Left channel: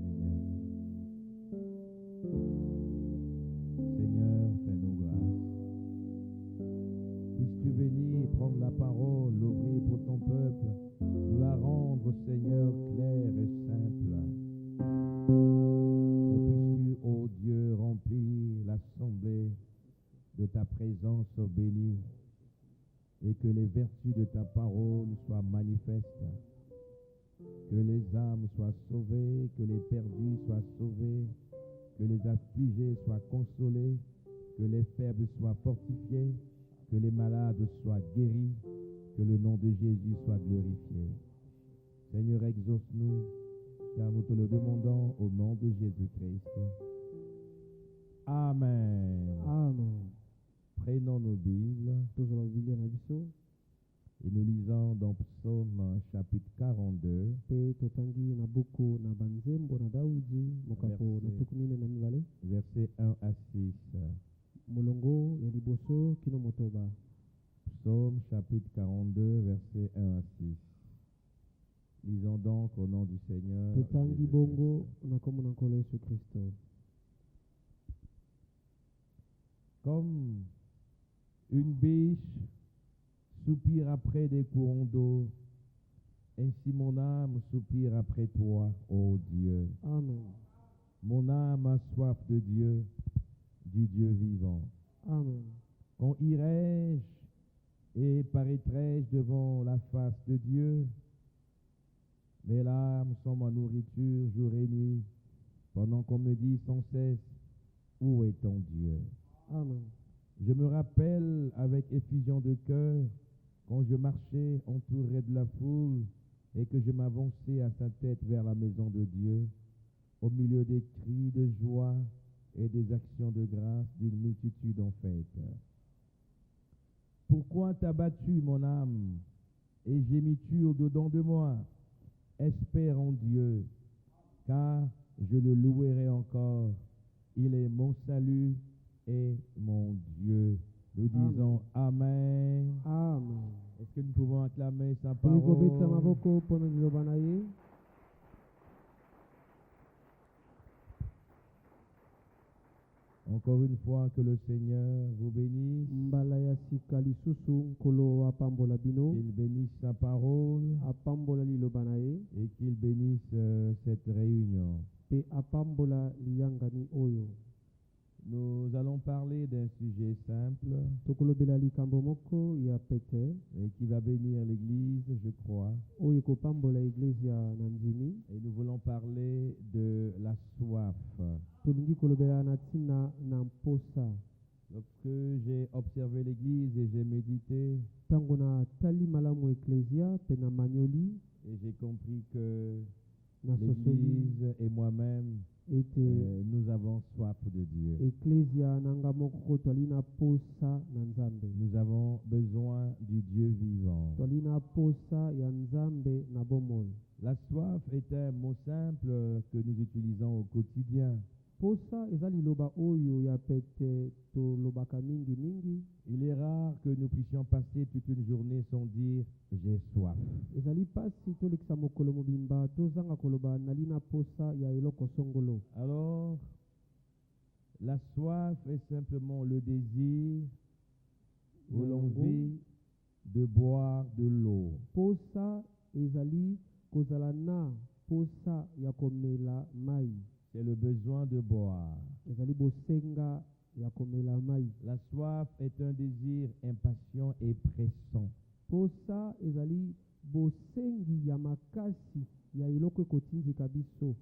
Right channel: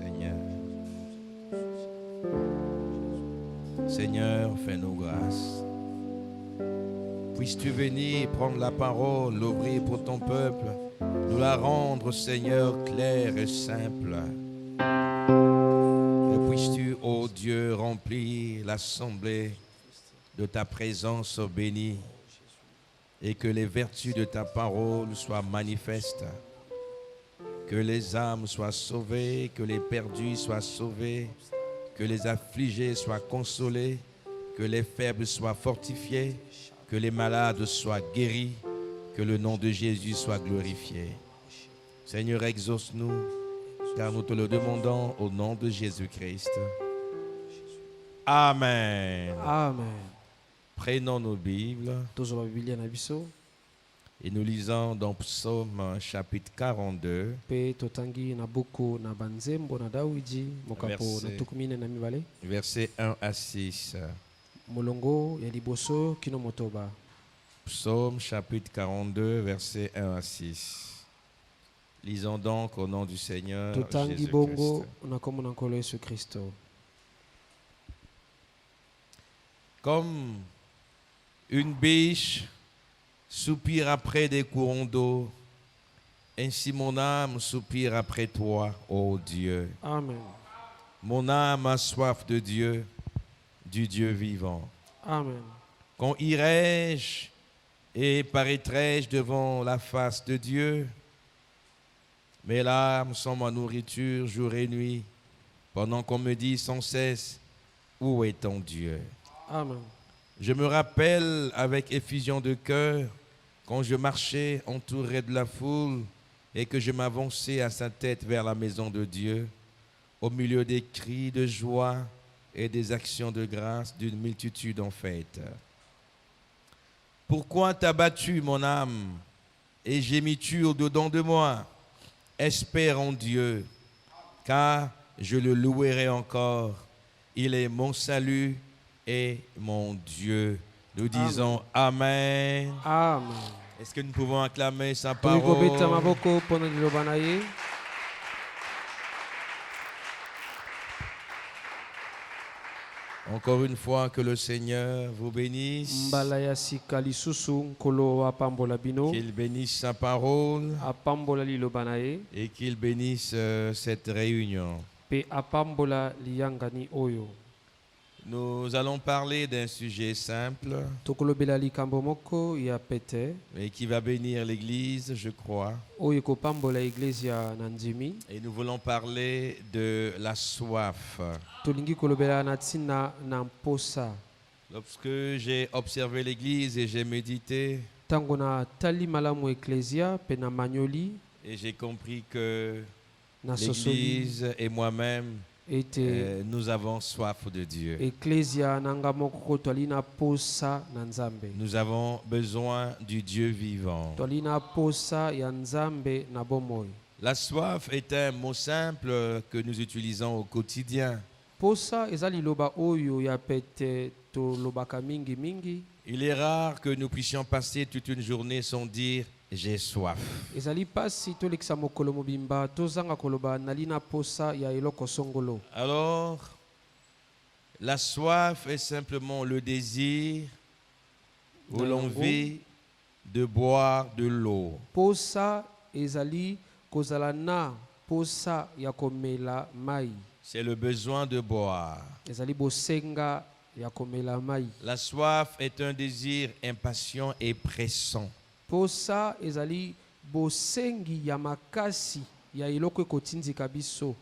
Seigneur. Seigneur, fais-nous grâce. Puisses-tu venir prendre la parole, l'ouvrir pour ton peuple, nous la rendre, Seigneur, claire et simple. Et puisses-tu, ô Dieu, remplir l'assemblée de ta présence bénie et que les vertus de ta parole soient manifestes, que les âmes soient sauvées, que les perdus soient sauvés, que les affligés soient consolés, que les faibles soient fortifiés, que les malades soient guéris, que le nom de Jésus soit glorifié. Seigneur, exauce-nous, car nous te le demandons au nom de Jésus-Christ. Amen. Amen. Prenons nos Bibles Tozwa Biblia na biso et nous lisons dans Psaume chapitre 42, pe totangi na buku na banzembo na Dawidi mokapo na tukumine na mibale versets 1 à 6. molongo ya liboso kino motoba. Psaume chapitre 42, versets 1 à 6. Lisons donc au nom du Seigneur Totangi bongo Jésus-Christ. na komo na nkolo Yesu Kristo. Comme une biche soupire après des courants d'eau, ainsi mon âme soupire après toi, ô Dieu. Amen. Mon âme a soif de Dieu, du Dieu vivant. Amen. Quand irai-je et paraîtrai-je devant la face de Dieu? Mes larmes sont ma nourriture jour et nuit, pendant qu'on me dit sans cesse, où est ton Dieu? Amen. Je me rappelle avec effusion de cœur quand je marchais entouré de la foule et que je m'avançais à sa tête vers la maison de Dieu, au milieu des cris de joie et des actions de grâce d'une multitude en fête. Pourquoi t'as battu mon âme et gémis-tu au-dedans de moi? Espère en Dieu, car je le louerai encore. Il est mon salut et mon Dieu. Nous disons Amen. Amen. Est-ce que nous pouvons acclamer sa Tolikobeta parole? maboko pona liloba na ye. Encore une fois, que le Seigneur vous bénisse, Mbala ya sika lisusu nkolo apambola bino qu'il bénisse sa parole apambola liloba na ye et qu'il bénisse cette réunion. pe apambola liyangani oyo. Nous allons parler d'un sujet simple, Tokolobela likambo moko ya pete mais qui va bénir l'Église, je crois. oyo kopambola iglesia na ndimi. Et nous voulons parler de la soif. Tolingi kolobela na ntina na mposa. Lorsque j'ai observé l'Église et j'ai médité, Tango na tali malamu eklesia pe na manyoli et j'ai compris que na sosoli l'Église et moi-même, ete nous avons soif de Dieu. eklesia nanga moko twali na posa na nzambe. Nous avons besoin du Dieu vivant. Twali na posa ya nzambe na bomoi. La soif est un mot simple que nous utilisons au quotidien. Posa eza liloba oyo ya pete tolobaka mingi mingi. Il est rare que nous puissions passer toute une journée sans dire « j'ai soif ». Ezali pasi tolekisa mokolo mobimba tozanga koloba nali na posa ya eloko songolo. Alors, la soif est simplement le désir ou l'envie de boire de l'eau. Posa ezali kozala na posa ya komela mai. C'est le besoin de boire. Ezali bosenga ya komela mai. La soif est un désir impatient et pressant. Posa ezali bosengi ya makasi ya eloko ekotindika biso.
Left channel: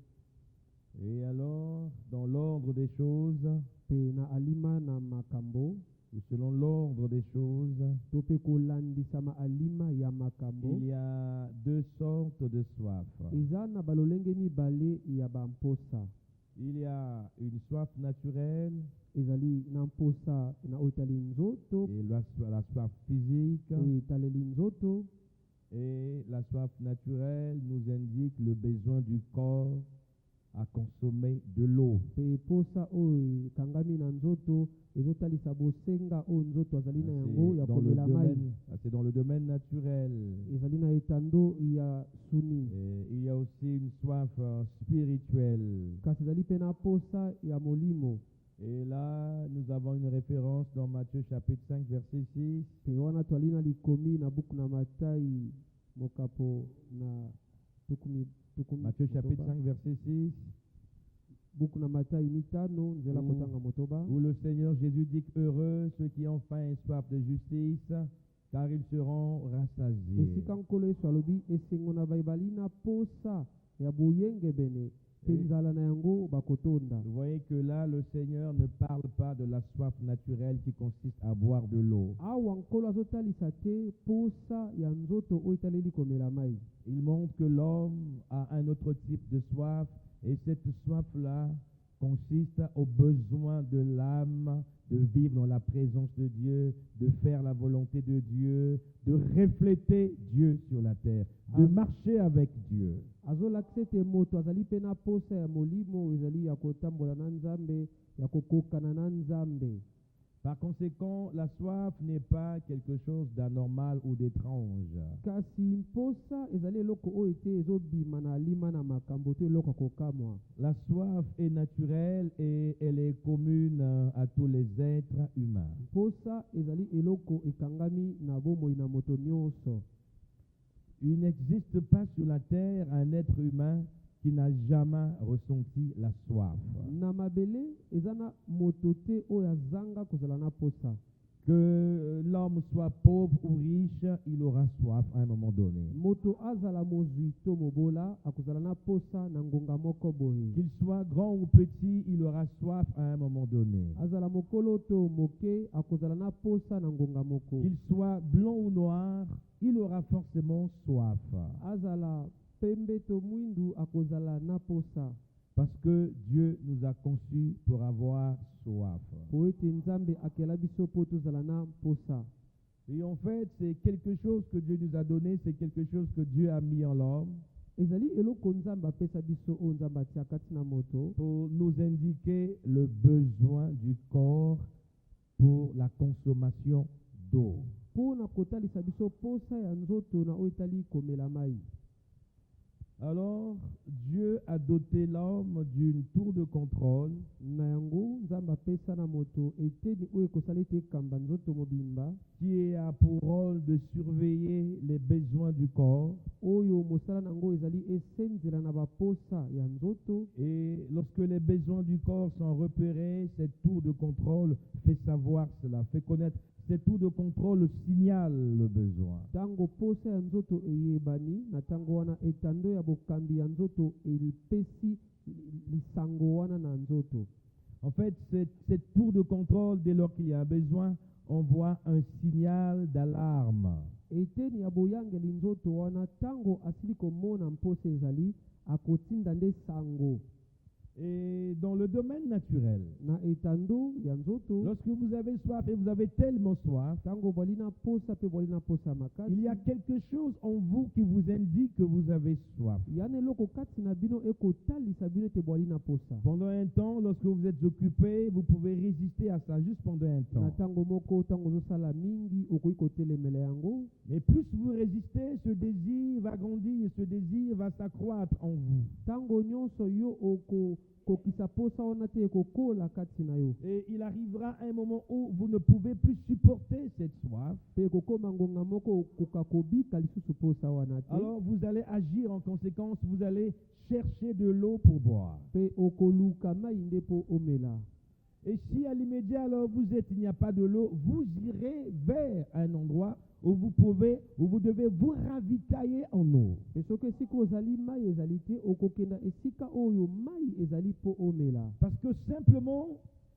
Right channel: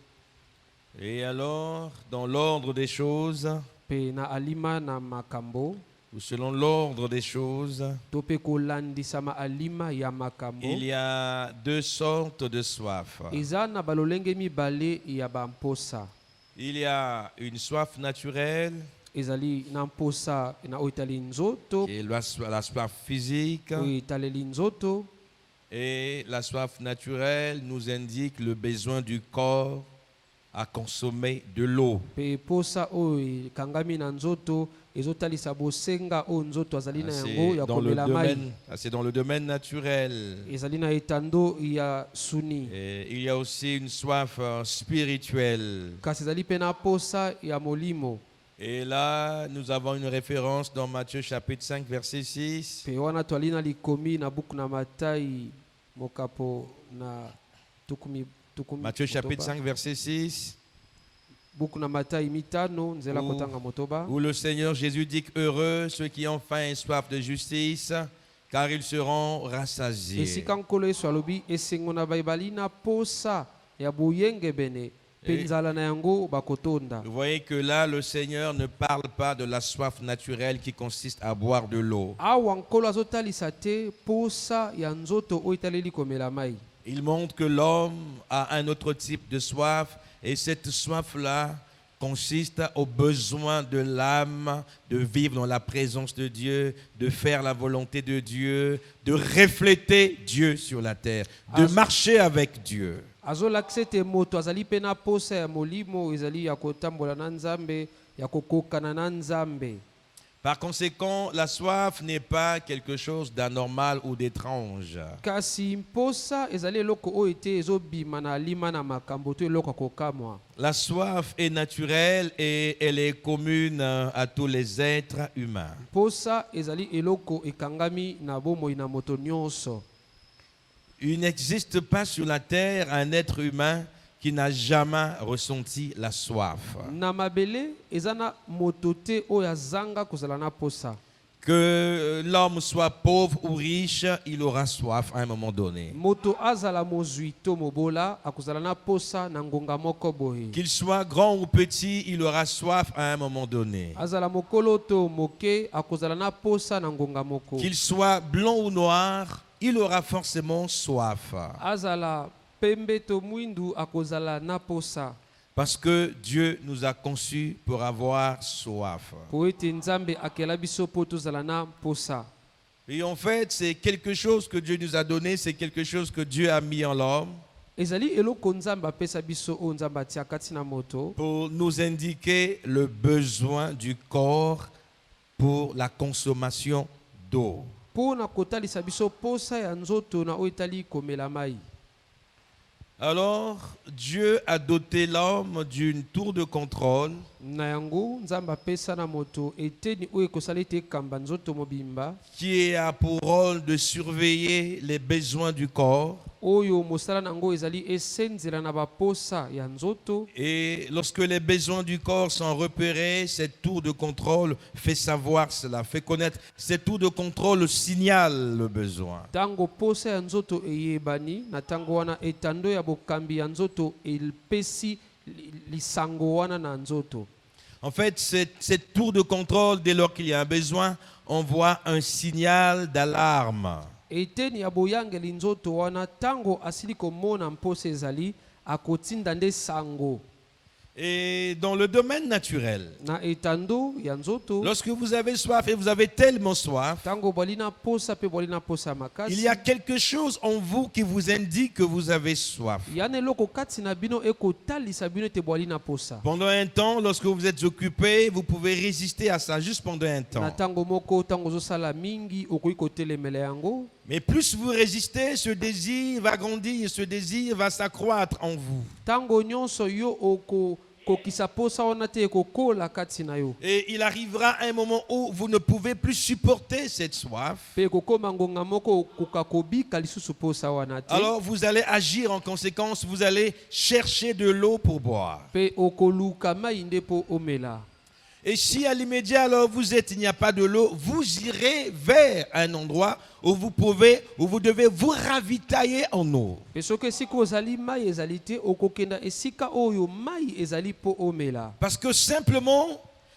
Et alors, dans l'ordre des choses, Pe na alima na makambo ou selon l'ordre des choses, to pe kolandisa ma alima ya makambo. il y a deux sortes de soif. Eza na balolenge mibale ya bamposa. Il y a une soif naturelle, Ezali na mposa na oyo etali nzoto qui est la soif physique, oyo etaleli nzoto. et la soif naturelle nous indique le besoin du corps à consommer de l'eau. Pe posa oyo ekangami na nzoto ezotalisa bosenga oyo nzoto azali na Ah, yango ya komela mai. c'est dans le domaine naturel. Ezali na etando ya suni. Et il y a aussi une soif spirituelle. Kasi ezali pe na posa ya molimo. Et là, nous avons une référence dans Matthieu chapitre 5, verset 6. Pe wana twali na likomi na buku na Matai mokapo na tukumi Matthieu chapitre motoba. 5, verset 6. Buku na Matai mitano nzela Où- kotanga motoba. Où le Seigneur Jésus dit que heureux ceux qui ont faim et soif de justice, car ils seront rassasiés. Esika nkolo Yesu alobi esengo na baibali na posa ya boyenge bene pe Et- nzala na yango bakotonda. Vous voyez que là, le Seigneur ne parle pas de la soif naturelle qui consiste à boire de l'eau. Awa nkolo azotalisa te posa ya nzoto oyo etaleli komela mai. Il montre que l'homme a un autre type de soif, et cette soif-là consiste au besoin de l'âme de vivre dans la présence de Dieu, de faire la volonté de Dieu, de refléter Dieu sur la terre, de marcher avec Dieu. Azolakisa ete moto azali pe na posa ya molimo ezali ya kotambola na Nzambe, ya kokokana na Nzambe. Par conséquent, la soif n'est pas quelque chose d'anormal ou d'étrange. Kasi mposa ezali eloko oyo ete ezobima na alima na makambo to eloko ya kokamwa. La soif est naturelle et elle est commune à tous les êtres humains. Mposa ezali eloko ekangami na bomoi na moto nyonso. Il n'existe pas sur la terre un être humain qui n'a jamais ressenti la soif. Na mabele ezana moto te oyo azanga kozala na posa. Que l'homme soit pauvre ou riche, il aura soif à un moment donné. Moto azala mozwi to mobola akozala na posa na ngonga moko boye. Qu'il soit grand ou petit, il aura soif à un moment donné. Azala mokolo to moke akozala na posa na ngonga moko. Qu'il soit blanc ou noir, il aura forcément soif. Azala pembe to mwindu akozala na posa. Parce que Dieu nous a conçus pour avoir soif. Po ete Nzambe akela biso po tozala na posa. Et en fait, c'est quelque chose que Dieu nous a donné, c'est quelque chose que Dieu a mis en l'homme Ezali eloko Nzambe apesa biso o Nzambe atia kati na moto pour nous indiquer le besoin du corps pour la consommation d'eau. po na kotalisa biso posa ya nzoto na oyo etali komela mai. Alors, Dieu a doté l'homme d'une tour de contrôle Na yango Nzambe apesa na moto eteni oyo ekosala ete ekamba nzoto mobimba qui a pour rôle de surveiller les besoins du corps. oyo mosala nango ezali esenzela na baposa ya nzoto. Et lorsque les besoins du corps sont repérés, cette tour de contrôle fait savoir cela, fait connaître. Cette tour de contrôle signale le besoin. Tango posa ya nzoto eyebani na tango wana etando ya bokambi ya nzoto elpesi lisango wana na nzoto. En fait, cette tour de contrôle, dès lors qu'il y a un besoin, envoie un signal d'alarme. Eteni ya boyangeli nzoto wana tango asili komona mposa ezali akotinda nde sango. Et dans le domaine naturel, Na etando ya nzoto lorsque vous avez soif et vous avez tellement soif, tango bwali na posa pe bwali na posa makasi. il y a quelque chose en vous qui vous indique que vous avez soif. Yana eloko kati na bino ekotalisa bino ete bwali na posa. Pendant un temps, lorsque vous êtes occupé, vous pouvez résister à ça juste pendant un Na temps. tango moko tango ozosala mingi okoki kotelemela yango. Mais plus vous résistez, ce désir va grandir et ce désir va s'accroître en vous. Tango nyonso yo kokisa posa wana te ekokola kati na yo. Et il arrivera un moment où vous ne pouvez plus supporter cette soif. Pe ekokoma ngonga moko okoka kobika lisusu posa wana te. Alors vous allez agir en conséquence, vous allez chercher de l'eau pour boire. Pe okoluka mai nde po omela. Et si à l'immédiat, alors vous êtes, il n'y a pas de l'eau, vous irez vers un endroit où vous devez vous ravitailler en eau. Pe soki esika ozali mai ezali te okokenda esika oyo mai ezali po omela. Parce que simplement,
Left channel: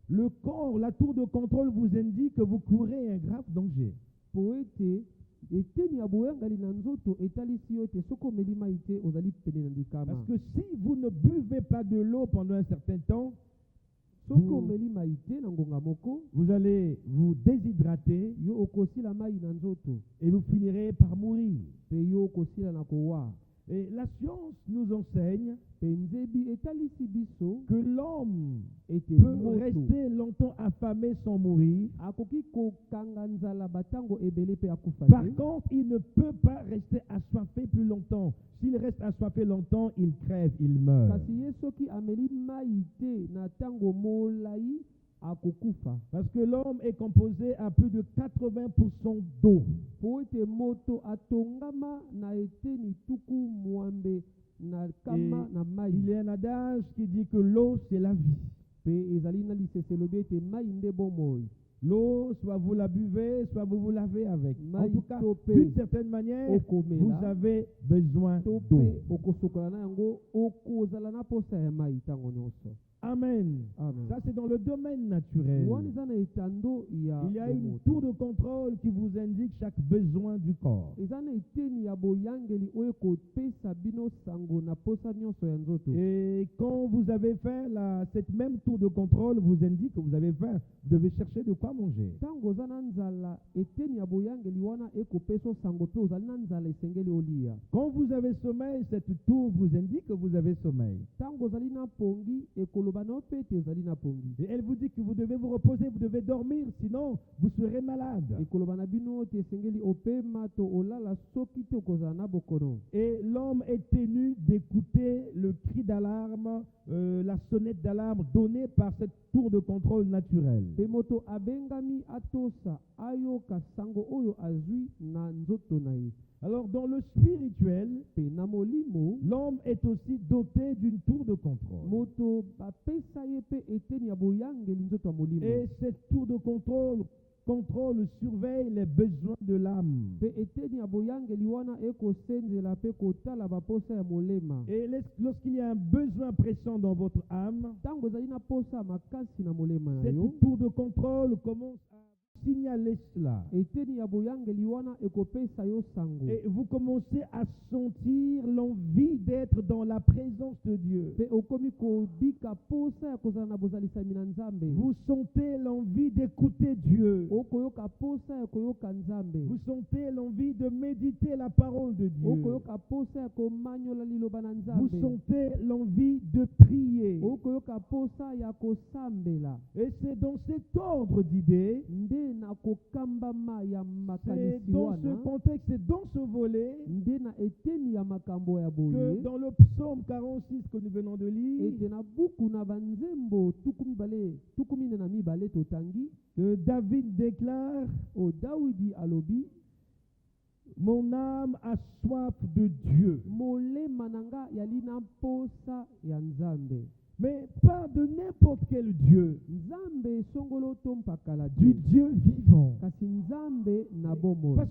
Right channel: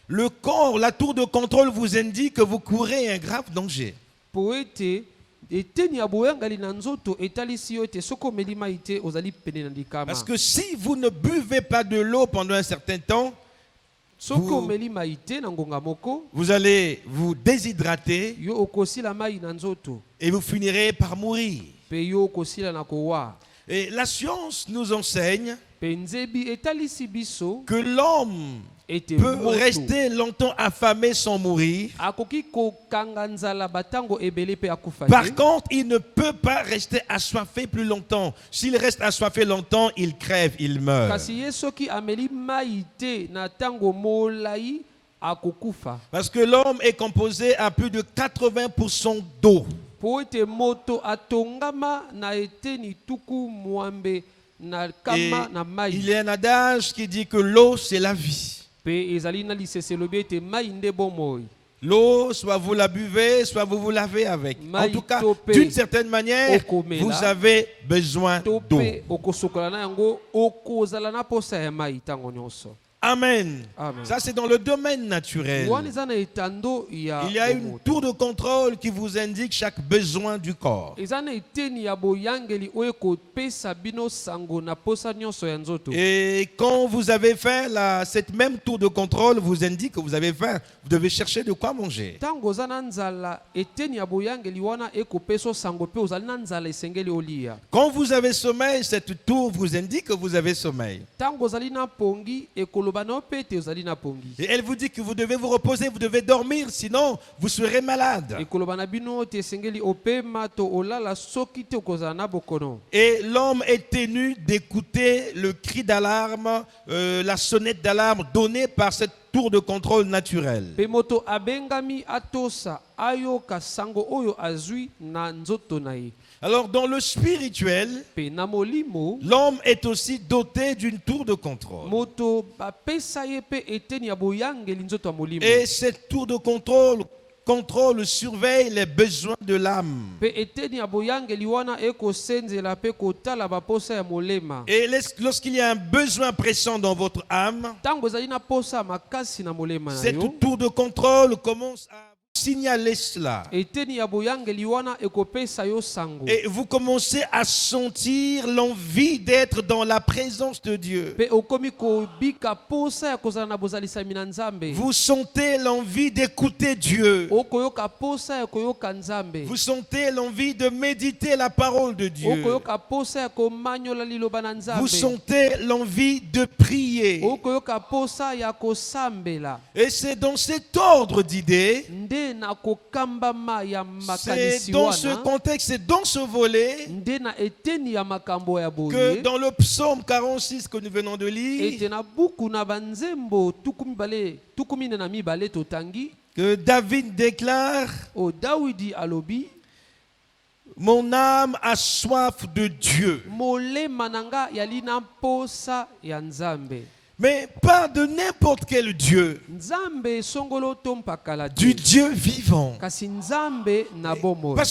le corps, la tour de contrôle vous indique que vous courez un grave danger. Po ete eteni ya boyangali na nzoto etalisi yo ete soki omeli mai te ozali pene na likama. Parce que si vous ne buvez pas de l'eau pendant un certain temps, soki omeli mai te na ngonga moko vous allez vous déshydrater yo okosila mai na nzoto et vous finirez par mourir. pe yo okosila na kowa. Et la science nous enseigne Pe nzebi etalisi biso que l'homme ete peut moto rester longtemps affamé sans mourir. akoki kokanga nzala batango ebele pe akufa Par te. contre, il ne peut pas rester assoiffé plus longtemps. S'il reste assoiffé longtemps, il crève, il meurt. Kasi ye soki ameli mai te na tango molai akokufa. Parce que l'homme est composé à plus de 80% d'eau. Po ete moto atongama na eteni tuku mwambe na kama Et na mai. il y a un adage qui dit que l'eau, c'est la vie. Pe ezali na lisese lobi ete mai nde bomoi. L'eau, soit vous la buvez, soit vous vous lavez avec. En tout cas, d'une certaine manière, vous avez besoin d'eau. Tope okosokola na yango okozala na posa ya mai tango nyonso. Amen. Amen. Ça, c'est dans le domaine naturel. Il y a une tour de contrôle qui vous indique chaque besoin du corps. Et quand vous avez fait cette même tour de contrôle, vous indique que vous avez faim. Vous devez chercher de quoi manger. Quand vous avez sommeil, cette tour vous indique que vous avez sommeil. Et elle vous dit que vous devez vous reposer, vous devez dormir, sinon vous serez malade. Et l'homme est tenu d'écouter le cri d'alarme, la sonnette d'alarme donnée par cette tour de contrôle naturel. Alors dans le spirituel, l'homme est aussi doté d'une tour de contrôle. Et cette tour de contrôle surveille les besoins de l'âme. Et lorsqu'il y a un besoin pressant dans votre âme, cette tour de contrôle commence à signaler cela. Et vous commencez à sentir l'envie d'être dans la présence de Dieu. Vous sentez l'envie d'écouter Dieu. Vous sentez l'envie de méditer la parole de Dieu. Vous sentez l'envie de prier. Et c'est dans cet ordre d'idées, c'est dans ce contexte, c'est dans ce volet que dans le psaume 46 que nous venons de lire, que David déclare: mon âme a soif de Dieu. Mais pas de n'importe quel Dieu. Du Dieu vivant. Parce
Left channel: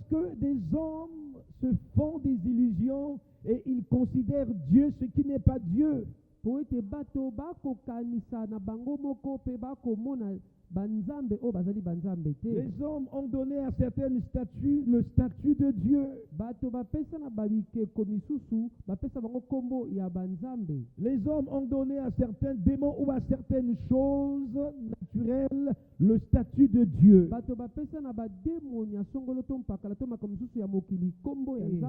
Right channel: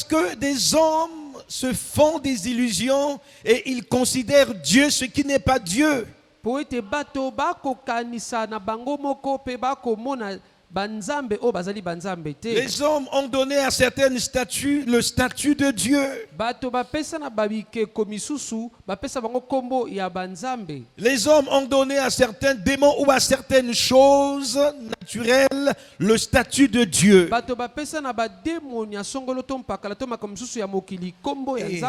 que des hommes se font des illusions et ils considèrent Dieu ce qui n'est pas Dieu. Les hommes ont donné à certaines statues le statut de Dieu. Les hommes ont donné à certains démons ou à certaines choses naturelles le statut de Dieu. Et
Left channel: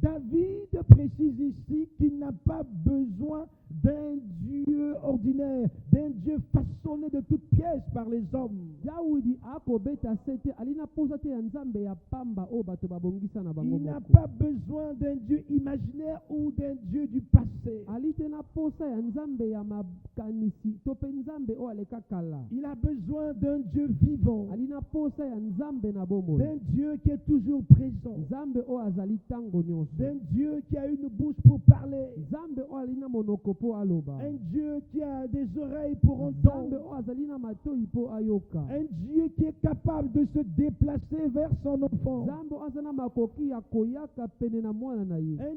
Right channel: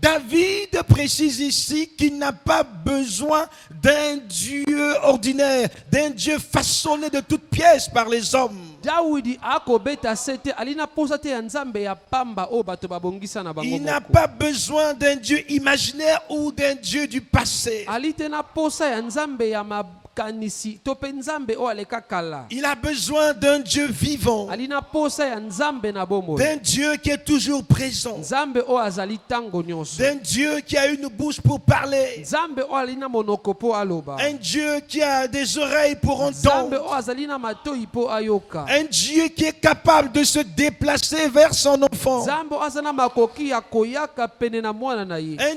David précise ici qu'il n'a pas besoin d'un Dieu ordinaire, d'un Dieu façonné de toutes pièces par les hommes. Il n'a pas besoin d'un Dieu imaginaire ou d'un Dieu du passé. Il a besoin d'un Dieu vivant, d'un Dieu qui est toujours présent, d'un Dieu qui a une bouche pour parler, un Dieu qui a des oreilles pour entendre, un Dieu qui est capable de se déplacer vers son enfant, un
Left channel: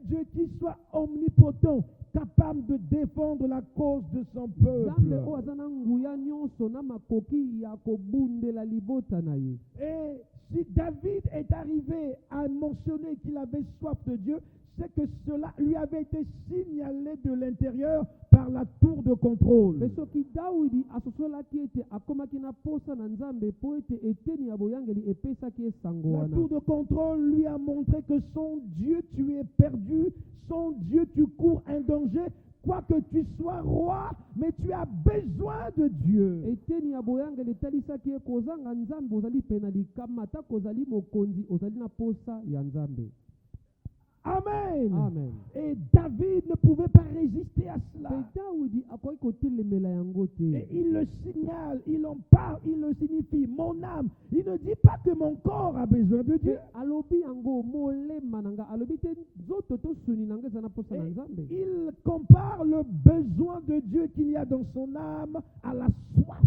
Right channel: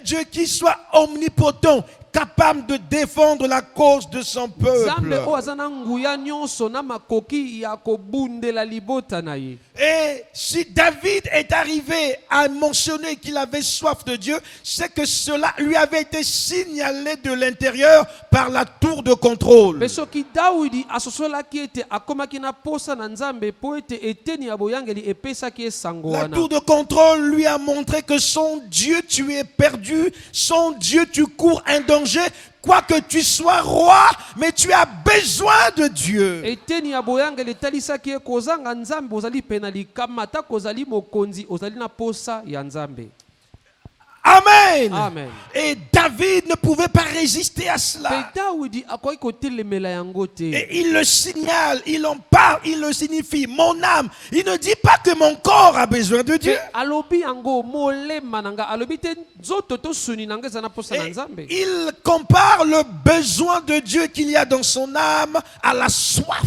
Dieu qui soit omnipotent, capable de défendre la cause de son peuple. Et si David est arrivé à mentionner qu'il avait soif de Dieu, c'est que cela lui avait été signalé de l'intérieur par la tour de contrôle. La tour de contrôle lui a montré que son Dieu, tu es perdu, son Dieu, tu cours un danger, quoi que tu sois roi, mais tu as besoin de Dieu. eteni ya boyangeli etalisaki ye kozanga nzambe ozali pe na likama ata kozali mokonzi ozali na posa ya nzambe. Amen. Amen. Et David ne pouvait pas résister à cela. Pe Dawidi akoki kotelemela yango te. Et il le signale, il en parle, il le signifie. Mon âme, il ne dit pas que mon corps a besoin de Dieu. Pe alobi yango molema nanga alobi te nzoto to suni nanga eza na posa na Et nzambe. il compare le besoin de Dieu qu'il y a dans son âme à la soif.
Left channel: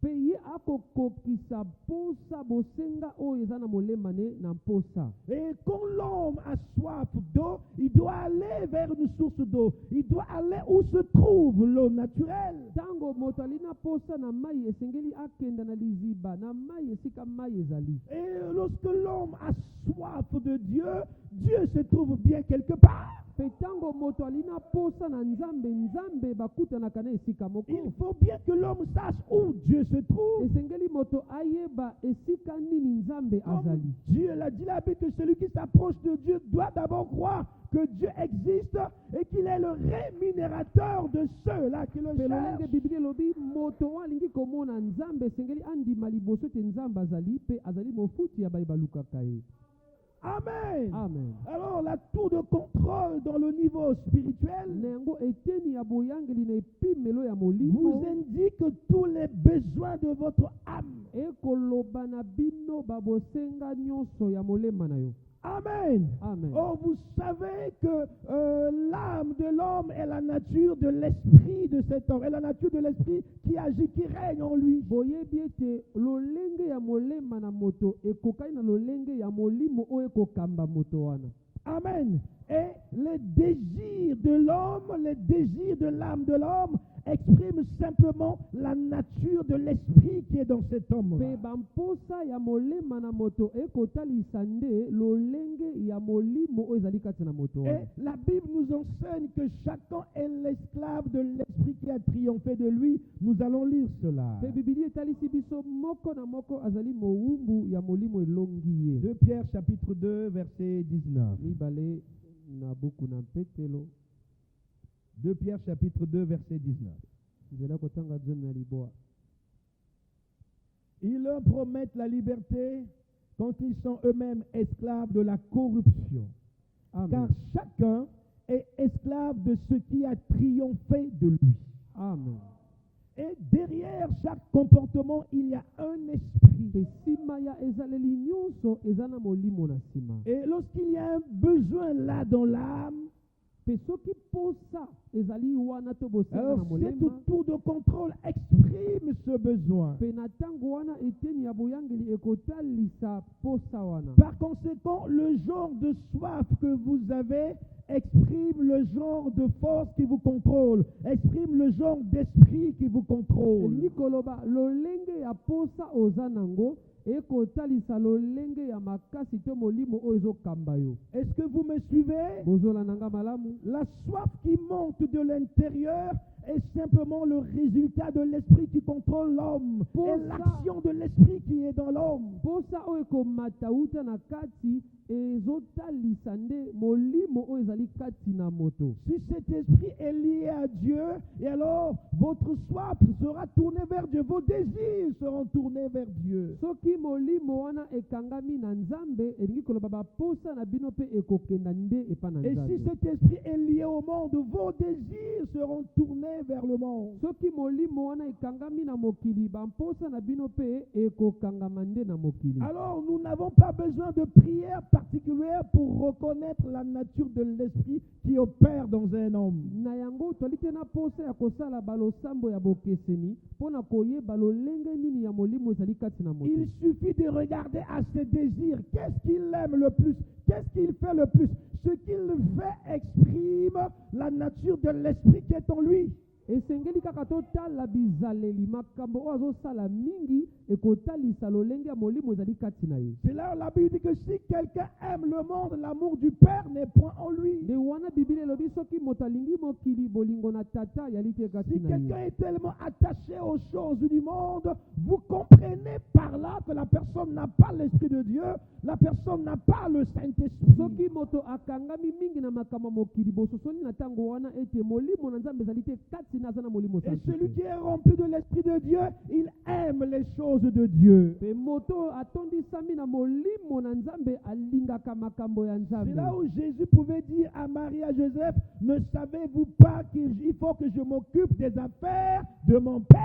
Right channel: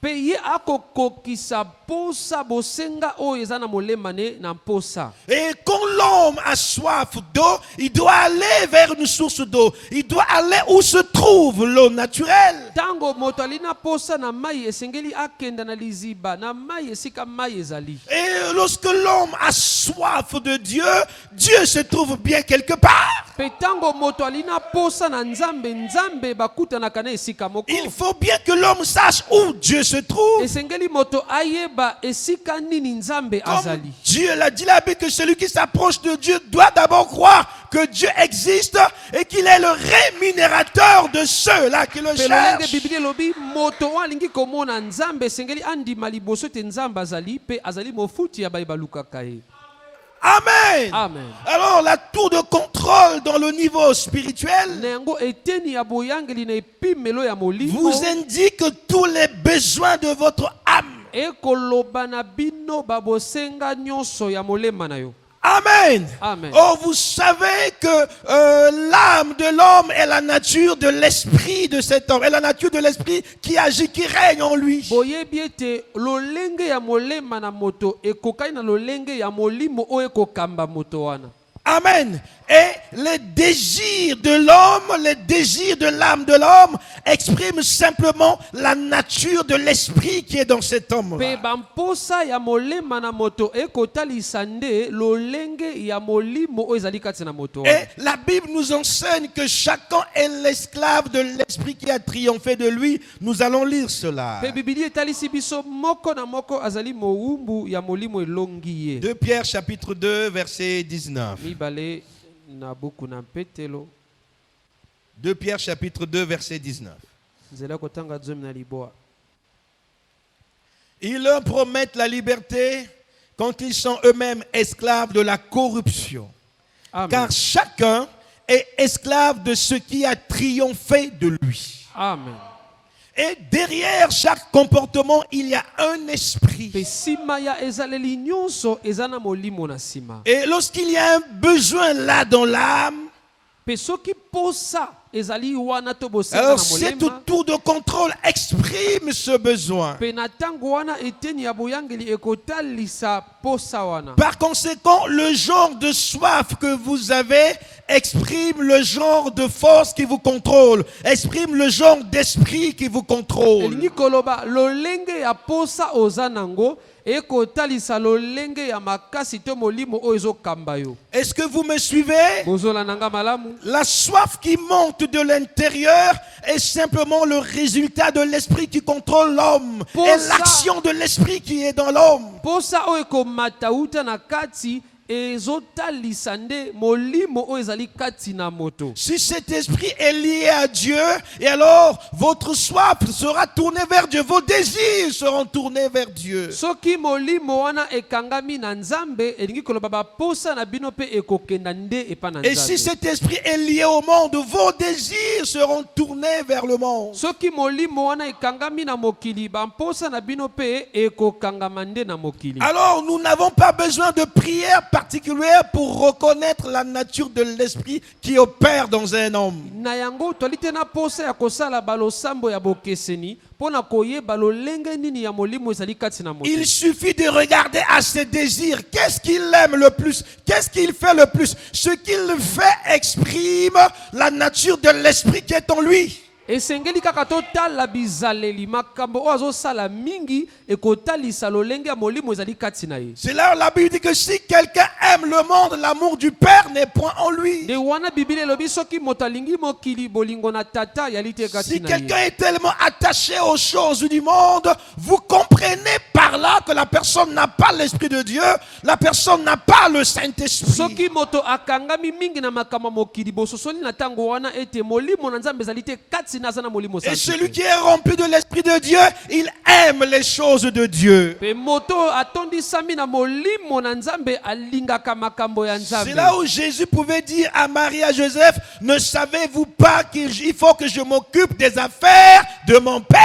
Pe ye akokokisa posa bosenga oyo eza na molema ne na posa. Et quand l'homme a soif d'eau, il doit aller vers une source d'eau. Il doit aller où se trouve l'eau naturelle. Tango moto alina posa na mai esengeli akenda na liziba na mai esika mai ezali. Et lorsque l'homme a soif de Dieu, Dieu se trouve bien quelque part. Pe tango moto alina posa na nzambe nzambe bakutanaka na esika moko. Il faut bien que l'homme sache où Dieu se trouve. Esengeli moto ayeba esika nini nzambe Comme azali. Dieu l'a dit la Bible, que celui qui s'approche de Dieu doit d'abord croire que Dieu existe et qu'il est le rémunérateur de ceux-là qui le Pe lolenge cherchent. Biblia lobi moto oyo alingi komona nzambe esengeli andima liboso te nzambe azali pe azali mofuti ya baye balukaka ye. Amen. Amen. Alors la tour de contrôle dans le niveau spirituel Na yango eteni ya boyangeli na epimelo ya molimo vous indique tous les besoins de votre âme. ekoloba na bino babosenga nyonso ya molema na yo. Amen. Amen. Oh, vous savez que l'âme de l'homme est la nature de l'esprit de cet homme, est la nature de l'esprit qui agit, qui règne en lui. Boyebi ete lolenge ya molema na moto ekokai na lolenge ya molimo oyo ekokamba moto wana. Amen. Et les désirs de l'homme, les désirs de l'âme de l'homme expriment simplement la nature de l'esprit qui est dans cet homme. Pe bamposa ya molema na moto ekotalisa nde lolenge ya molimo oyo ezali kati na moto wana. Et la Bible nous enseigne que chacun est l'esclave de l'esprit qui a triomphé de lui. Nous allons lire cela. Pe Biblia etalisi biso moko na moko azali mowumbu ya molimo elongi ye. 2 Pierre chapitre 2 verset 19. Mibale na buku na petelo 2 Pierre chapitre 2 verset 19. nzela kotanga zomi na liboa. Ils leur promettent la liberté quand ils sont eux-mêmes esclaves de la corruption. Amen. Car chacun est esclave de ce qui a triomphé de lui. Amen. Et derrière chaque comportement, il y a un esprit. Pe sima ya ezaleli nyonso eza na molimo na sima. Et lorsqu'il y a un besoin là dans l'âme, Pe soki posa ezali wana to bosenga alors na cette molema. tour de contrôle exprime ce besoin. Pe na tango wana eteni ya boyangeli ekotalisa posa wana. Par conséquent, le genre de soif que vous avez exprime le genre de force qui vous contrôle, exprime le genre d'esprit qui vous contrôle. Elingi koloba lolenge ya posa oza nango ekotalisa lolenge ya makasi to molimo oyo ezokamba yo. Est-ce que vous me suivez? Bozola nanga malamu. La soif qui monte de l'intérieur est simplement le résultat de l'esprit qui contrôle l'homme Pour et ça- l'action de l'esprit qui est dans l'homme. Posa oyo ekomata uta na kati ezotalisa nde molimo oyo ezali kati na moto. Si cet esprit est lié à Dieu, et alors votre soif sera tournée vers Dieu, vos désirs seront tournés vers Dieu. Soki molimo wana ekangami na nzambe elingi koloba baposa na bino pe ekokenda nde epa na Et si nzambe. cet esprit est lié au monde, vos désirs seront tournés vers le monde. Soki molimo wana ekangami na mokili bamposa na bino pe ekokangama nde na mokili. Alors nous n'avons pas besoin de prière particulière pour reconnaître la nature de l'esprit qui opère dans un homme. Na yango toli te na posa ya kosala balosambo ya bokeseni mpona koyeba lolenge nini ya molimo ezali kati na moto. Il suffit de regarder à ses désirs. Qu'est-ce qu'il aime le plus? Qu'est-ce qu'il fait le plus? Ce qu'il fait exprime la nature de l'esprit qui est en lui. esengeli kaka totala bizaleli makambo oyo azosala mingi ekotalisa lolenge ya molimo ezali kati na ye. C'est là où la Bible dit que si quelqu'un aime le monde, l'amour du Père n'est point en lui. nde wana biblia elobi soki moto alingi mokili bolingo na tata yali te kati Si na ye. quelqu'un est tellement attaché aux choses du monde, vous comprenez par là que la personne n'a pas l'Esprit de Dieu, la personne n'a pas le Saint-Esprit. soki moto akangami mingi na makambo mokili bososoli na tango wana ete molimo na nzambe ezali te kati na aza na molimo Et santu celui te. qui est rempli de l'Esprit de Dieu, il aime les choses de Dieu. Pe moto atondisami na molimo na nzambe alingaka makambo ya C'est nzambe. là où Jésus pouvait dire à Marie et à Joseph, ne savez-vous pas qu'il faut que je m'occupe des affaires de mon Père?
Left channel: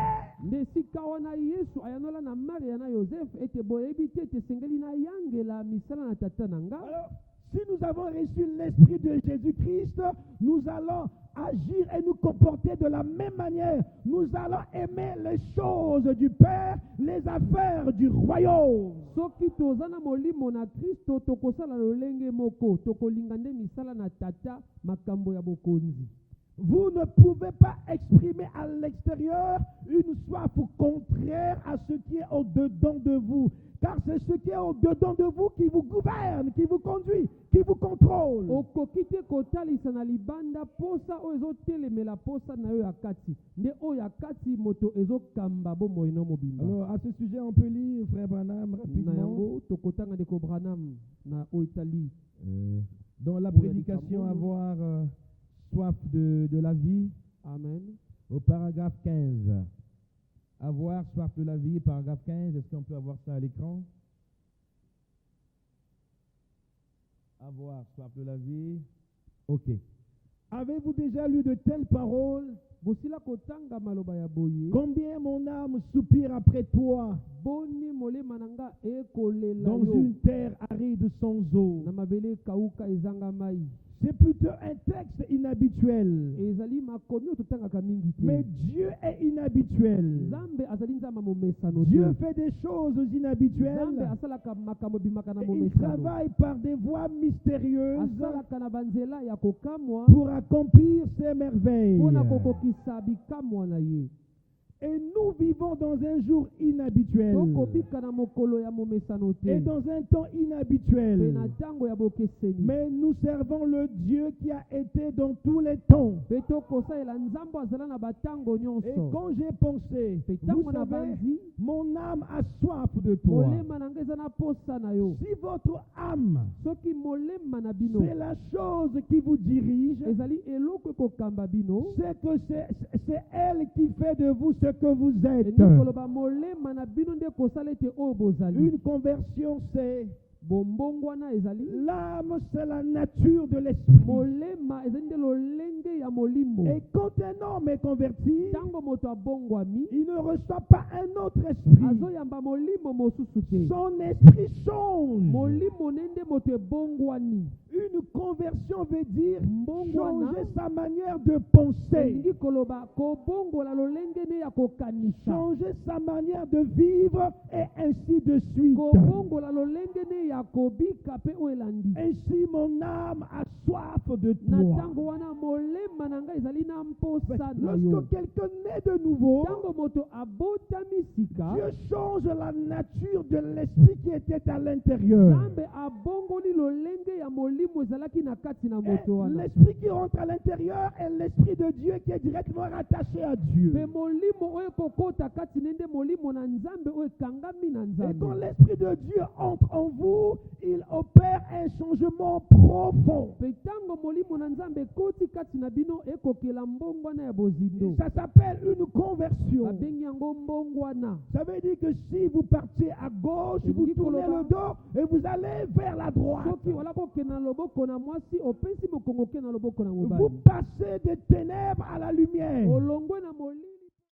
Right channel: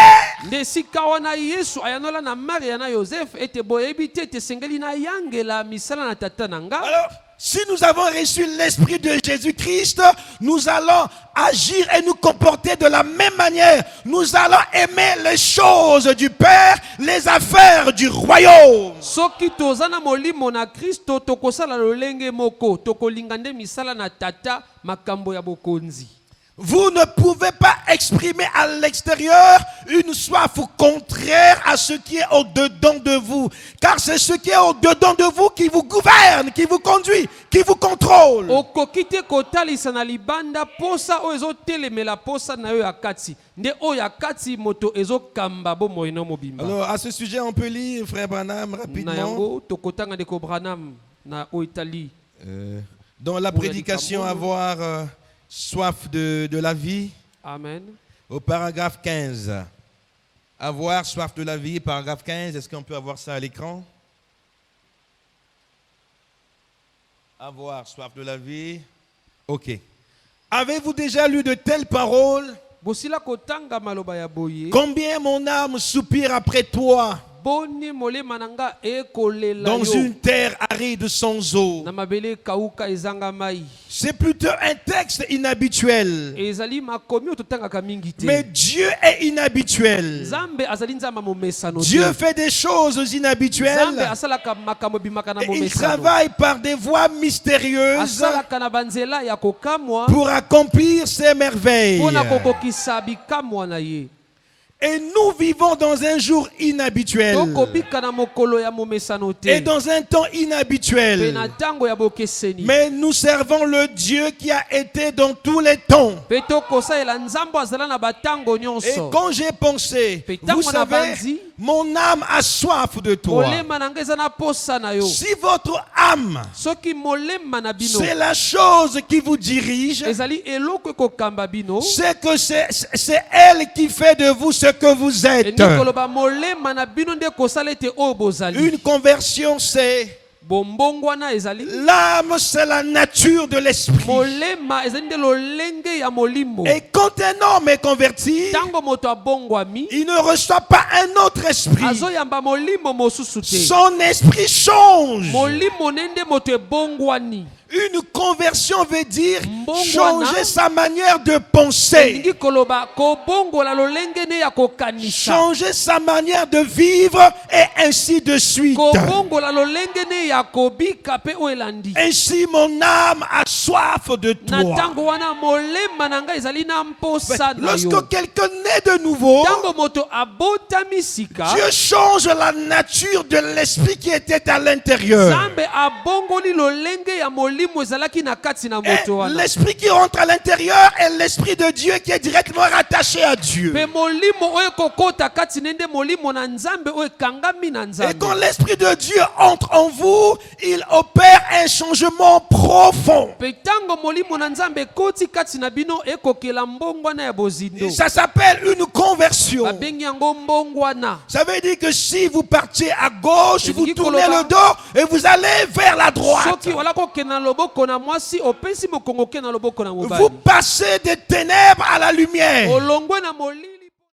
Nde sika wana yesu ayanola na maria na yoseph ete boyebi te ete sengeli na yangela misala na tata na nga. Alors, si nous avons reçu l'Esprit de Jésus-Christ, nous allons agir et nous comporter de la même manière. Nous allons aimer les choses du Père, les affaires du royaume. Soki toza na molimo na kristo tokosala lolenge moko tokolinga nde misala na tata makambo ya bokonzi. Vous ne pouvez pas exprimer à l'extérieur une soif contraire à ce qui est au-dedans de vous. Car c'est ce qui est au-dedans de vous qui vous gouverne, qui vous conduit, qui vous contrôle. Okoki te kotalisa na libanda posa oyo ezotelemela posa na yo ya kati nde oyo ya kati moto ezokamba bomoi na mobimba. Alors, à ce sujet, on peut lire, frère Branham, Na rapidement. yango tokotanga ndeko Branham na oyo Italie. Dans la prédication, avoir soif de la vie. Amen. Au paragraphe 15. Avoir soif de la vie, paragraphe 15. Est-ce qu'on peut avoir ça à l'écran? Avoir soif de la vie. Ok. Avez-vous déjà lu de telles paroles? Bosila kotanga maloba ya boye. Combien mon âme soupire après toi Boni molema nanga ekolela dans yo. une terre aride sans eau. Na mabele kauka ezanga mai. C'est plutôt un texte inhabituel. Ezali makomi ototangaka mingi te. Mais Dieu est inhabituel. Nzambe azali nzamba momesano te. Dieu fait des choses Nzambe inhabituelles. asalaka makambo bimaka na Et il momesano. travaille par des voies mystérieuses Asalaka na banzela ya kokamwa pour accomplir ses merveilles. pona kokokisa bikamwa na ye. Et nous vivons dans un jour inhabituel Tokobika na mokolo ya momesano te. et dans un temps Pe inhabituel. na tango ya bokeseni. Mais nous servons le Dieu qui a été dans tous les temps. Pe tokosalela nzambo azala na batango Et nyonso. quand j'ai pensé, vous Petango na savez, banzi. mon âme a soif de toi. Molema nanga eza na posa na yo. Si votre âme, Soki molema na bino c'est la chose qui vous dirige, ezali eloko ekokamba bino. c'est que c'est elle qui fait de vous ce que vous êtes. Endi koloba molema na bino nde kosala ete oyo bozali. Une conversion, c'est Bombongwana ezali. l'âme, c'est la nature de l'esprit. Molema ezali nde lolenge ya molimo. Et quand un homme est converti, Tango moto abongwami il ne reçoit pas un autre esprit. azoyamba molimo mosusu te. Son esprit change. Molimo nende moto ebongwani. Une conversion veut dire Mbongwana. changer sa manière de penser, Elingi koloba kobongola lolenge ne ya kokanisa. changer sa manière de vivre et ainsi de suite. Kobongola lolenge ne ya kobika pe o elandi. Ainsi mon âme a soif de Na toi. tango wana molema na ngai ezali na mposa na yo. Lorsque quelqu'un naît de nouveau, Tango moto abotami sika, Dieu change la nature de l'esprit qui était à l'intérieur. Nzambe abongoli lolenge ya molimo ezalaki na kati na Et moto wana. l'esprit qui rentre à l'intérieur est l'esprit de Dieu qui est directement rattaché à Dieu. Pe molimo oyo kokota kati nende molimo na Nzambe oyo kangami na Et Nzambe. quand l'esprit de Dieu entre en vous, il opère un changement profond. Pe tango molimo na Nzambe koti kati na bino ekokela mbongwana ya bozindo. Ça s'appelle une conversion. Babengi yango mbongwana. Ça veut dire que si vous partez à gauche, Et vous dit tournez Koloba. le dos et vous allez vers la droite. Soki wala kokena loboko na mwasi opesi mokongo ke na loboko na Vous mobali. passez des ténèbres à la lumière. Olongwe na molili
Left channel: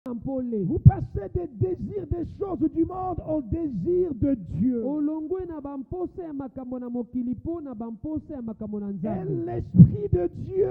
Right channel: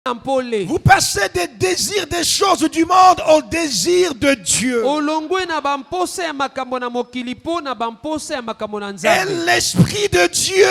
na mpole. Vous passez des désirs des choses du monde au désir de Dieu. Olongwe na bamposa ya makambo na mokili po na bamposa ya makambo na Et Nzambe. l'Esprit de Dieu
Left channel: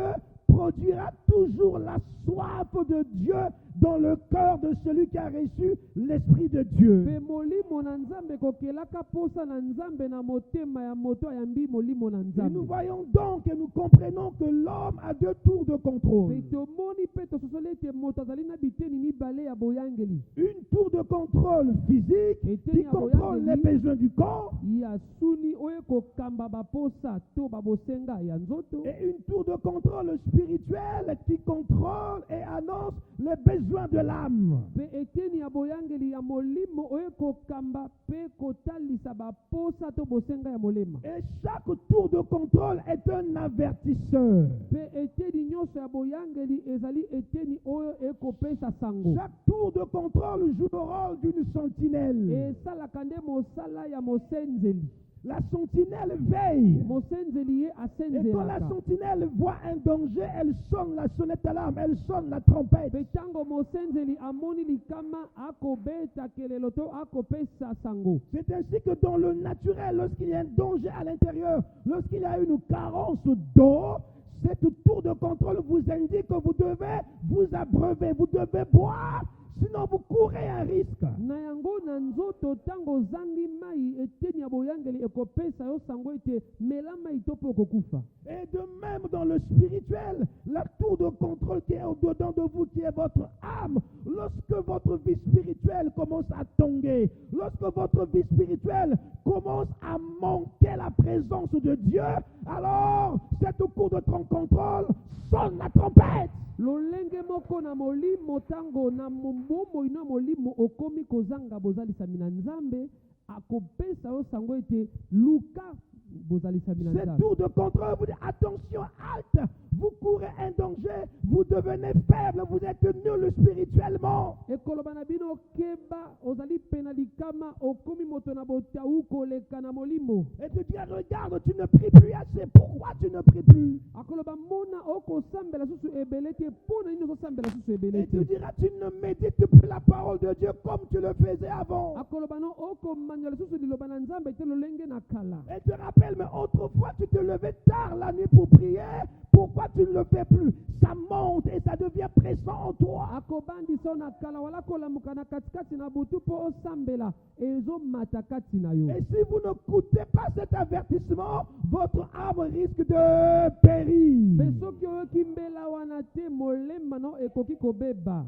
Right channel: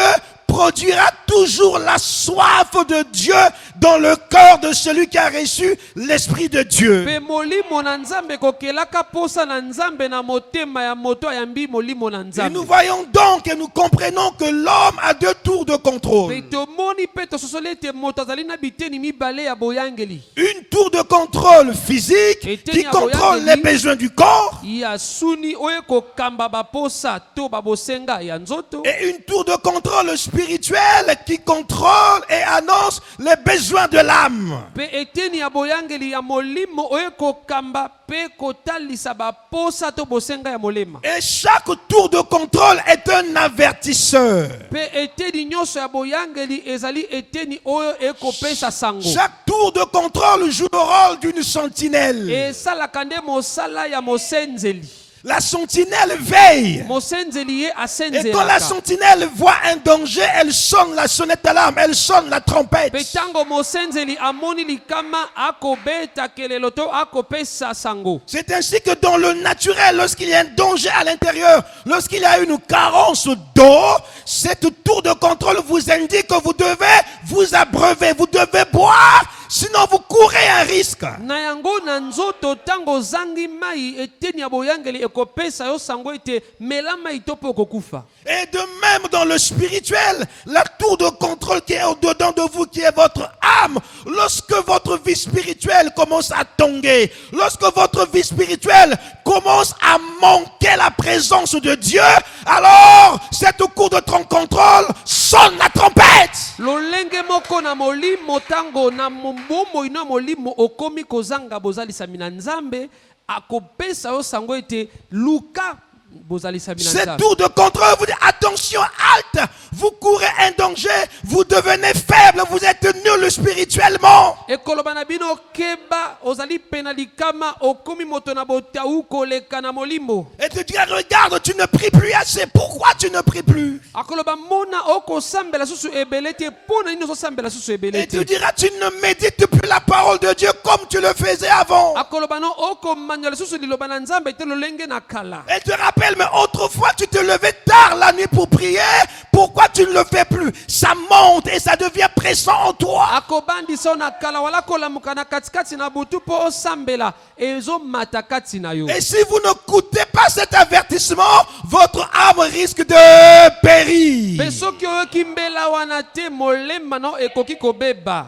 produira toujours la soif de Dieu dans le cœur de celui qui a reçu l'Esprit de Dieu. Pe molimo na nzambe kokelaka posa na nzambe na motema ya moto ayambi molimo na Et nzambe. nous voyons donc et nous comprenons que l'homme a deux tours de contrôle. Pe tomoni pe tososoli ete moto azali na biteni mibale ya boyangeli. Une tour de contrôle physique qui contrôle les besoins du corps. Ya suni oyo kokamba baposa to babosenga ya nzoto. Et une tour de contrôle spirituel qui contrôle et annonce les besoins de l'âme. Pe eteni ya boyangeli ya molimo oyo kokamba pe kotalisa baposa to bosenga ya molema. Et chaque tour de contrôle est un avertisseur. Pe eteni nyonso ya boyangeli ezali eteni oyo ekopesa sango. Chaque tour de contrôle joue le rôle d'une sentinelle. Esalaka nde mosala ya mosenzeli. La sentinelle veille. Mosenzeli ye Et asenzelaka. quand la sentinelle voit un danger, elle sonne la sonnette d'alarme, elle sonne la trompette. Pe tango mosenzeli amoni likama akobeta kelelo to akopesa sango. C'est ainsi que dans le naturel, lorsqu'il y a un danger à l'intérieur, lorsqu'il y a une carence d'eau, cette tour de contrôle vous indique que vous devez vous abreuver, vous devez boire, sinon vous courez un risque. Na yango na nzoto tango zangi mai eteni ya boyangeli ekopesa yo sango ete mela mai to po kokufa. Et de même dans le spirituel, la tour de contrôle qui est au-dedans de vous, qui est votre âme, lorsque votre vie spirituelle commence à tanguer, lorsque votre vie spirituelle commence à manquer la présence de Dieu, alors cette cour de contrôle sonne la trompette. Lolenge moko na molimo tango na mbombo ina molimo okomi kozanga bozalisami na nzambe akopesa yo sango ete luka bozalisami na Cette nzambe. tour de contrôle vous dit attention, halte, vous courez un danger, vous devenez faible, vous êtes nul spirituellement. Ekoloba na bino keba ozali pena likama okomi moto na botau koleka na molimo. Et te dire regarde, tu ne pries plus assez, pourquoi tu ne pries plus? Akoloba mona oko sambela susu ebelete pona ino sambela susu Et tu ebelete. diras, tu ne médites plus la parole de Dieu comme tu le faisais avant. Akoloba no oko manyola susu liloba na nzambe te lolenge na kala. Et te rappelle, mais autrefois tu te levais tard la nuit pour prier, pourquoi tu ne le fais plus? Ça monte et ça devient pressant en toi. Akobandi so na kala wala kolamuka na katikati na butu po osambela ezo mata kati na yo. Et si vous ne coûtez pas cet avertissement, votre âme risque de périr. Pe soki oyoki mbela wana te molema no ekoki kobeba.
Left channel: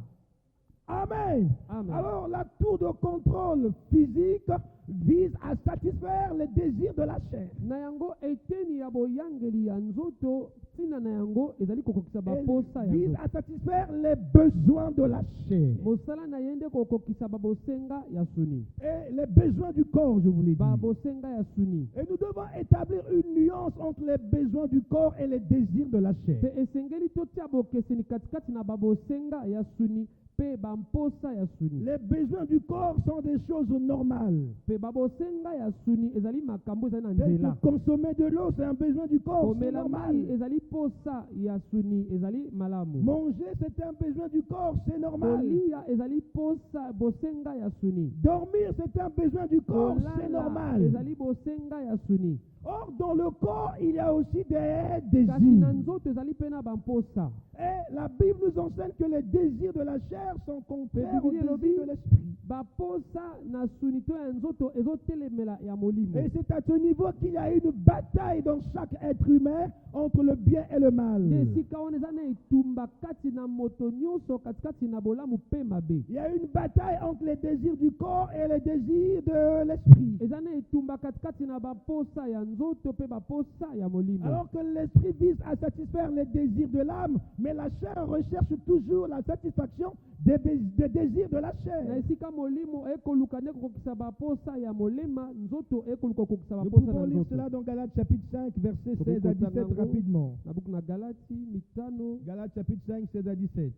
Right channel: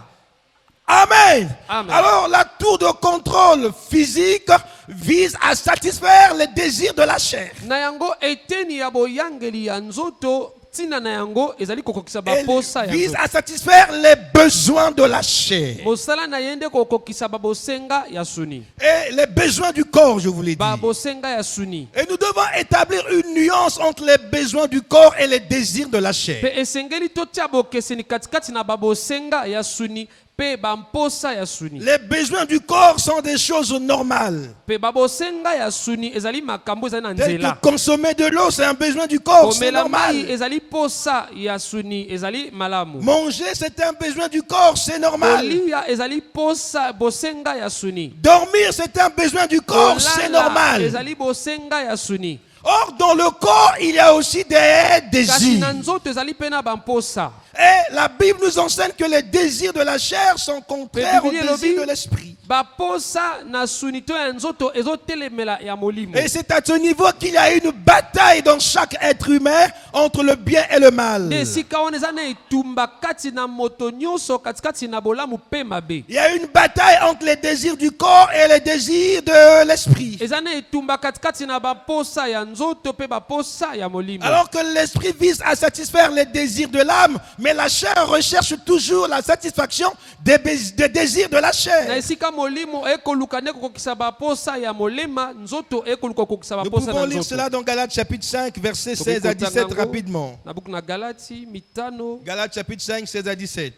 Amen. Amen. Alors la tour de contrôle physique vise à satisfaire les désirs de la chair. Na yango eteni ya boyangeli ya nzoto tina na yango ezali kokokisa Elle baposa ya vise nzoto. à satisfaire les besoins de la chair. Mosala na yende kokokisa babosenga ya suni. Et les besoins du corps, je vous l'ai dit. Babosenga ya suni. Et nous devons établir une nuance entre les besoins du corps et les désirs de la chair. Pe esengeli totia bokeseni katikati na babosenga ya suni pe bamposa ya suni. Les besoins du corps sont des choses normales. Pe babosenga ya suni ezali makambo ezali na Tel nzela. que consommer de l'eau, c'est un besoin du corps, c'est Komela mai normal. ezali posa ya suni ezali malamu. Manger, c'est un besoin du corps, c'est normal. Kolia ezali posa bosenga ya suni. Dormir, c'est un besoin du corps, c'est Kolala normal. ezali bosenga ya suni. Or, dans le corps, il y a aussi des Kasi na désirs. nzoto ezali pena bamposa. Et la Bible nous enseigne que les désirs de la chair sont contraires aux Bible désirs de l'esprit. Baposa na suni to ya nzoto ezotelemela ya molimo. Et c'est à ce niveau qu'il y a une bataille dans chaque être humain entre le bien et le mal. Nde esika wana eza na etumba kati na moto nyonso katikati na bolamu pe mabe. Il y a une bataille entre les désirs du corps et les désirs de l'esprit. Eza na etumba katikati na baposa ya nzoto pe baposa ya molimo. Alors que l'esprit vise à satisfaire les désirs de l'âme, mais la chair recherche toujours la satisfaction des désirs de la Na chair. esika molimo ekoluka nde kokokisa baposa ya molema, nzoto ekoluka kokokisa Nous baposa pouvons na lire nzoto. cela dans Galates chapitre 5, versets 16 à 17 rapidement. Na buku na Galati mitano Galates chapitre 5, 16 à 17.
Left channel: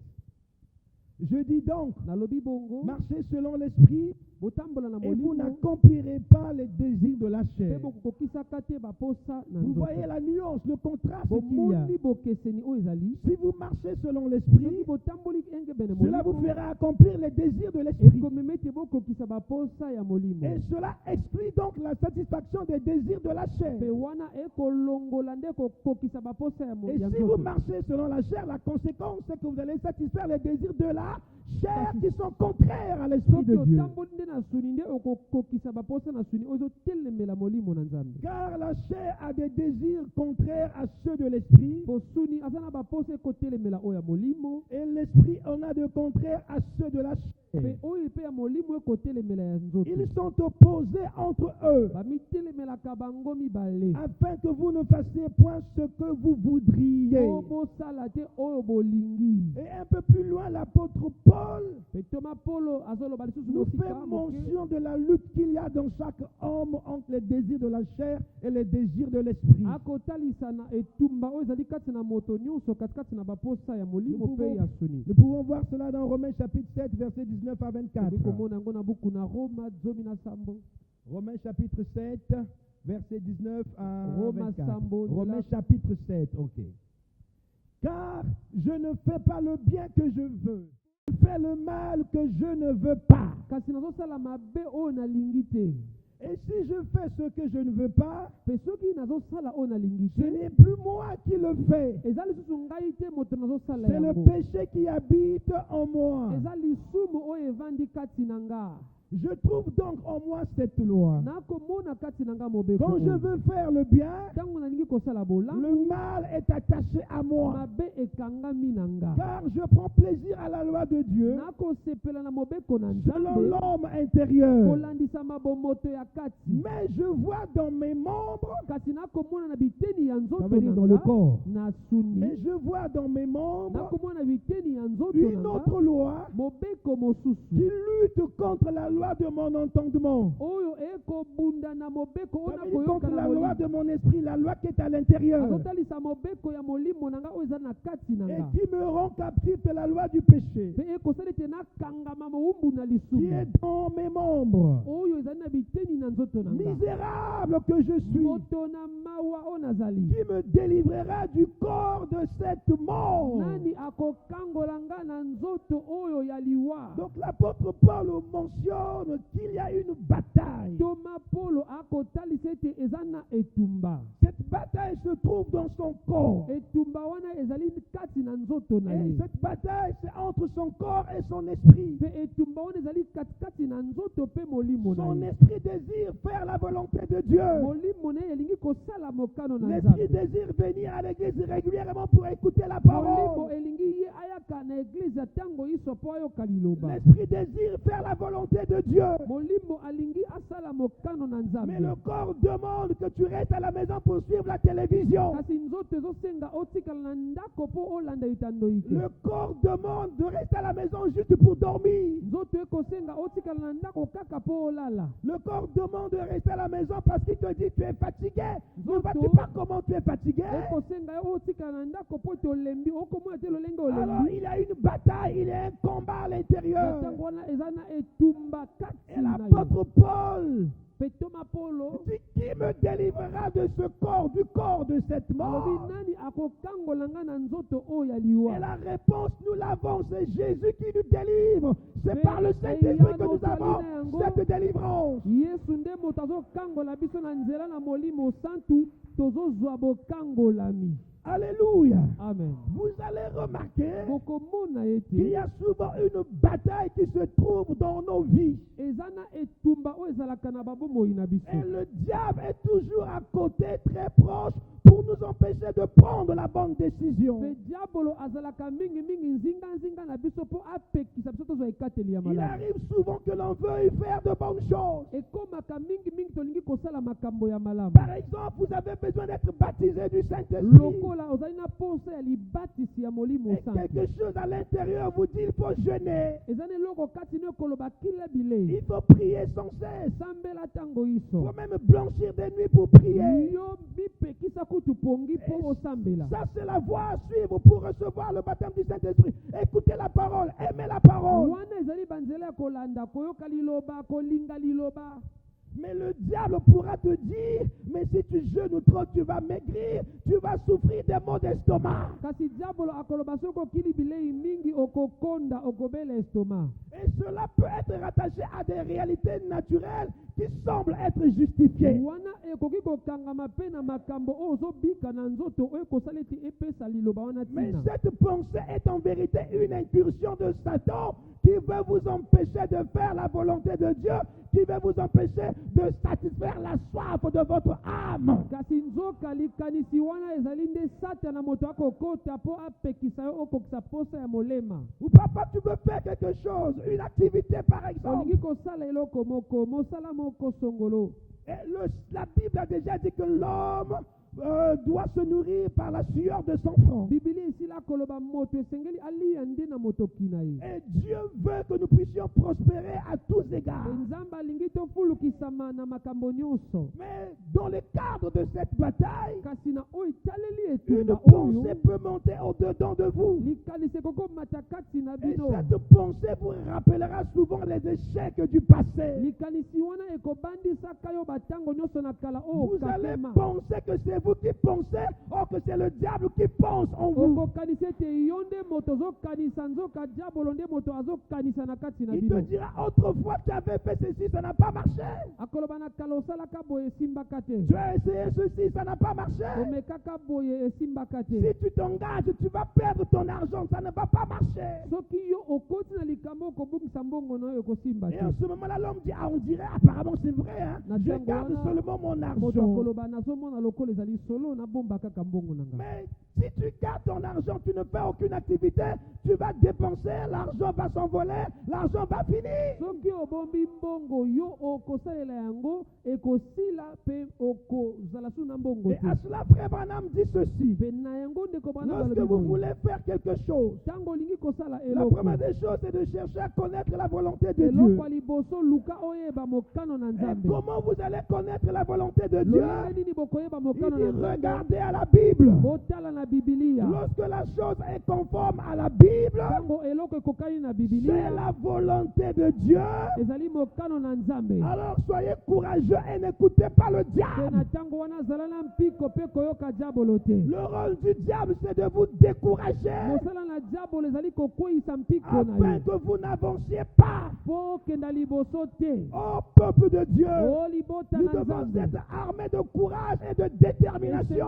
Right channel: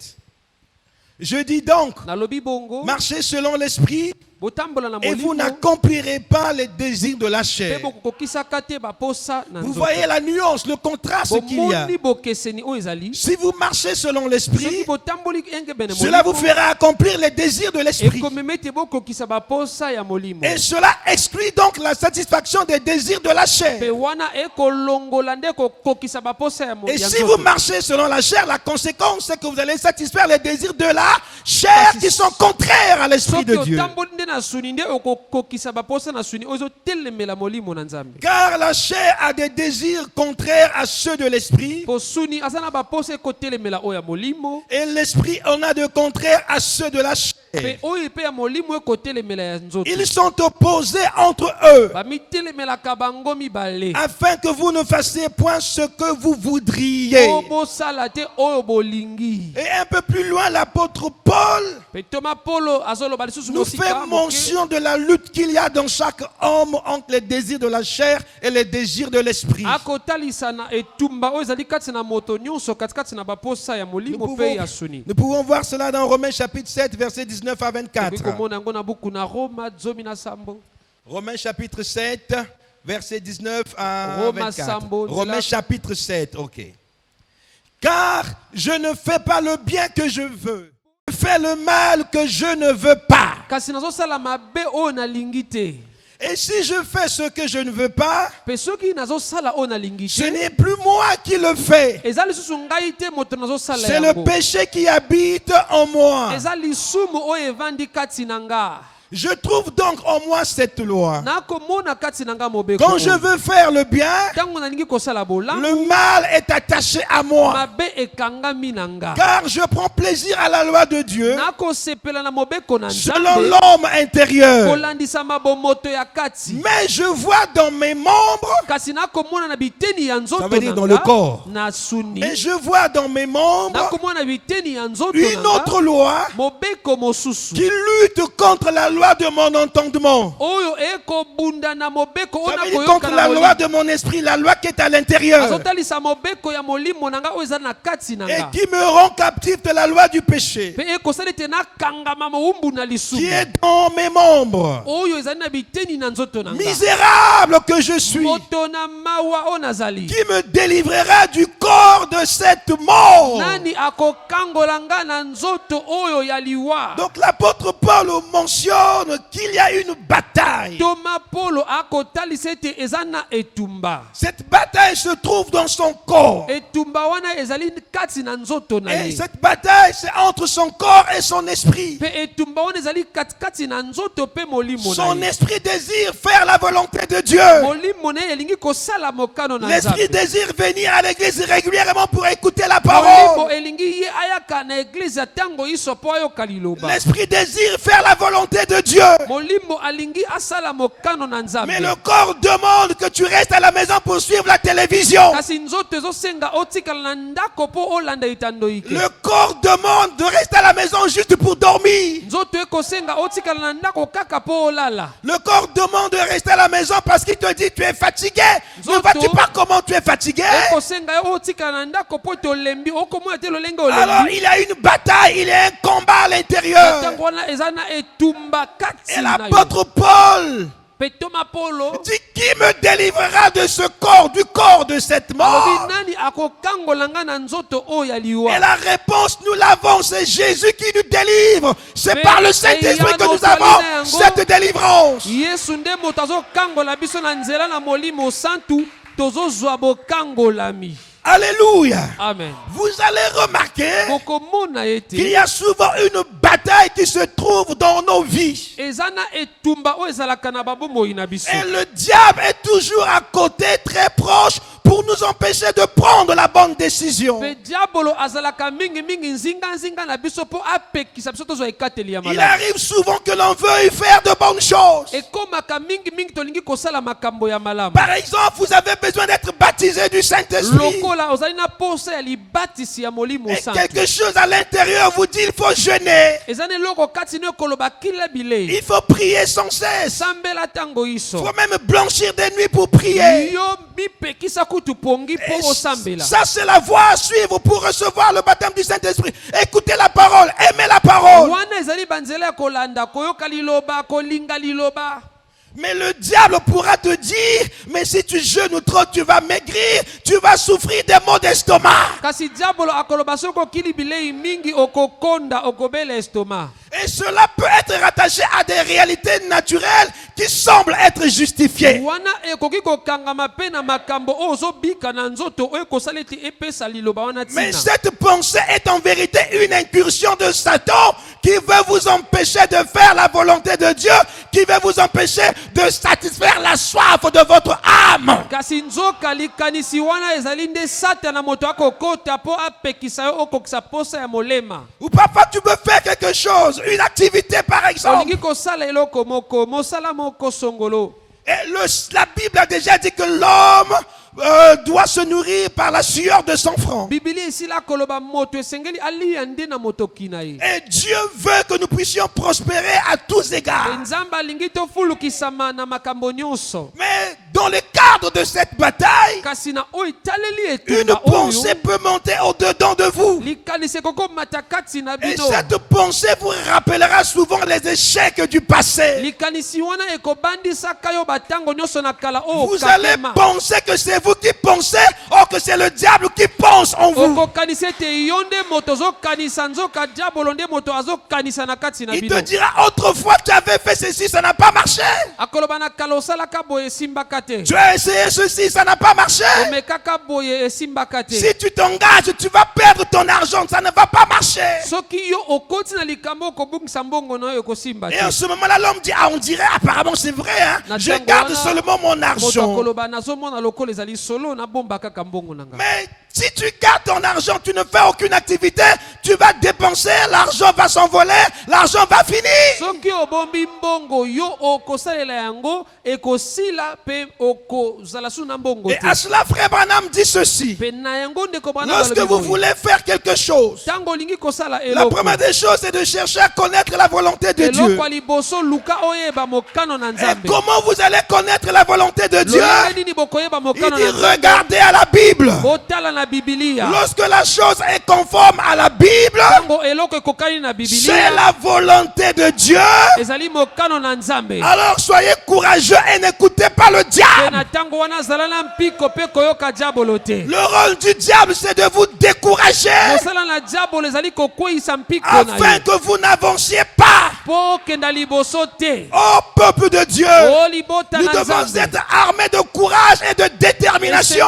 Je dis donc, nalobi bongo marchez selon l'esprit botambola na et vous molimo n'accomplirez pas les désirs de la pe chair. bokokisaka te baposa na Vous nzoto. voyez la nuance, le contraste qu'il y a. Bomoni bokeseni oyo ezali Si vous marchez selon soki l'esprit, botamboli enge bene cela vous molimo fera accomplir les désirs de l'esprit. ekomema ete bokokisa baposa ya molimo Et cela exclut donc la satisfaction des désirs de la pe chair. wana ekolongola nde kokokisa baposa ya Et ya si vous nzoto. marchez selon la chair, la conséquence c'est que vous allez satisfaire les désirs de la chair qui sont contraires à l'esprit de soki Dieu. otamboli nde na suni nde okokokisa baposa na suni oyo ezotelemela molimo na nzambe Car la chair a des désirs contraires à ceux de l'esprit. po suni aza na baposa ekotelemela oyo ya molimo Et l'esprit en a de contraires à ceux de la chair. pe oyo mpe ya molimo ekotelemela ya nzoto Ils sont opposés entre eux, bamitelemelaka bango mibale afin que vous ne fassiez point ce que vous voudriez. po bosala te oyo bolingi Et un peu plus loin, l'apôtre Paul pe toma polo azoloba lisusu nous fait mosika moke mention de la lutte qu'il y a dans chaque homme entre les désirs de la chair et les désirs de l'esprit. akotalisa na etumba oyo ezali kati na moto nyonso katikati na baposa ya molimo mpe ya suni Nous pouvons voir cela dans Romains chapitre 7, versets 19 à 24. tokoki komona yango na buku na roma 17. Romains chapitre 7, versets 19 à Roma 24. sambo, Romains nzela- chapitre 7, ok. Car je ne fais pas le bien que je veux. Je fais le mal que je ne veux pas. kasi nazosala mabe oyo nalingi te Et si je fais ce que je ne veux pas, mpe soki nazosala oyo nalingi ce te n'est plus moi qui le fais. eza lisusu ngai te moto nazosala C'est le yango péché qui habite en moi. eza lisumu oyo evandi kati na nga Je trouve donc en moi cette loi. nakomona kati na nga mobeko Quand je veux faire le bien, ntango nalingi kosala bolamu le mal est attaché à moi. mabe ekangami na nga Car je prends plaisir à la loi de Dieu nakosepela na mobeko na selon nzambe l'homme intérieur. kolandisa mabomoto ya kati Mais je vois dans mes membres, kasi nakomona na biteni ya ça nzoto veut dire na dans le nga corps, na suni et je vois dans mes membres nakomona na biteni ya nzoto une na autre nga loi mobeko mosusu qui lutte contre la loi de mon entendement. oyo ekobunda na mobeko oyo Ça veut dire contre la loi de mon esprit, la loi qui est à l'intérieur, azotalisa mobeko ya molimo na nga oyo eza na kati na et nga qui me rend captif de la loi du péché, mpe ekosala ete nakangama mowumbu na qui lisumu est dans mes membres. oyo ezali na biteni na nzoto na nga Misérable que je suis, moto na mawa oyo nazali qui me délivrera du corps de cette mort. nani akokangola nga na nzoto oyo ya liwa Donc l'apôtre Paul mentionne qu'il y a une bataille. toma polo akotalisa ete eza na etumba Cette bataille se trouve dans son corps. etumba wana ezali kati na nzoto na Et ye cette bataille, c'est entre son corps et son esprit. mpe etumba wana ezali katikati na nzoto mpe molimo na Son ye esprit désire faire la volonté de Dieu. molimo na ye elingi kosala mokano na L'esprit nzambe désire venir à l'église régulièrement pour écouter la molimo parole. elingi ye ayaka na eglize ya ntango iso mpo ayoka liloba L'esprit désire faire la volonté de Dieu. molimo alingi asala mokano na Mais nzambe le corps demande que tu restes à la maison pour suivre la télévision. kasi nzoto ezosenga otikala na ndako mpo olanda etando ike Le corps demande de rester à la maison juste pour dormir. nzoto ekosenga otikala na ndako kaka mpo olala Le corps demande de rester à la maison parce qu'il te dit tu es fatigué. Ne vois-tu pas comment tu es fatigué? ekosenga yo otikala na ndako mpo ete olembi okomona te lolenge Alors olembi il y a une bataille, il y a un combat à l'intérieur. ntango wana eza na etumba kati Et na yo l'apôtre Paul mpe toma polo dit qui me délivrera de ce corps, du corps de cette mort? alobi nani akokangola nga na nzoto oyo ya Et liwa la réponse, nous l'avons, c'est Jésus qui nous délivre. C'est Mais par le Saint-Esprit que nous avons cette délivrance. yesu nde moto azokangola biso na nzela na molimo santu tozozwa bokangolami Alléluia. amen Vous allez remarquer bokomona qu'il y ete a souvent une bataille qui se trouve dans nos vies. eza na etumba oyo ezalaka na babomoi na biso Et le diable est toujours à côté, très proche, pour nous empêcher de prendre la bonne décision. mpe diabolo azalaka mingimingi nzinga na biso mpo apekisa biso tozwa ekateli ya Il malamu arrive souvent que l'on veuille faire de bonnes choses. ekomaka mingimingi tolingi kosala makambo ya malamu Par exemple, vous avez besoin d'être baptisé du Saint-Esprit. lokola ozali na posa ya libatisi ya molimo Et santu quelque chose à l'intérieur vous dit il faut jeûner. eza na eloko kati no ekoloba kila bilei Il faut prier sans cesse. sambela ntango Il iso faut même blanchir des nuits pour prier. yo mipekisa kutu pongi Et mpo osambela ça, c'est la voie à suivre pour recevoir le baptême du Saint-Esprit. Écoutez la parole, aimez la parole. wana ezali banzela ya kolanda koyoka liloba kolinga liloba. Mais le diable pourra te dire, mais si tu jeûnes trop, tu vas maigrir, tu vas souffrir des maux d'estomac. Kasi diabolo akoloba soko kili bilei mingi okokonda okobela estomac. Et cela peut être rattaché à des réalités naturelles qui semblent être justifiées. Wana ekoki kokangama pe na makambo ozobika na nzoto ekosaleti epesa liloba wana tina. Mais cette pensée est en vérité une incursion de Satan qui veut vous empêcher de faire la volonté de Dieu, qui veut vous empêcher de satisfaire la soif de votre âme. Kasi nzoka likanisi wana ezali nde Satana moto akokota po apekisa yo okokisa posa ya molema. Ou parfois tu veux faire quelque chose, une activité par exemple. Olingi kosala eloko moko mosala moko songolo. Et la Bible a déjà dit que l'homme doit se nourrir par la sueur de son front. Et Dieu veut que nous puissions prospérer à tous égards. Mais dans le cadre de cette bataille, une pensée peut monter au-dedans de vous. Et cette pensée vous rappellera souvent les échecs du passé. Vous allez penser que c'est vous qui pensez, or que c'est le diable qui pense en vous. Il te dira autrefois tu avais fait ceci, ça n'a pas marché. Tu as essayé ceci, ça n'a pas marché. Si tu t'engages, tu vas perdre ton argent, ça ne va pas marcher. Et en ce moment-là, l'homme dit, ah, on dirait apparemment c'est vrai, hein? Je garde seulement mon argent. Mais si tu gardes ton argent, tu ne fais aucune activité, tu vas dépenser, l'argent va s'envoler, l'argent va finir. Et à cela, frère Branham dit ceci. Lorsque vous voulez faire quelque chose, la première des choses, c'est de chercher à connaître la volonté de Dieu. Et comment vous allez connaître la volonté de Dieu? Il dit, regardez à la Bible. Lorsque la chose est conforme à la Bible, c'est la volonté de Dieu. Alors soyez courageux et n'écoutez pas le diable. Le rôle du diable, c'est de vous décourager afin que vous n'avanciez pas. Oh peuple de Dieu, nous devons être armés de courage et de détermination.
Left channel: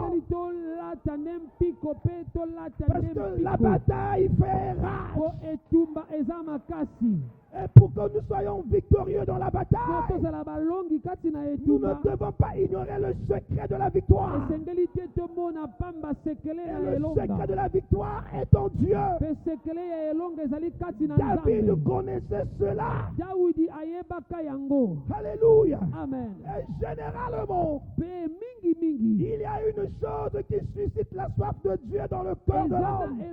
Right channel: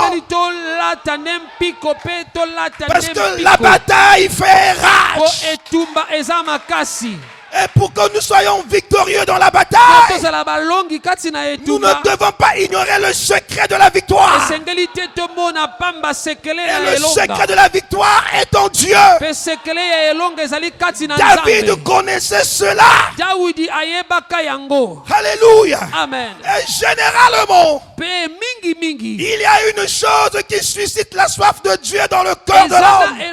Parce que la bataille fait rage. Et pour que nous soyons victorieux dans la bataille, nous ne devons pas ignorer le secret de la victoire. Et le secret de la victoire est en Dieu. David connaissait cela. Alléluia. Amen. Et généralement, il y a une chose qui suscite la soif de Dieu dans le cœur de l'homme. Et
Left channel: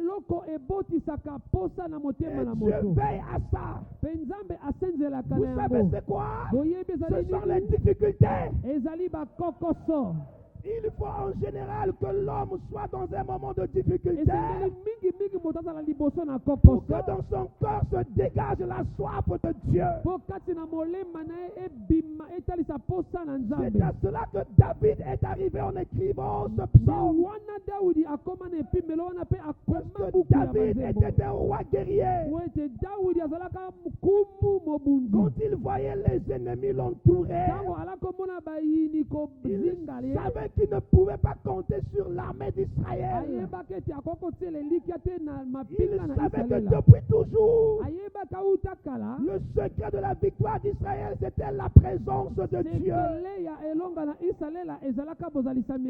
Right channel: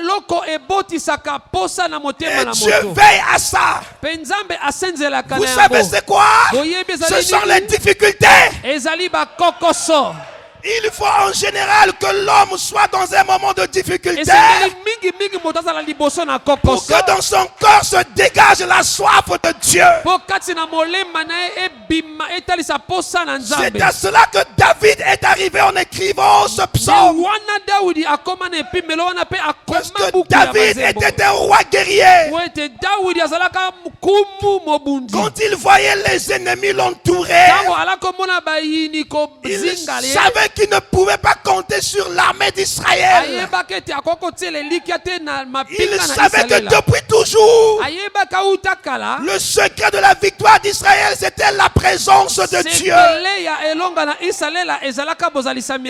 Dieu veille à ça. Vous savez c'est quoi? Ce sont les difficultés. Il faut en général que l'homme soit dans un moment de difficulté pour que dans son corps se dégage la soif de Dieu. C'est à cela que David est arrivé en écrivant ce psaume. Parce que David était un roi guerrier. Quand il voyait les ennemis l'entourer, il savait qu'il ne pouvait pas compter sur l'armée d'Israël. Il savait que depuis toujours, le secret de la victoire d'Israël, c'était la présence de Dieu.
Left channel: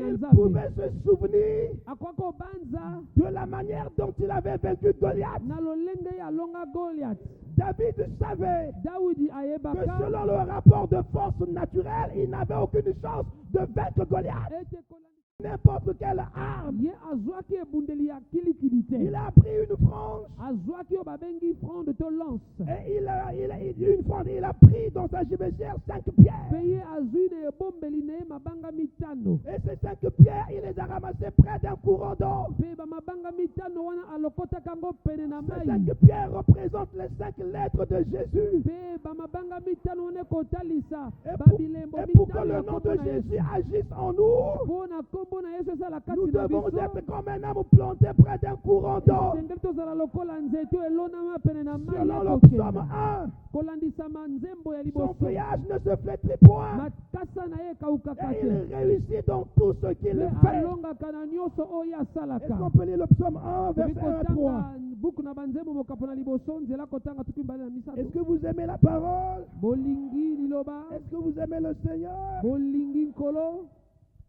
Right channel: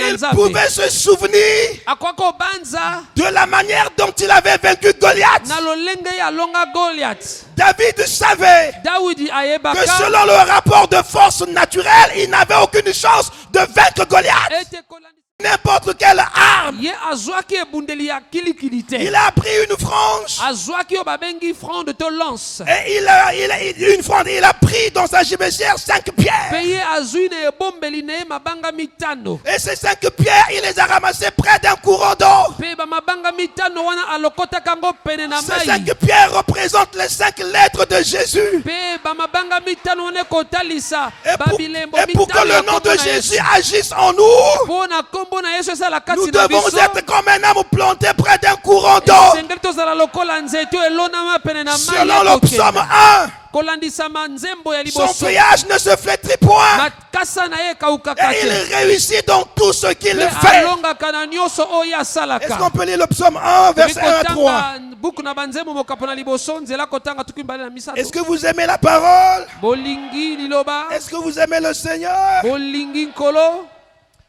Il pouvait se souvenir de la manière dont il avait vaincu Goliath. David savait que selon le rapport de force naturelle, il n'avait aucune chance de vaincre Goliath. n'importe quelle arme. Ye azwaki ebundeli ya kilikili te. Il a pris une frange. Azwaki oyo babengi front de lance. Et une frange, il a pris dans sa gibecière 5 pierres. Pe ye azwi na ebombeli na ye mabanga mitano. Et ces 5 pierres, il les a ramassées près d'un courant d'eau. Pe ba mabanga mitano wana alokotaka ngo pene na mai. Ces 5 pierres représentent les 5 lettres de Jésus. Pe ba mabanga mitano wana kotalisa Et babilembo pour que le nom de Jésus agisse en nous, Pona kombo na Yesu esala kati nous na devons biso. être comme un homme planté près d'un courant d'eau. Esengeli tozala lokola nzete elonama pene na mai. Selon le psaume 1, kolandisama nzembo ya son liboso. feuillage ne se flétrit point. Makasa na ye kaukaka Et te. il réussit dans tout ce qu'il Pe fait. alongaka na nyonso oyo asalaka. Est-ce qu'on peut lire le psaume 1, verset 1 à 3? buku na banzembo mokapo na liboso nzela kotanga tuku mbale na misato. Est-ce que vous aimez la parole? Bolingi liloba. Est-ce que vous aimez le Seigneur? Bolingi nkolo.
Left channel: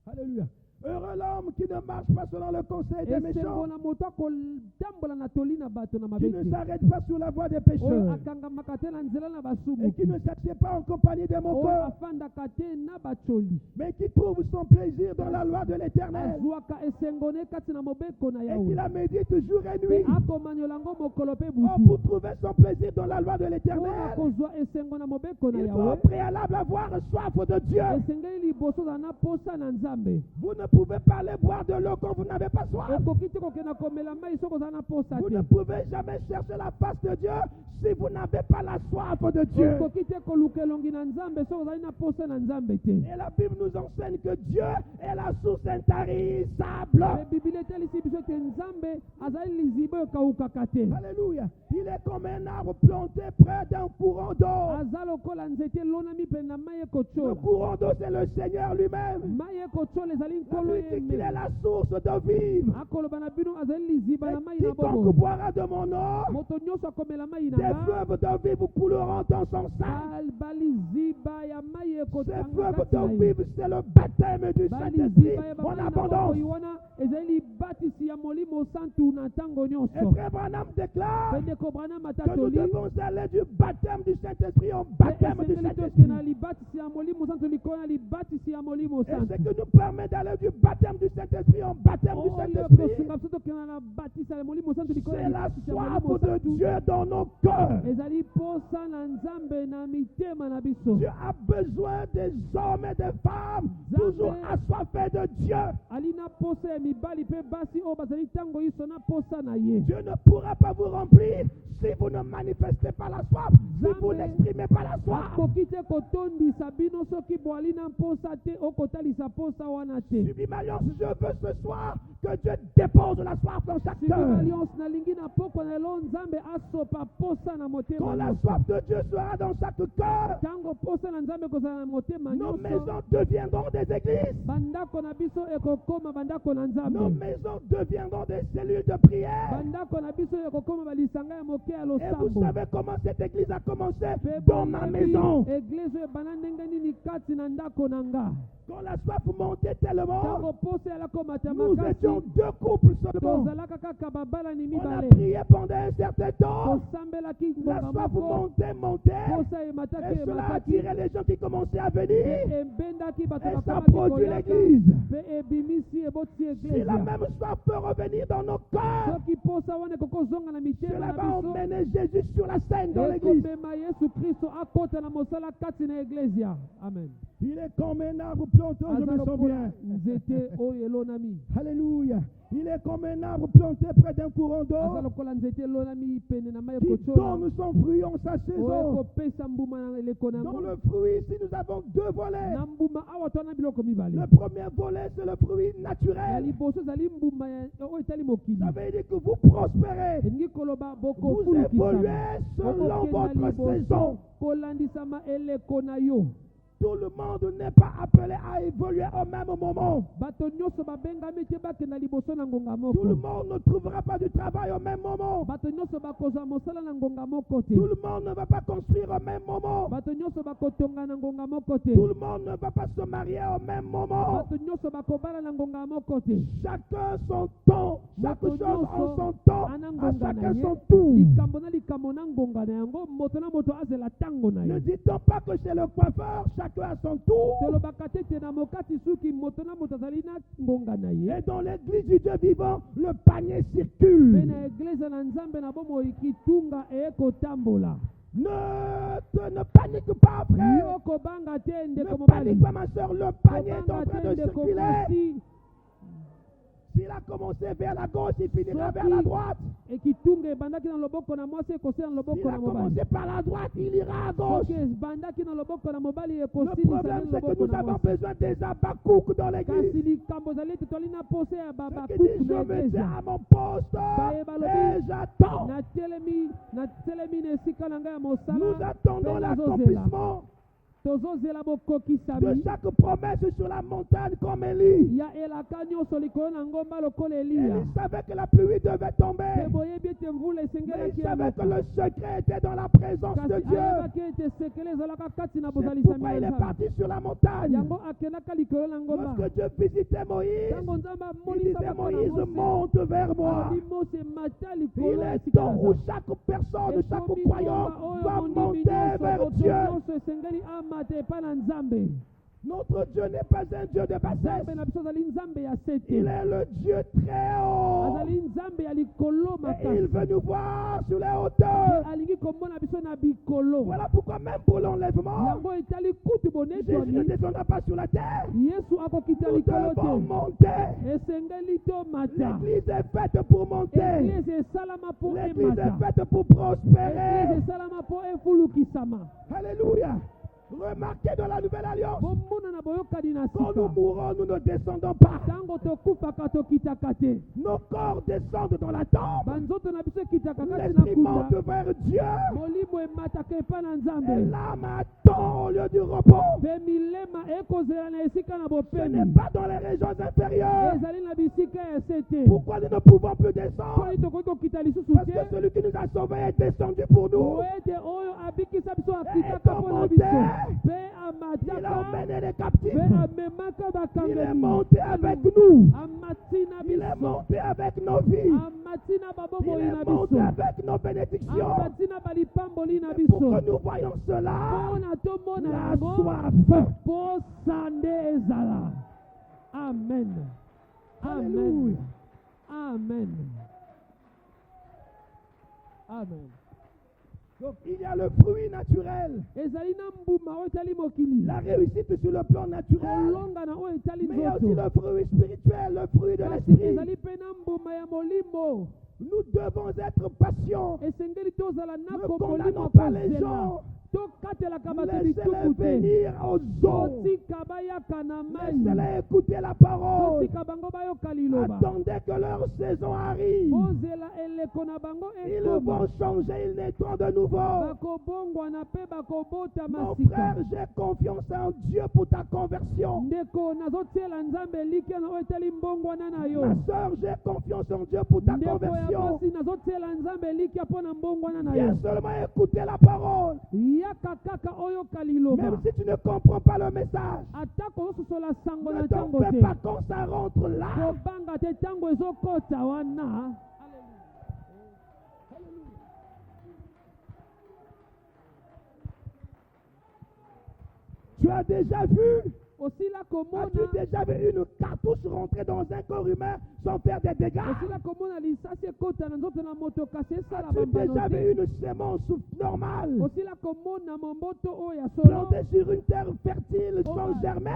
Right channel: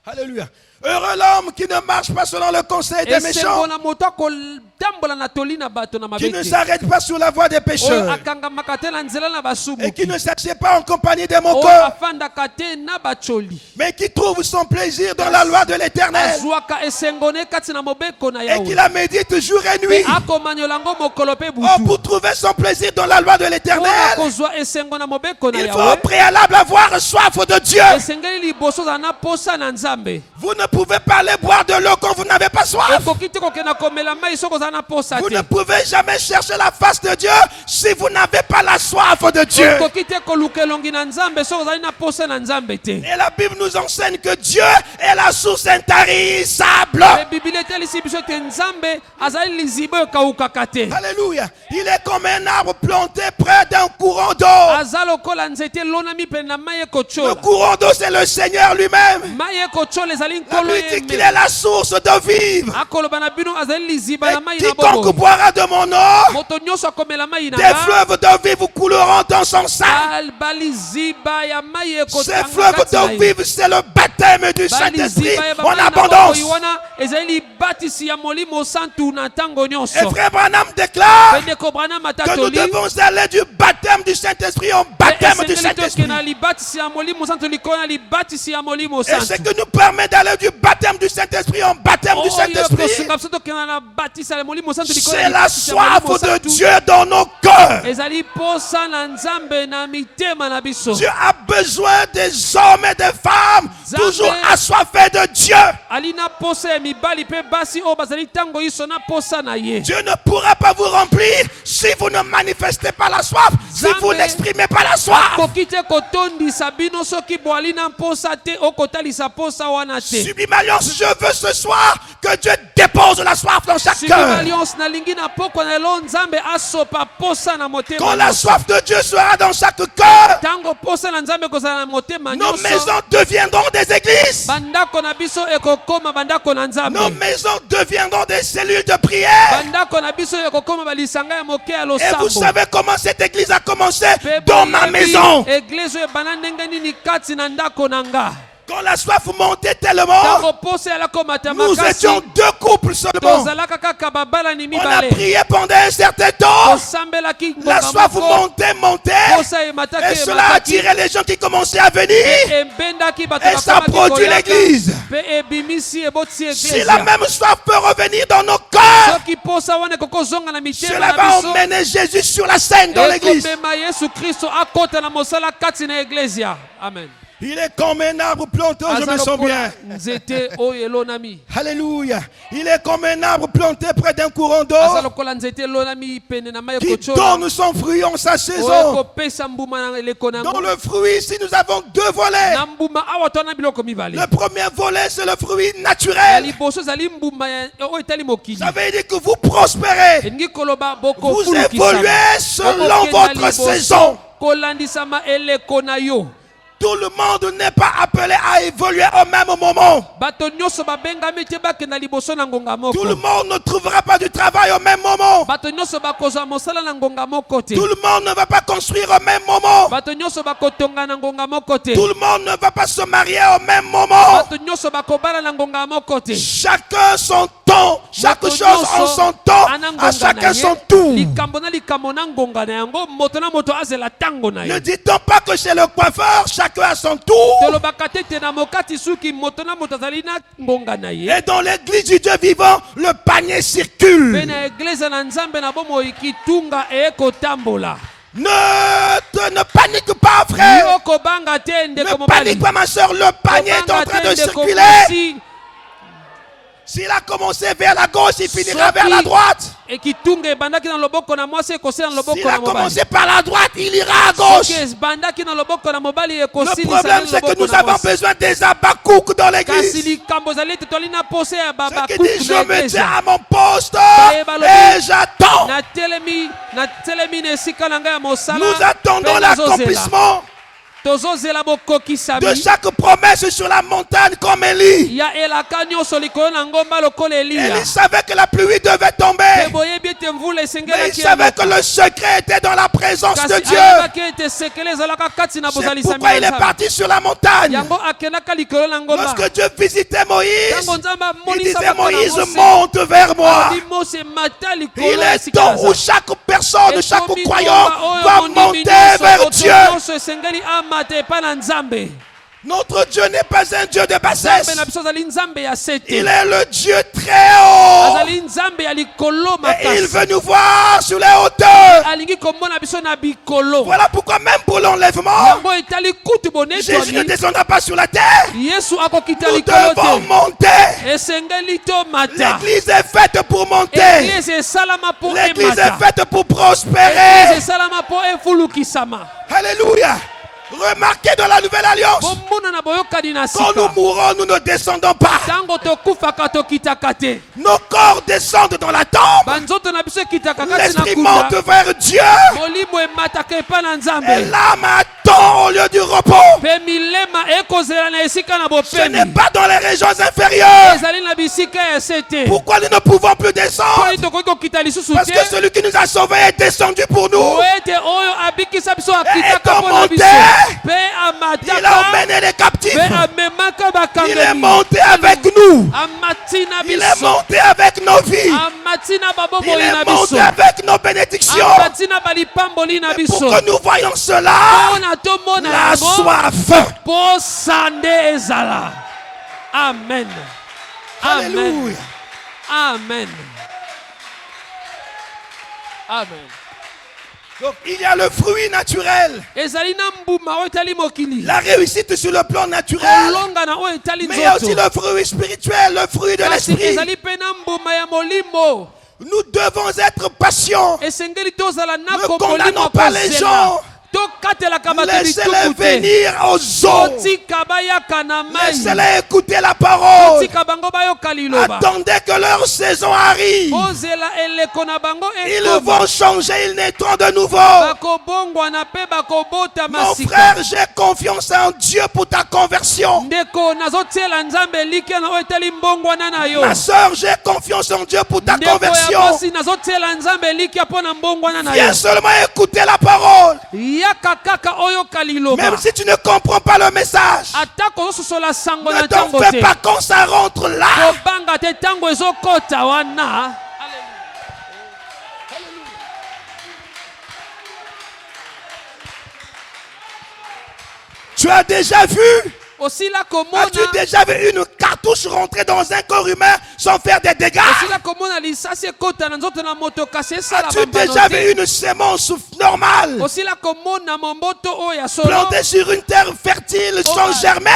Alléluia. Heureux l'homme qui ne marche pas selon le conseil des méchants, na moto akotambola na toli na bato na qui mabete. ne s'arrête pas sur la voie des pécheurs Oyo akangamaka te na nzela na basumu. et qui ne s'assied pas en compagnie des Oyo moqueurs, afandaka te na bacholi. mais qui trouve son plaisir dans la loi de l'Éternel Azwaka esengone kati na mobeko na et qui yawe. la médite jour et nuit. Akomanyola ngo mokolo pe Oh, butu. pour trouver son plaisir dans la loi de l'Éternel, Kozwa esengo na mobeko na il faut au yawe. préalable avoir soif de Dieu. Esengeli liboso za na posa na nzambe. Vous ne pouvez pas aller boire de l'eau quand vous n'avez pas soif. Okoki te kokenda komela mai soko za na posa Vous te. ne pouvez jamais chercher la face de Dieu si vous n'avez pas la soif de Dieu. Okoki te koluka elongi na nzambe soko za na posa na nzambe te. Et la Bible nous enseigne que Dieu est la source intarissable. Le Bible etelisi biso te nzambe azali liziba oyo kaukaka te. Alléluia. Il est comme un arbre planté près d'un courant d'eau. Aza lokola nzete elonami pene na mai Le ekochola. courant d'eau, c'est le Seigneur lui-même. Mai ekochola ezali La nkolo Bible dit qu'il ye. est la source de vivre. Akoloba na bino azali liziba na mai Et na quiconque bobo. boira de mon eau, Moto nyonso akomela mai na des nga. fleuves de vie vous couleront dans son sang. Baliziba ya mai Ces ekotanga fleuves kati na de ye. vie, c'est le baptême du Saint-Esprit Baliziba ya en bamai na abondance. boboyi wana ezali libatisi ya molimo santu na ntango Et nyonso. frère Branham déclare Pendeko Branham que nous atatoli. devons aller du baptême du Saint-Esprit au baptême du Saint-Esprit. na libatisi ya molimo santu likona libatisi ya molimo Et ce santu. qui nous permet d'aller du baptême du Saint-Esprit au baptême du Saint-Esprit, c'est la soif de Dieu dans nos cœurs. ezali posa na nzambe na mitema na biso. Dieu a besoin des hommes et des femmes toujours assoiffés de Dieu. alina posa ya mibali pe basi oyo bazali ntango iso na posa na ye. Dieu ne pourra pas vous remplir si vous ne manifestez pas la soif, si vous n'exprimez pas la soif. akoki te kotondisa bino soki boali na posa te okotalisa posa wana te. Sublime Alliance, je veux ce soir que Dieu dépose la soif dans chaque Sublime cœur. Alliance nalingi na poko na elo nzambe asopa posa na motema Quand la nyonso. soif de Dieu sera dans chaque cœur, Ntango posa na nzambe kozala na motema nos nyonso. maisons deviendront des églises. Bandako na biso ekokoma bandako na Nos nzambe. maisons deviendront des cellules de prière. Bandako na biso ekokoma balisanga ya moke ya Et vous losambo. savez comment cette église a commencé? Pe Dans ma boyebi maison. Église oyo ebanda ndenge nini kati na ndako na nga. Quand la soif montait tellement, Ntango posa ekomata nous makasi. étions 2 couples seulement. Tozalaka kaka babalani On a mibale. prié pendant un certain temps. Tosambelaki La ngonga soif moko. montait. Posa emataki Et cela attirait les gens qui commençaient à venir. ebendaki bato Et ça bakomaki produit koyaka. l'église. Pe ebimisi ebotisi Si eglise. la même soif peut revenir dans nos cœurs, Soki posa wana ekokozonga na mitema cela na va biso. emmener Jésus sur la scène dans l'église. Ekomema Yesu Kristo akota na mosala kati na eglezia. Amen. Il est comme un arbre planté, je me sens bien. Nzete oyo elonami. Alléluia. Il est comme un arbre planté près d'un courant d'eau Aza lokola nzete elonami pene na mai qui ekochola. donne son fruit en sa Oyo saison. ekopesa mbuma na eleko na Dans yango. le fruit, ici, nous avons 2 volets. Na mbuma awa twana biloko mibale. Le premier volet, c'est le fruit Ya naturel. liboso ezali mbuma oyo etali mokili. Ça veut dire que vous prospérez. Elingi koloba Vous bokofulukisama. évoluez selon Okokenda votre liboso, saison. kolandisama eleko na yo. Tout le monde n'est pas appelé à évoluer au même moment. Bato nyonso babengami te bakenda liboso na ngonga moko. Tout le monde ne trouvera pas du travail au même moment. Bato nyonso bakozwa mosala na ngonga moko te. Tout le monde ne va pas construire au même moment. Bato nyonso bakotonga na ngonga moko te. Tout le monde ne va pas se marier au même moment. Bato nyonso bakobala na ngonga moko te. Chacun son temps. Chaque Moto chose en nyonso son temps. ana À ngonga chacun na ye. son tour. Likambo na likambo na ngonga na yango moto na moto azela tango na Ne ye. dit-on pas que chez le coiffeur, chacun à son tour. Et dans l'église du Dieu vivant, le panier circule. Ne panique pas, frère. Ne panique pas, ma soeur. Le panier est en train de circuler. S'il a commencé vers la gauche, il finira vers la droite. S'il a commencé par la droite, il ira à gauche. Le problème, c'est que nous avons besoin des Habakkuk dans l'église. Ceux qui disent, je me tiens à mon poste et j'attends. Nous attendons l'accomplissement de chaque promesse sur la montagne comme Élie. Élie savait que la pluie devait tomber. Mais il savait que le secret était dans la présence de Dieu. C'est pourquoi il est parti sur la montagne. Lorsque Dieu visitait Moïse, il disait, Moïse, monte vers moi. Il est temps où chaque personne, chaque croyant va monter vers Dieu. Notre Dieu n'est pas un Dieu de bassesse. Il est le Dieu très haut. Et il veut nous voir sur les hauteurs. Voilà pourquoi même pour l'enlèvement, Jésus ne descendra pas sur la terre. Nous devons monter. L'église est faite pour monter. L'église est faite pour prospérer. Alléluia. Remarquez dans la nouvelle alliance, quand nous mourons, nous ne descendons pas. Nos corps descendent dans la tombe. L'esprit monte vers Dieu. Et l'âme attend au lieu du repos. Ce n'est pas dans les régions inférieures. Pourquoi nous ne pouvons plus descendre? Parce que celui qui nous a sauvés est descendu pour nous. Et étant monté, il a emmené les captifs. Il est monté avec nous. Il est monté avec nos vies. Il est monté avec nos bénédictions. Mais pour que nous voyons cela, la soif. Amen. Amen. Amen. Amen. Donc il y a le fruit naturel. La réussite sur le plan naturel. Mais il y a aussi le fruit spirituel, le fruit de l'esprit. Nous devons être patients. Ne condamnons pas les gens. Laissez-les venir aux eaux. Laissez-les écouter la parole. Attendez que leur saison arrive. Ils vont changer, ils naîtront de nouveau. Mon frère, j'ai confiance en Dieu pour ta conversion. Ma soeur, j'ai confiance en Dieu pour ta conversion. Viens seulement écouter la parole. Même si tu ne comprends pas le message, ne t'en fais pas quand ça rentre là. Tu as déjà vu? As-tu déjà vu une cartouche rentrer dans un corps humain sans faire des dégâts? As-tu déjà vu une sémence normale plantée sur une terre fertile sans germer?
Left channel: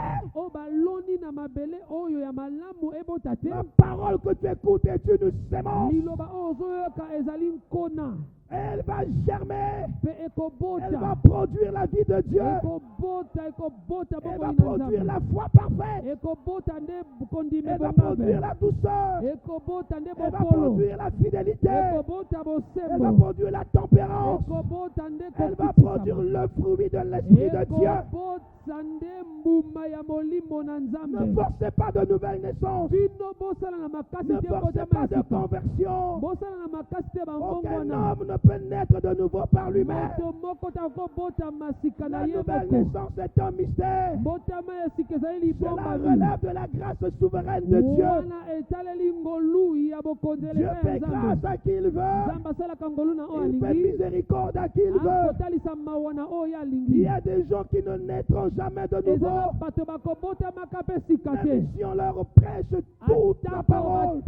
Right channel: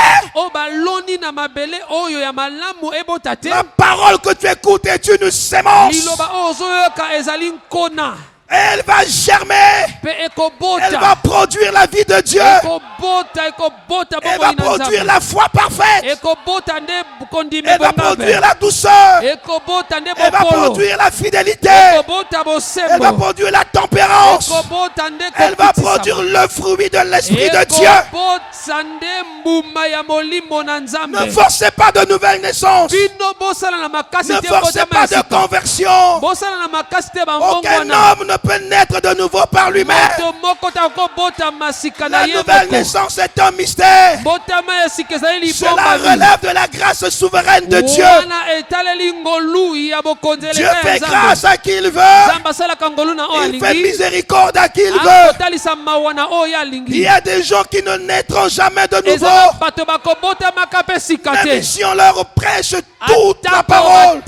La parole que tu écoutes est une sémence. Elle va germer. Elle va produire la vie de Dieu. Elle va produire la foi parfaite. Elle va produire la douceur. Elle va produire la fidélité. Elle va produire la tempérance. Elle va produire le fruit de l'Esprit de Dieu. Ne forcez pas de nouvelle naissance. Ne forcez pas de conversion. Aucun homme ne ne peut naître de nouveau par lui-même. La nouvelle naissance est un mystère. Cela relève de la grâce souveraine de Dieu. Dieu fait grâce à qui il veut. Il fait miséricorde à qui il veut. Il y a des gens qui ne naîtront jamais de nouveau. Même si on leur prêche toute la parole,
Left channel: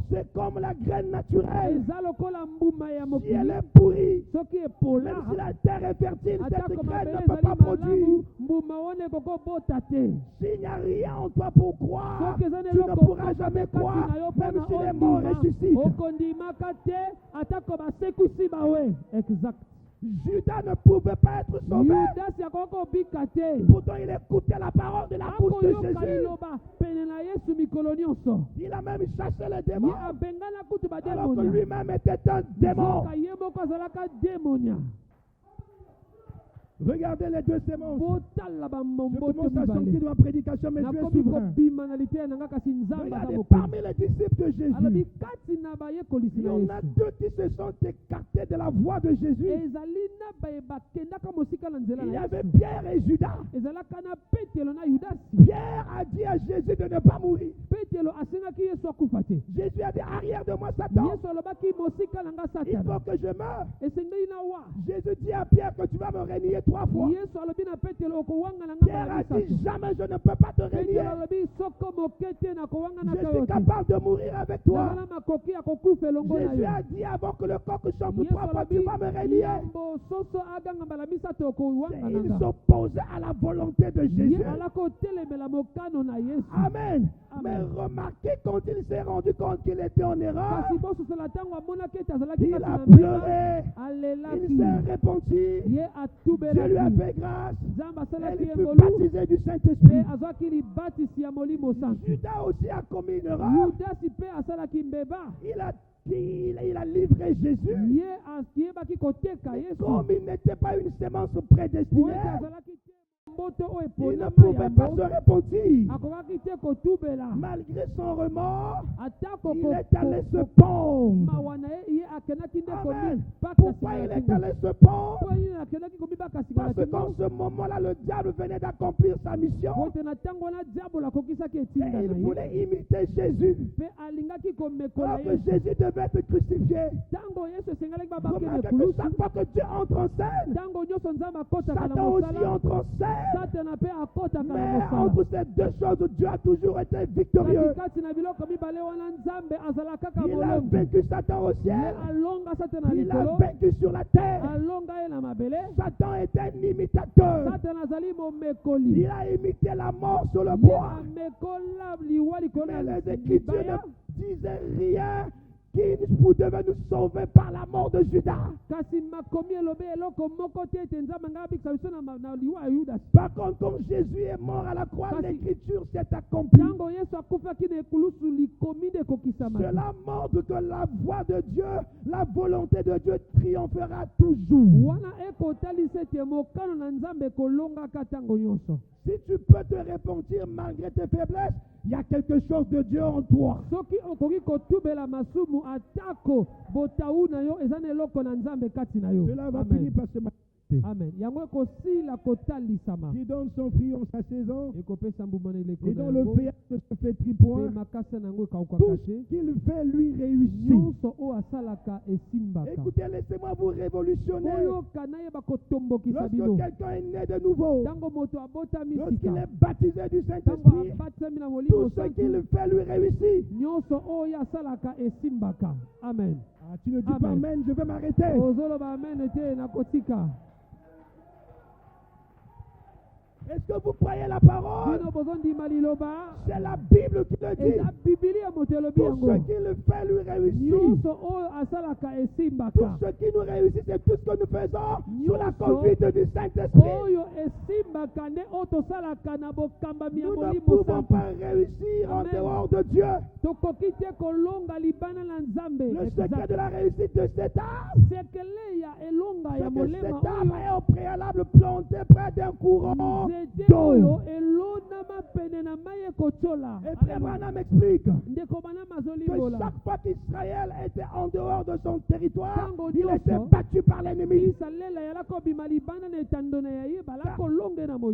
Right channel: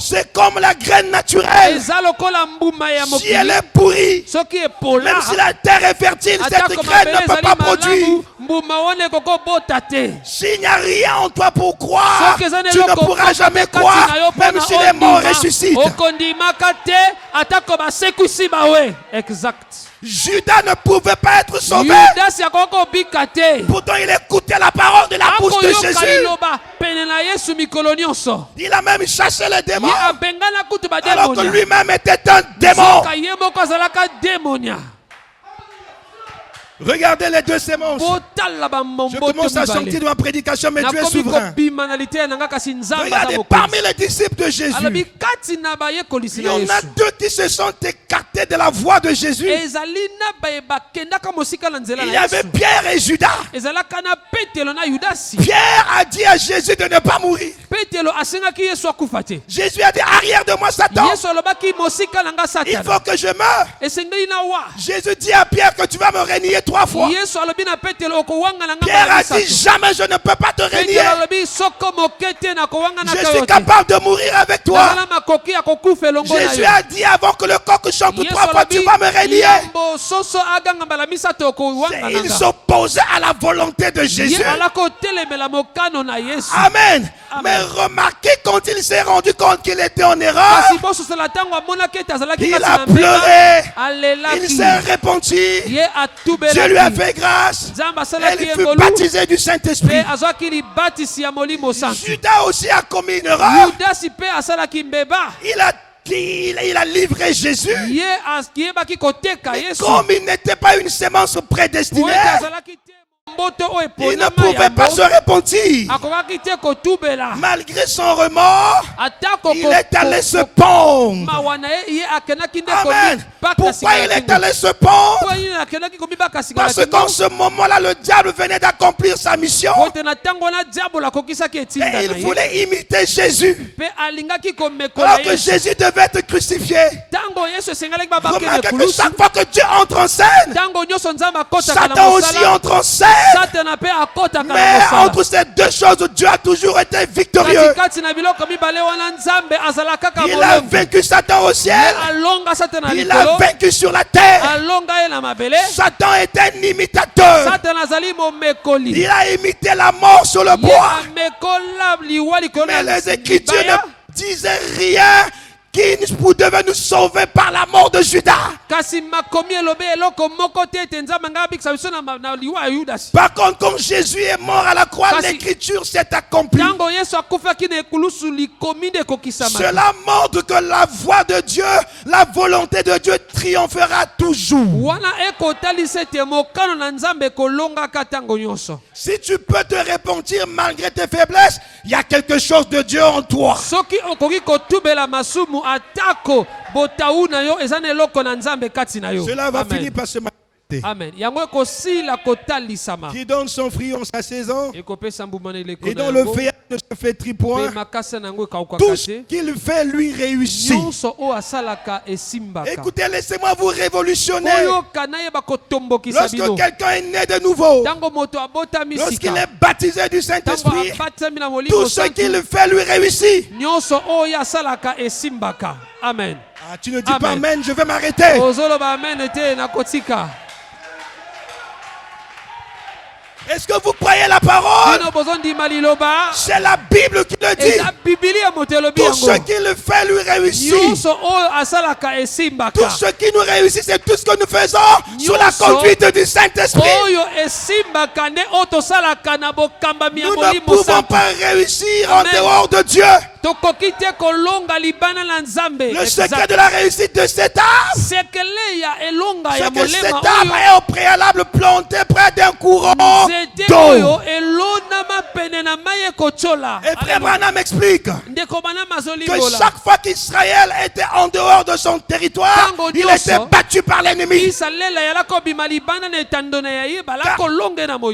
c'est comme la graine naturelle. Si elle est pourrie, même si la terre est fertile, cette graine ne peut pas produire. S'il n'y a rien en toi pour croire, tu ne pourras jamais croire, même si les morts ressuscitent. Exact. Judas ne pouvait pas être sauvé. Pourtant, il écoutait la parole de la bouche de Jésus. Il a même chassé les démons, alors que lui-même était un démon. Regardez les deux sémences. Je commence à sortir de ma prédication, mais Dieu est souverain. Regardez, parmi les disciples de Jésus, il y en a deux qui se sont écartés de la voie de Jésus. Il y avait Pierre et Judas. Pierre a dit à Jésus de ne pas mourir. Jésus a dit, arrière de moi Satan. Il faut que je meure. Jésus dit à Pierre que tu vas me régner 3 fois. Pierre a dit, jamais je ne peux pas te régner. Je suis capable de mourir avec toi. Jésus a dit, avant que le coq chante 3 fois, tu vas me régner. Il s'opposait à la volonté de Jésus. Amen. Mais remarquez, quand il s'est rendu compte qu'il était en erreur, il a pleuré, il s'est repenti, Dieu lui a fait grâce, et il fut baptisé du Saint-Esprit. Judas aussi a commis une erreur. Il a livré Jésus. Mais comme il n'était pas une sémence prédestinée, il ne pouvait pas se repentir. Malgré son remords, il est allé se pendre. Amen. Pourquoi il est allé se pendre? Parce qu'en ce moment-là, le diable venait d'accomplir sa mission. Et il voulait imiter Jésus. Alors que Jésus devait être crucifié. Remarquez que chaque fois que Dieu entre en scène, Satan aussi entre en scène. Mais entre ces deux choses, Dieu a toujours été victorieux. Il a vaincu Satan au ciel. Il a vaincu sur la terre. Satan est un imitateur. Il a imité la mort sur le bois. Mais les Écritures ne disaient rien qui devait nous sauver par la mort de Judas. Par contre, comme Jésus est mort à la croix, l'écriture s'est accomplie. Cela montre que la voix de Dieu, la volonté de Dieu triomphera toujours. Si tu peux te repentir malgré tes faiblesses, il y a quelque chose de Dieu en toi. Cela va finir par se manifester. Amen. Qui donne son fruit en sa saison et dont le feuillage ne se flétrit point. Tout ce qu'il fait lui réussit. Écoutez, laissez-moi vous révolutionner. Lorsque quelqu'un est né de nouveau, lorsqu'il est baptisé du Saint-Esprit, tout ce qu'il fait lui réussit. Amen. Ah, tu ne dis pas amen, je vais m'arrêter. Est-ce que vous croyez la parole? C'est la Bible qui le dit. Tout ce qu'il fait lui réussit. Tout ce qui nous réussit, c'est tout ce que nous faisons sous la conduite du Saint-Esprit. Nous ne pouvons pas réussir en dehors de Dieu. Le secret de la réussite de cet arbre, c'est que cet arbre est au préalable planté près d'un courant d'eau. Et Frère Branham explique que chaque fois qu'Israël était en dehors de son territoire, il était battu par l'ennemi.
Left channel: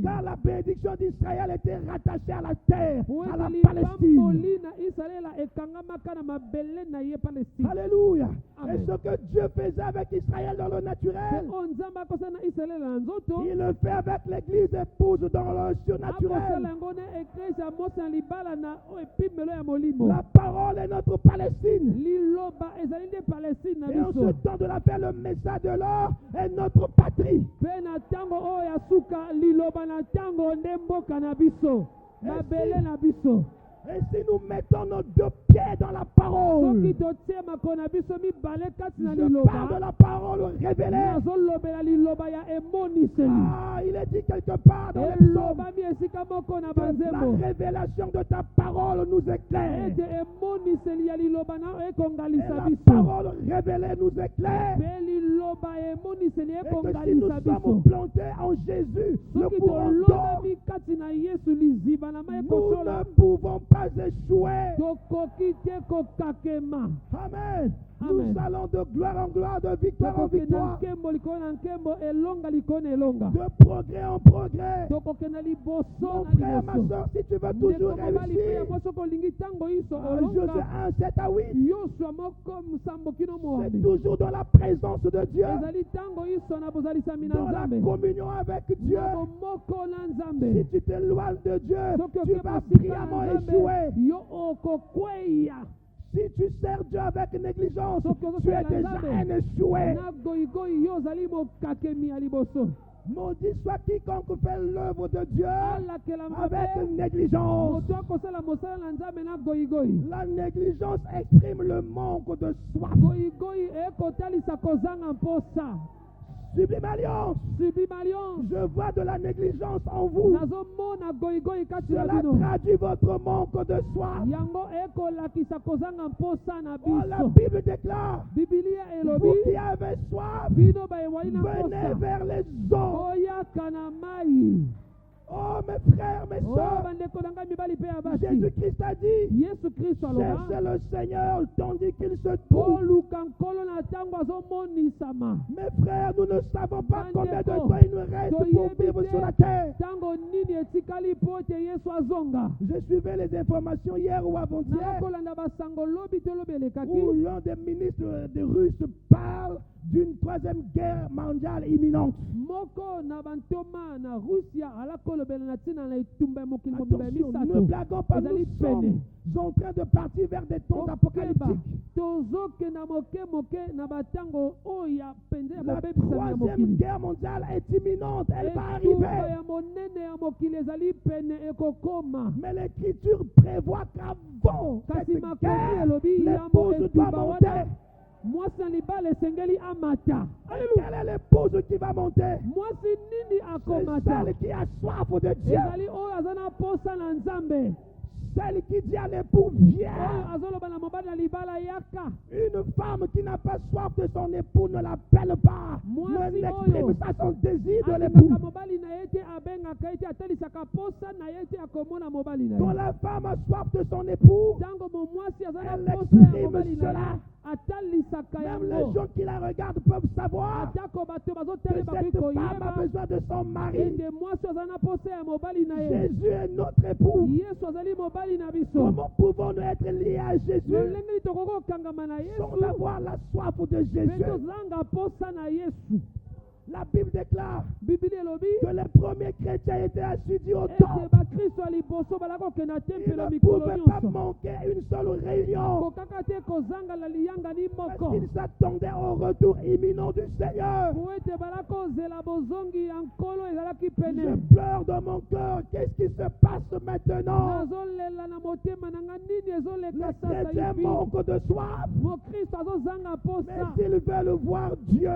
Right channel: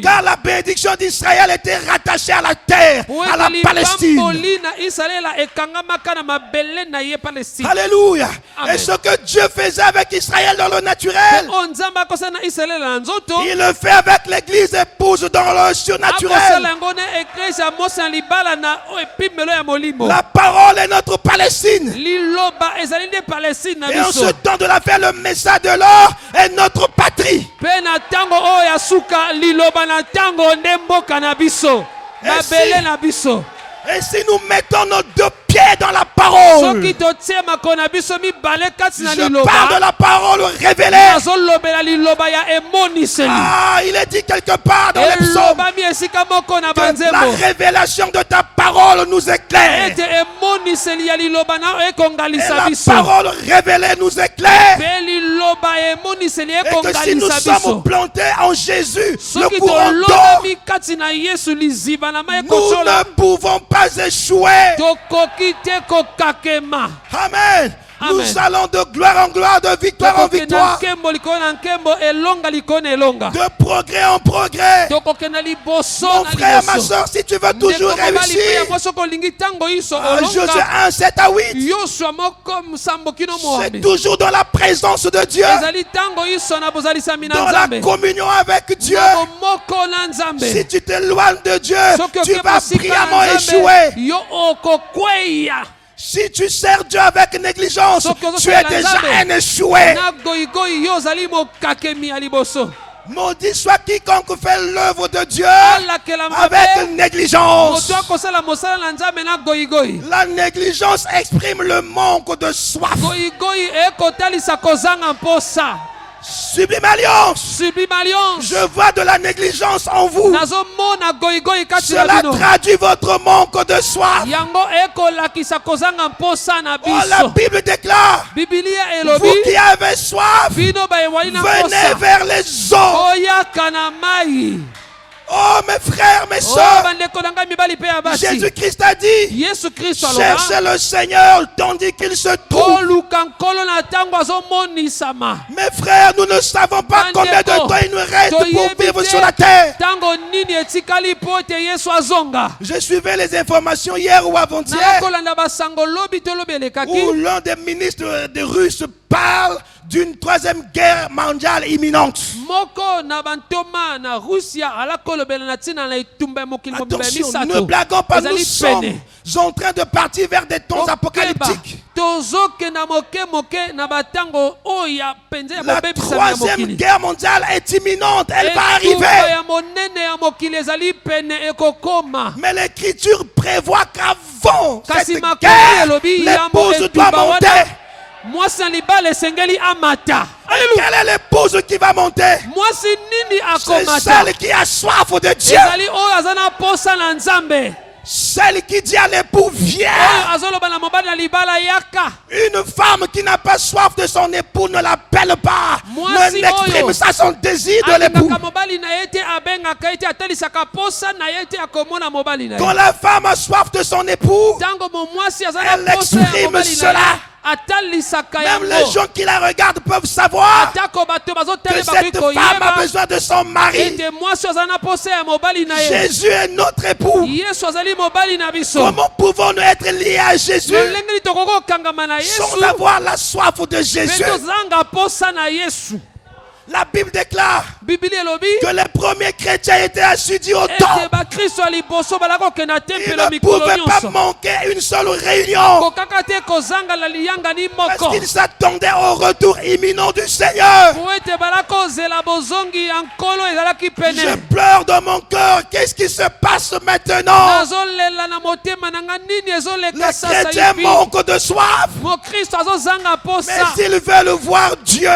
Car la bénédiction d'Israël était rattachée à la terre, à la Palestine. Alléluia. Et ce que Dieu faisait avec Israël dans le naturel, il le fait avec l'église épouse dans le surnaturel. La parole est notre Palestine. Et en ce temps de la fin, le message de l'or est notre patrie. Et si nous mettons nos deux pieds dans la parole, je parle de la parole révélée. Ah, il est dit quelque part dans les psaumes que la révélation de ta parole nous éclaire. Et la parole révélée nous éclaire. Et que si nous sommes plantés en Jésus, le courant d'eau, nous ne pouvons pas échouer. Amen. Nous allons de gloire en gloire, de victoire en victoire, de progrès en progrès. Mon frère, ma soeur, si tu veux toujours réussir, Josué 1, 7 à 8, c'est toujours dans la présence de Dieu, dans la communion avec Dieu. Si tu t'éloignes de Dieu, tu vas brillamment échouer. Si tu sers Dieu avec négligence, tu es déjà un échoué. Maudit soit quiconque fait l'œuvre de Dieu avec négligence. La négligence exprime le manque de soif. Sublime alliance. Je vois de la négligence en vous. Cela traduit votre manque de soif. Oh, la Bible déclare, vous qui avez soif, venez vers les eaux. Oh mes frères, mes soeurs, Jésus-Christ a dit, cherchez le Seigneur tandis qu'il se trouve. Mes frères, nous ne savons pas combien de temps il nous reste pour vivre sur la terre. Je suivais les informations hier ou avant-hier où l'un des ministres des Russes parle d'une troisième guerre mondiale imminente. Attention, ne blaguons pas, nous sommes en train de partir vers des temps apocalyptiques. La troisième guerre mondiale est imminente, elle va arriver. Mais l'Écriture prévoit qu'avant cette guerre, l'épouse doit monter. Quelle est l'épouse qui va monter? C'est celle qui a soif de Dieu. Celle qui dit à l'époux, viens. Une femme qui n'a pas soif de son époux ne l'appelle pas, ne n'exprime pas son désir de l'époux. Quand la femme a soif de son époux, elle exprime cela. Même les gens qui la regardent peuvent savoir que cette femme a besoin de son mari. Jésus est notre époux. Comment pouvons-nous être liés à Jésus sans avoir la soif de Jésus? La Bible déclare que les premiers chrétiens étaient assidus au temple. Ils ne pouvaient pas manquer une seule réunion parce qu'ils s'attendaient au retour imminent du Seigneur. Je pleure dans mon cœur. Qu'est-ce qui se passe maintenant? Les chrétiens manquent de soif, mais s'ils veulent voir Dieu,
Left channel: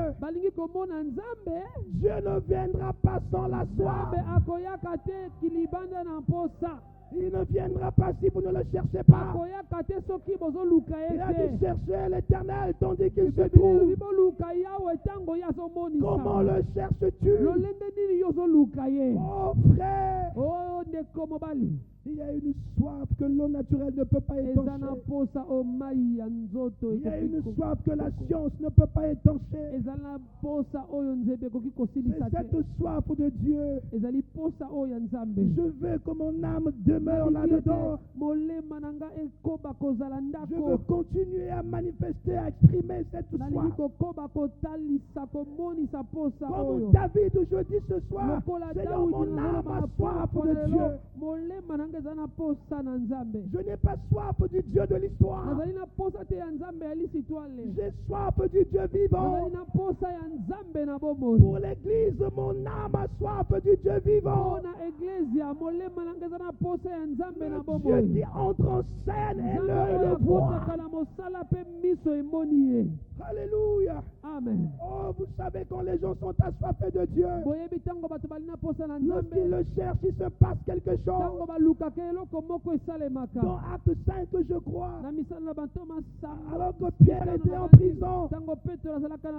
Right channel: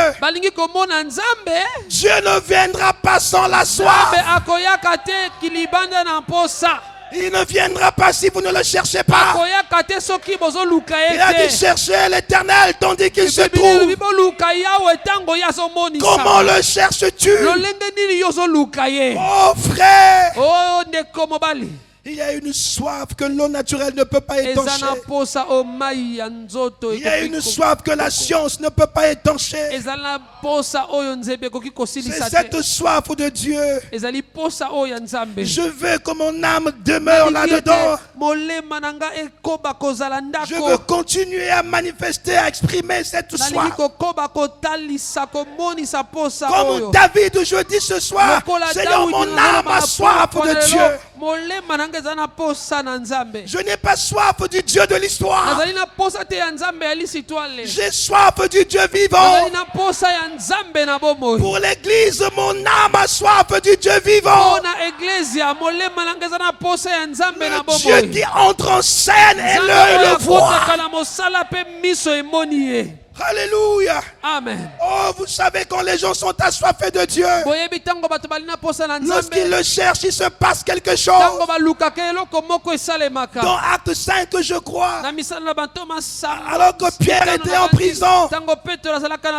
Dieu ne viendra pas sans la soif. Il ne viendra pas si vous ne le cherchez pas. Il a dit chercher l'Éternel tandis qu'il se trouve. Comment le cherches-tu? Oh frère, Il y a une soif que l'eau naturelle ne peut pas étancher. Il y a une soif que la science ne peut pas étancher. C'est cette soif de Dieu. Je veux que mon âme demeure là-dedans. Je veux continuer à manifester, à exprimer cette soif. Comme David, je dis ce soir, Seigneur, mon âme a soif de Dieu. Je n'ai pas soif du Dieu de l'histoire. J'ai soif du Dieu vivant. Pour l'église, mon âme a soif du Dieu vivant. Le Dieu qui entre en scène et l'œil le voit. Alléluia. Amen. Oh, vous savez quand les gens sont assoiffés de Dieu, lorsqu'ils le cherchent, il se passe quelque chose. Dans Acte 5, je crois, alors que Pierre était en prison,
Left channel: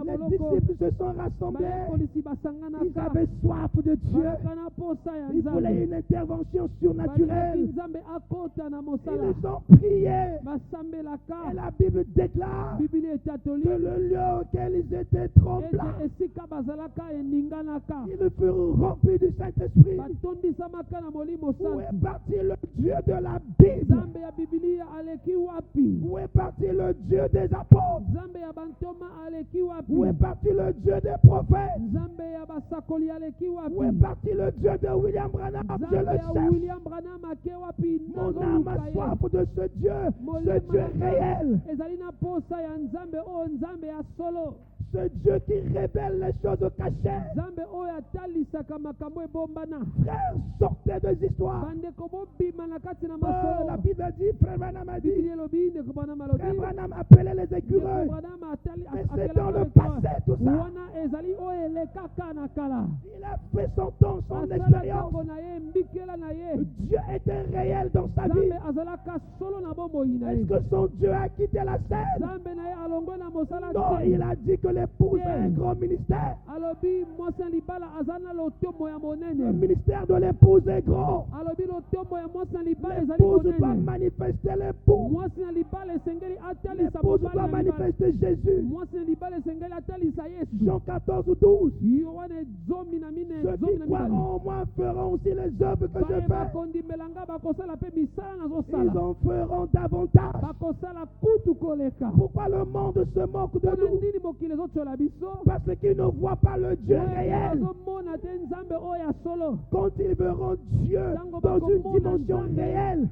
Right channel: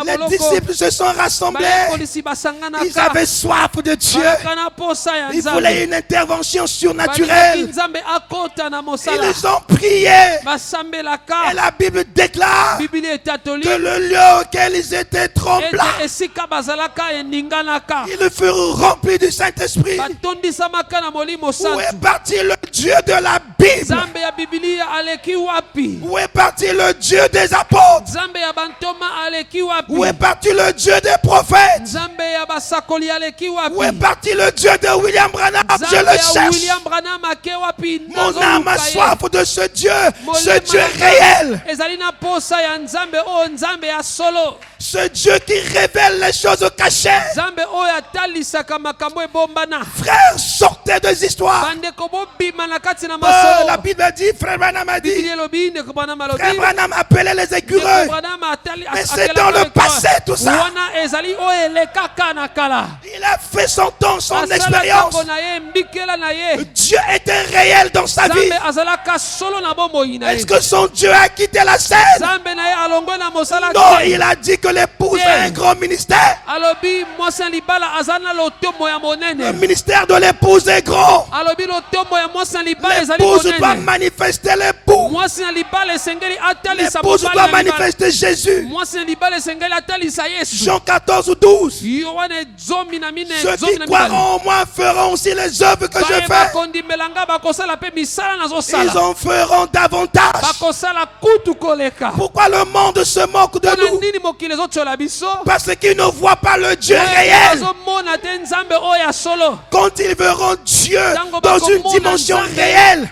les disciples se sont rassemblés. Ils avaient soif de Dieu. Ils voulaient une intervention surnaturelle. Ils ont prié. Et la Bible déclare que le lieu auquel ils étaient tremblants, ils furent remplis du Saint-Esprit. Où est parti le Dieu de la Bible? Où est parti le Dieu des apôtres? Où est parti le Dieu des prophètes? Où est parti le Dieu de William Branham? Je le cherche. Mon âme a soif de ce Dieu réel. Ce Dieu qui révèle les choses cachées. Frère, sortez des histoires. La Bible dit, frère Branham a dit, frère Branham appelait les écureuils. Mais c'est dans le passé tout ça. Il a fait son temps, son expérience. Dieu était réel dans sa vie. Est-ce que son Dieu a quitté la scène? Non, il a dit que l'épouse a un grand ministère. Le ministère de l'épouse est grand. L'épouse doit manifester l'époux. L'épouse doit manifester Jésus. Jean 14 ou 12. Ceux qui croiront en moi feront aussi les œuvres que je fais. Ils en feront davantage. Pourquoi le monde se moque de nous? Parce qu'ils ne voient pas le Dieu réel. Quand ils verront Dieu dans une dimension réelle,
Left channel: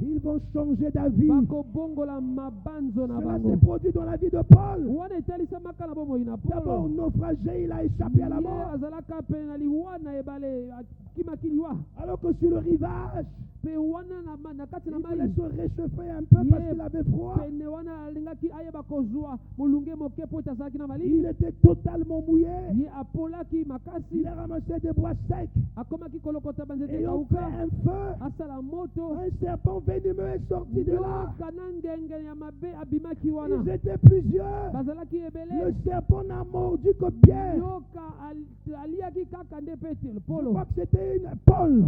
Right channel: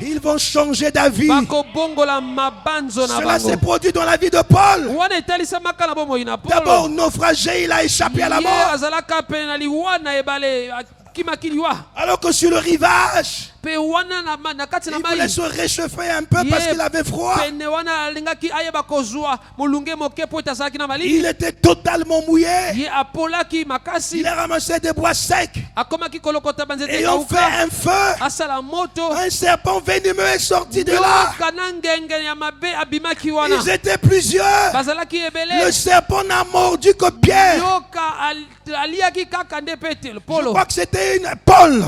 ils vont changer d'avis. Cela s'est produit dans la vie de Paul. D'abord naufragé, il a échappé à la mort. Alors que sur le rivage, il voulait se réchauffer un peu parce qu'il avait froid. Il était totalement mouillé. Il a ramassé des bois secs et on fait un feu. Un serpent venimeux est sorti de là. Ils étaient plusieurs. Le serpent n'a mordu que Pierre. Je crois que c'était une Paul.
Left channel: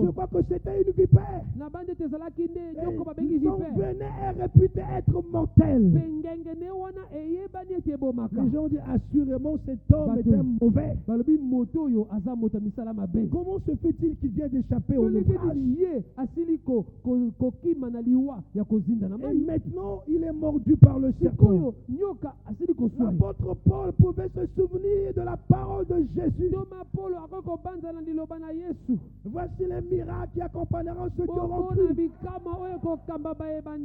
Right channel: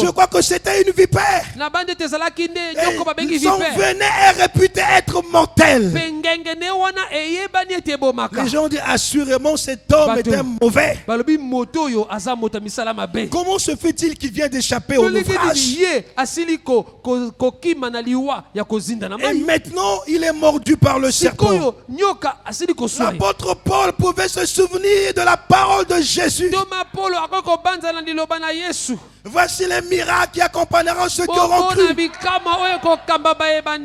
Je crois que c'était une vipère. Ils en venaient et réputés être mortels. Les gens disent assurément cet homme était mauvais. Comment se fait-il qu'il vient d'échapper au naufrage? Et maintenant il est mordu par le serpent. L'apôtre Paul pouvait se souvenir de la parole de Jésus. Voici les miracles qui accompagneront ceux qui auront cru.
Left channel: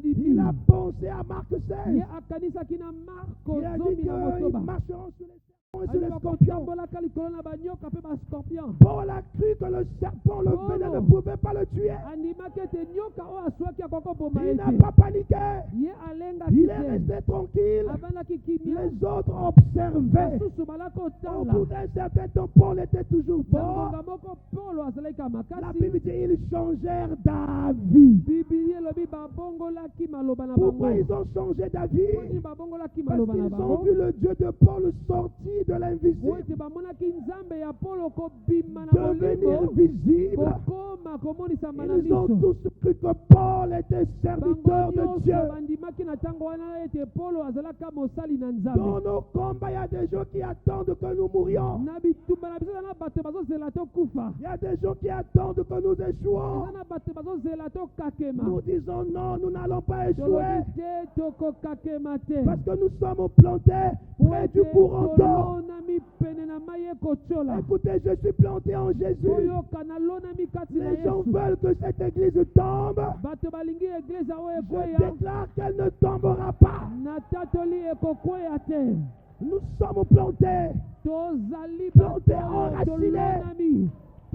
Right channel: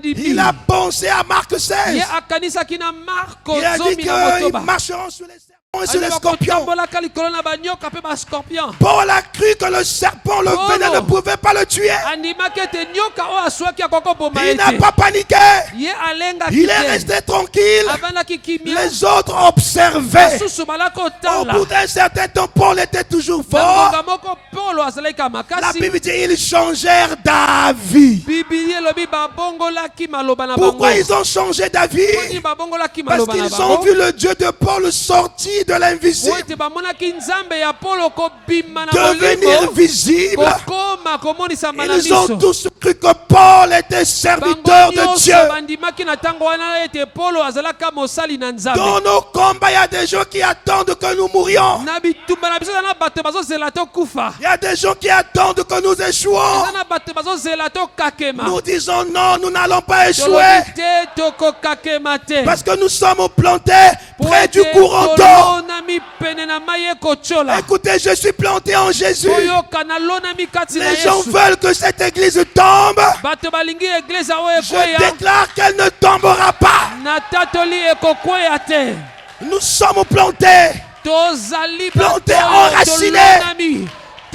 Il a pensé à Marc 16. Il a dit qu'ils marcheront sur les serpents et sur les scorpions. Paul a cru que le serpent, le venin ne pouvait pas le tuer. Il n'a pas paniqué. Il est resté tranquille. Les autres observaient. Au bout d'un certain temps, Paul était toujours fort. La Bible dit ils changèrent d'avis. Pourquoi ils ont changé d'avis? Parce qu'ils ont vu le Dieu de Paul sortir de l'invisible, devenir visible. Ils ont tous cru que Paul était serviteur de Dieu. Dans nos combats, il y a des gens qui attendent que nous mourions. Il y a des gens qui attendent que nous échouons. Nous disons non, nous n'allons pas échouer. Parce que nous sommes plantés près du courant d'eau. Écoutez, je suis planté en Jésus. Les gens veulent que cette église tombe. Je déclare qu'elle ne tombera pas. Nous sommes plantés. Plantés,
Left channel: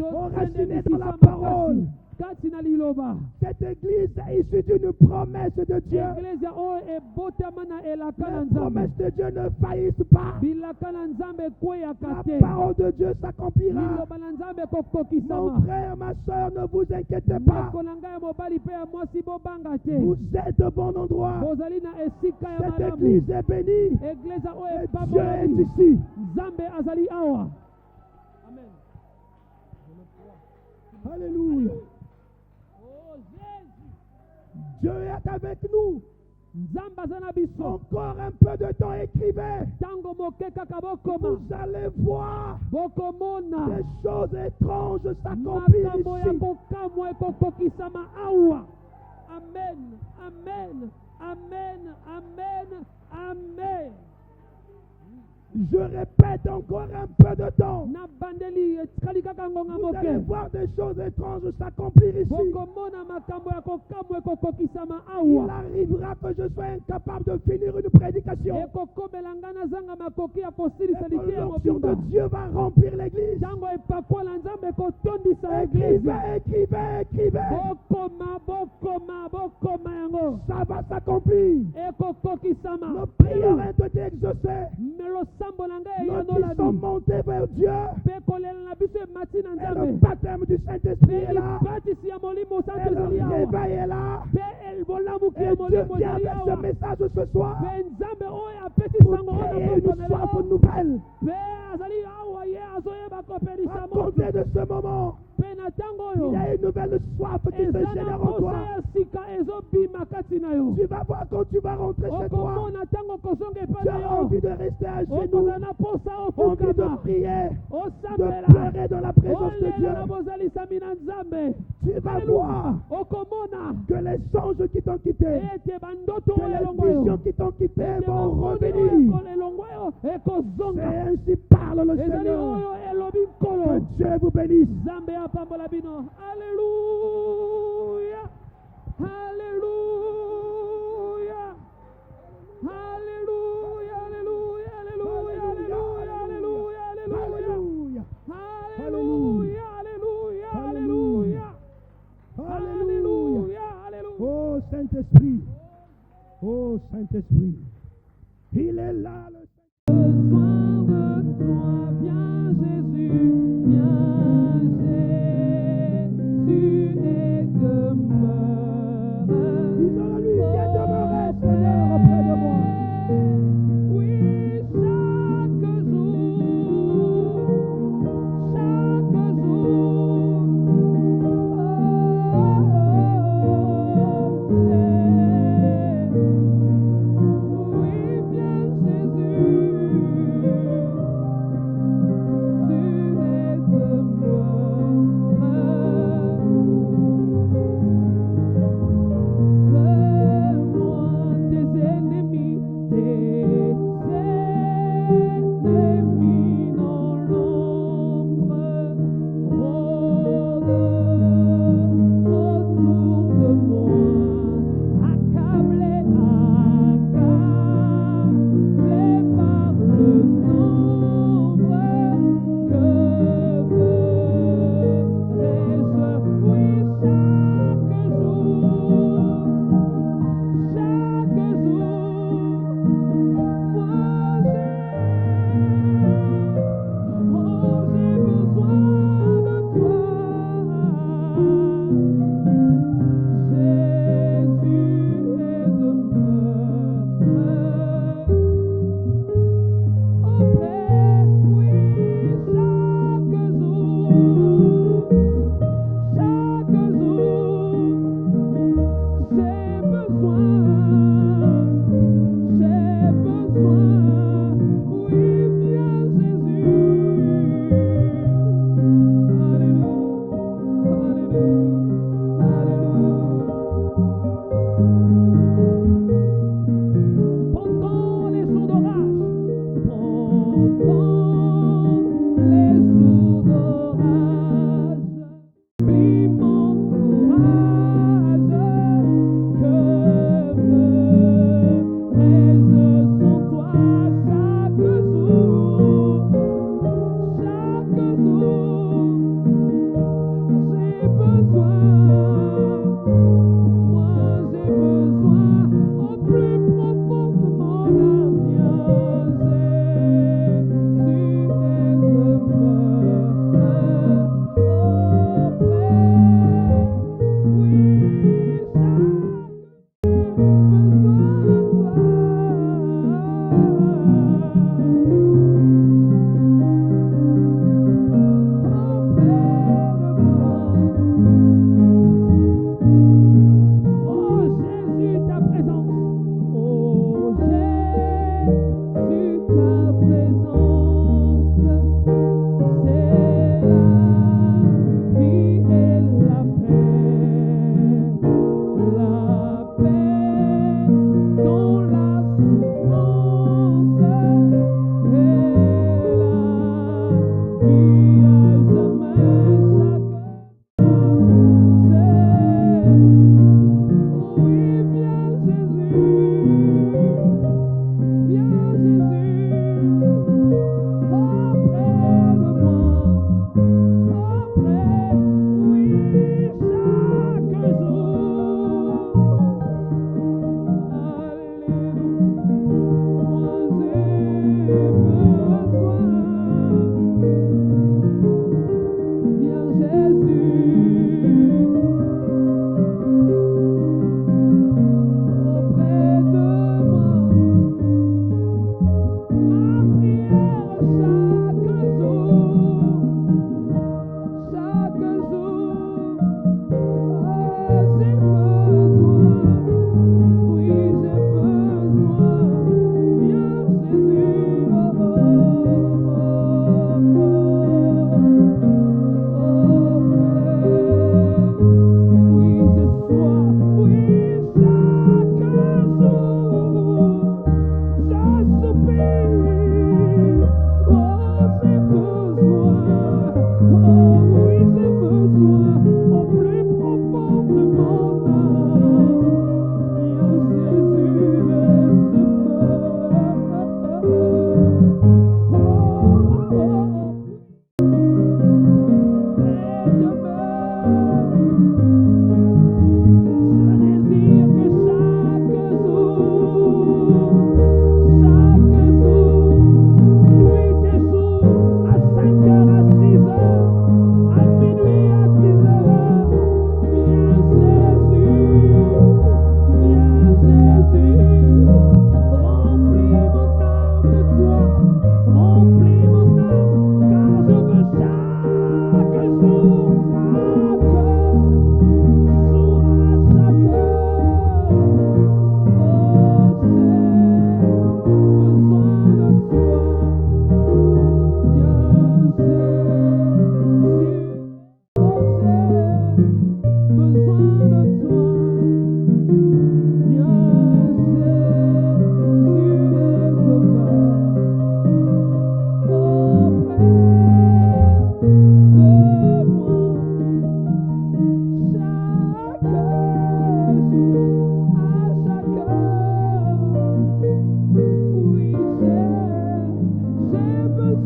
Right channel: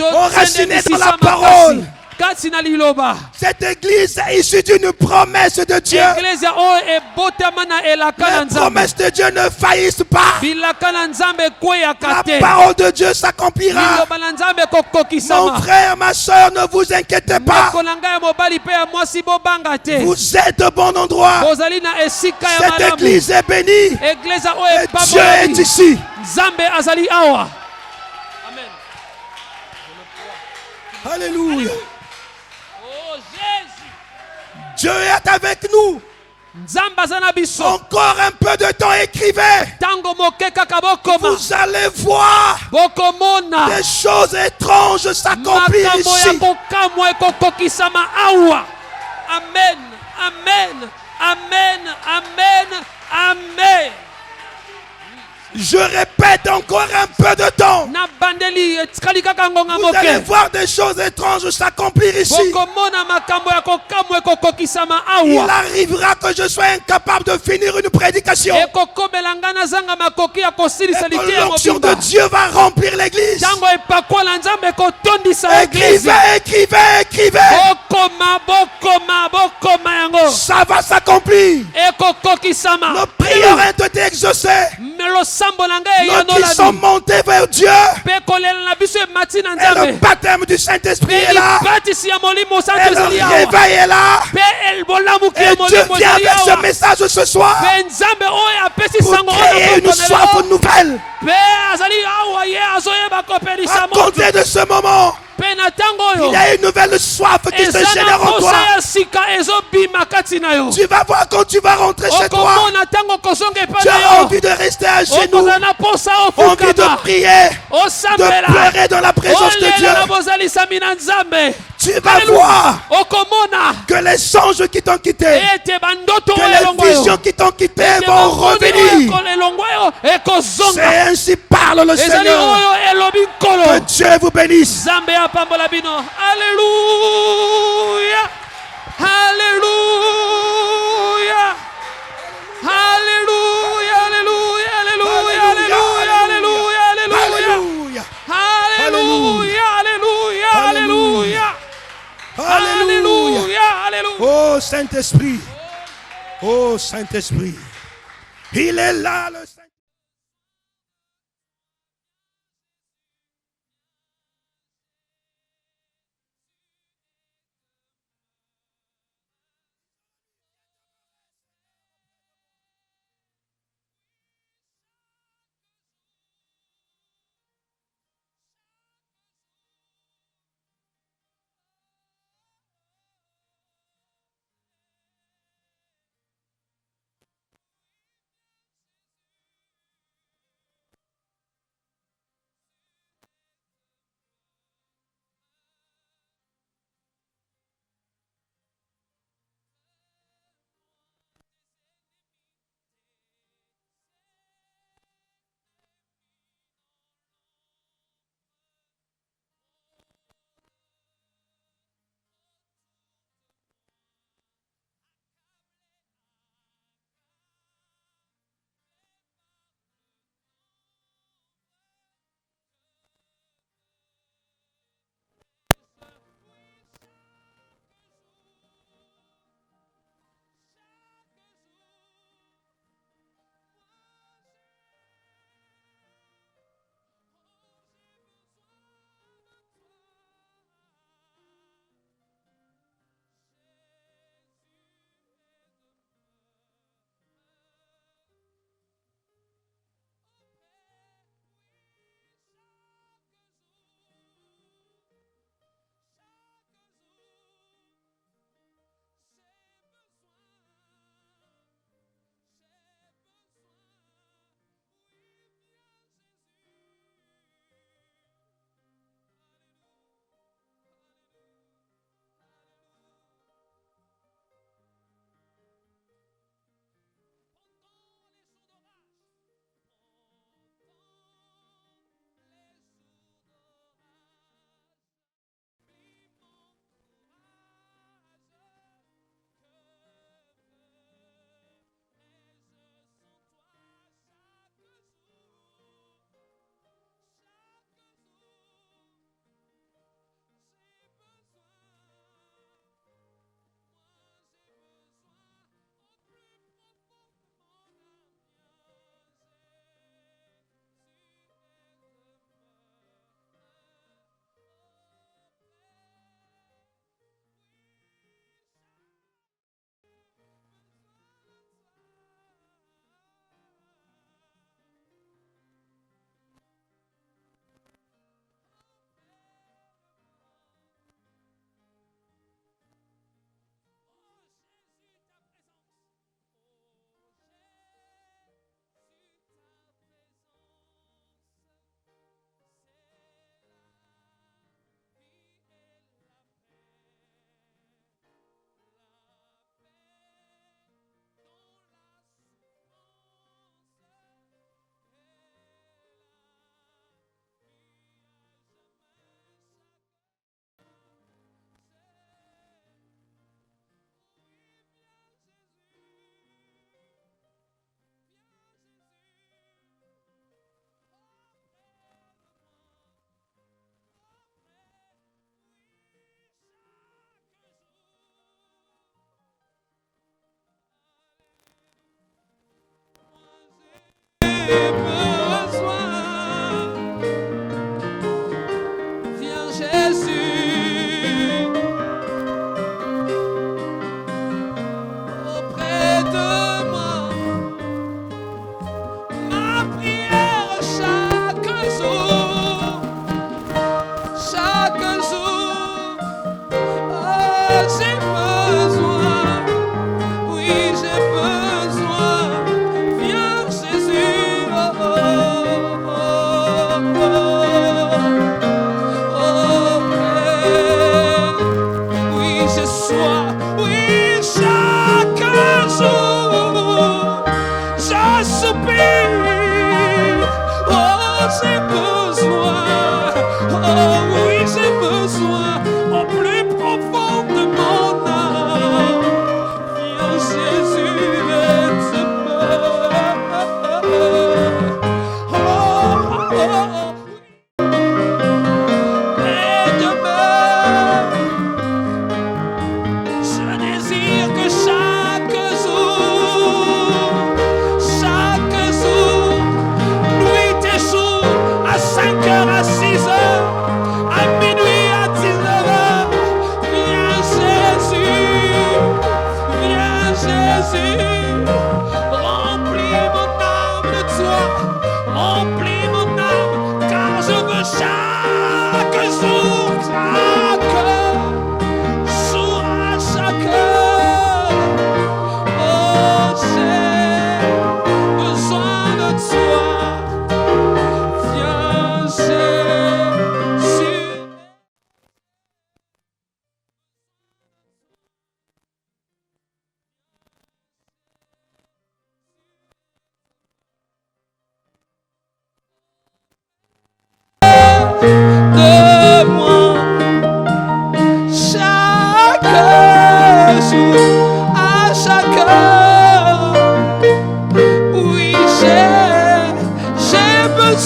enracinés dans la parole. Cette église est issue d'une promesse de Dieu. Les promesses de Dieu ne faillissent pas. La parole de Dieu s'accomplira. Mon frère, ma soeur, ne vous inquiétez pas. Vous êtes au bon endroit. Cette église est bénie. Et Dieu est ici. Alléluia. Dieu est avec nous. Encore un peu de temps, écrivez. Vous allez voir des choses étranges s'accomplir ici. Amen, amen, amen, amen, amen. Je répète encore un peu de temps. Vous allez voir des choses étranges s'accomplir ici. Il arrivera que je sois incapable de finir une prédication. Et que l'onction de Dieu va remplir l'église. Écrivez, écrivez, écrivez. Ça va s'accomplir. Nos prières ont été exaucées. Nous qui sommes montés vers Dieu. Et le baptême du Saint-Esprit est là. Et le réveil est là. Et Dieu vient avec ce message ce soir pour créer une soif nouvelle. À compter de ce moment, il y a une nouvelle soif qui se génère en toi. Tu vas voir quand tu vas rentrer chez toi. Tu as envie de rester à genoux, envie de prier, de pleurer dans la présence de Dieu. Tu vas voir que les anges qui t'ont quitté, que les visions qui t'ont quitté vont revenir. C'est ainsi parle le Seigneur. Que Dieu vous bénisse. Alléluia. Alléluia. Alléluia. Alléluia. Alléluia. Alléluia. Alléluia. Alléluia. Alléluia. Alléluia. Oh Saint-Esprit. Oh Saint-Esprit. Il est là le Saint-Esprit.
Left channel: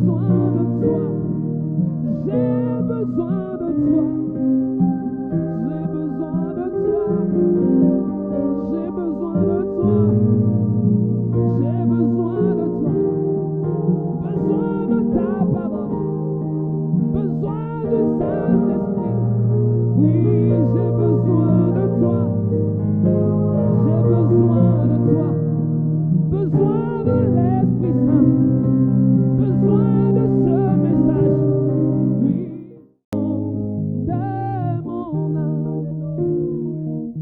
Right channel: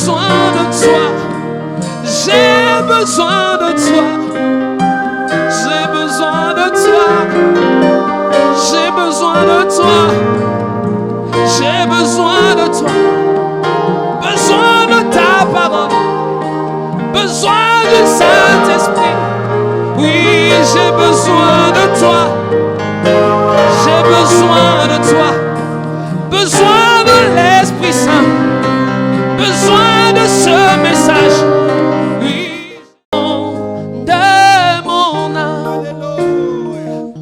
besoin de toi. J'ai besoin de toi. J'ai besoin de toi. J'ai besoin de toi. J'ai besoin de toi. Besoin de ta parole. Besoin du Saint-Esprit. Oui, j'ai besoin de toi. J'ai besoin de toi. Besoin de l'Esprit Saint. Besoin de ce message. Oui, de mon âme.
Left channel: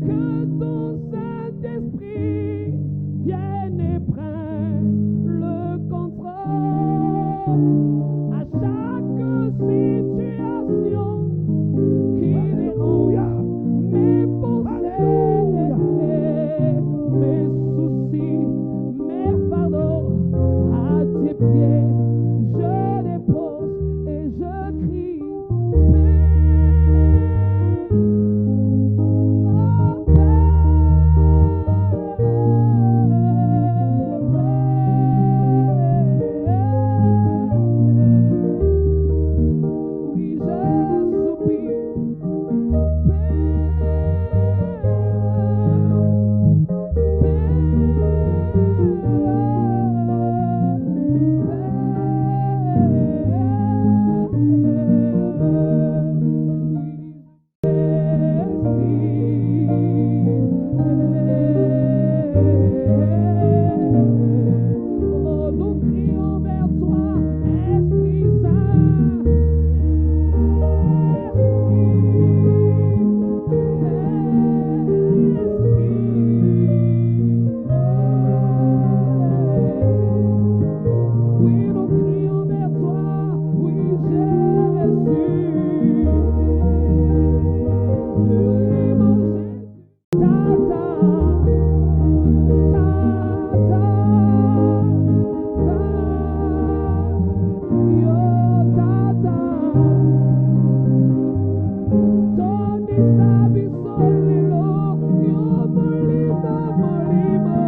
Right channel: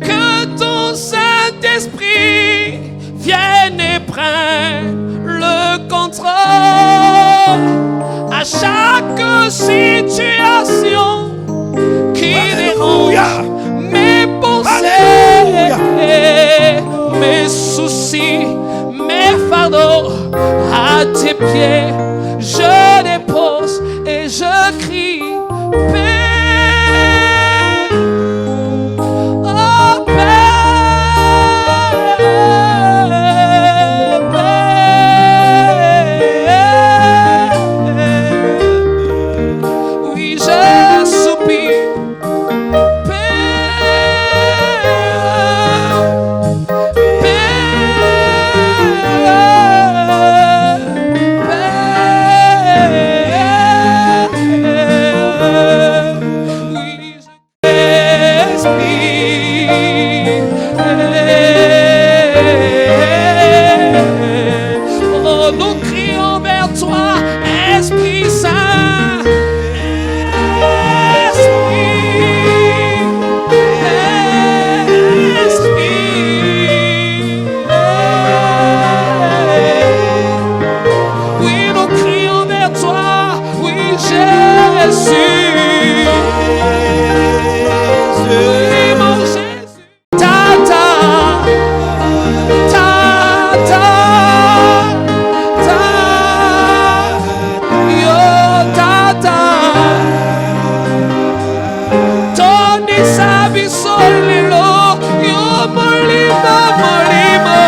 Que ton Saint-Esprit vienne et prenne le contrôle à chaque situation qui dérange mes pensées, mes soucis, mes fardeaux. À tes pieds je dépose et je crie paix. Oh, paix, paix. Oui, je soupire paix, oh, nous crions vers toi, Esprit Saint. Oui, nous crions vers toi, oui, Jésus. Oui, mon Jésus. Ta-ta, ta-ta, ta, yo, ta-ta. Tony sabi solilo, yo molimo, molimo.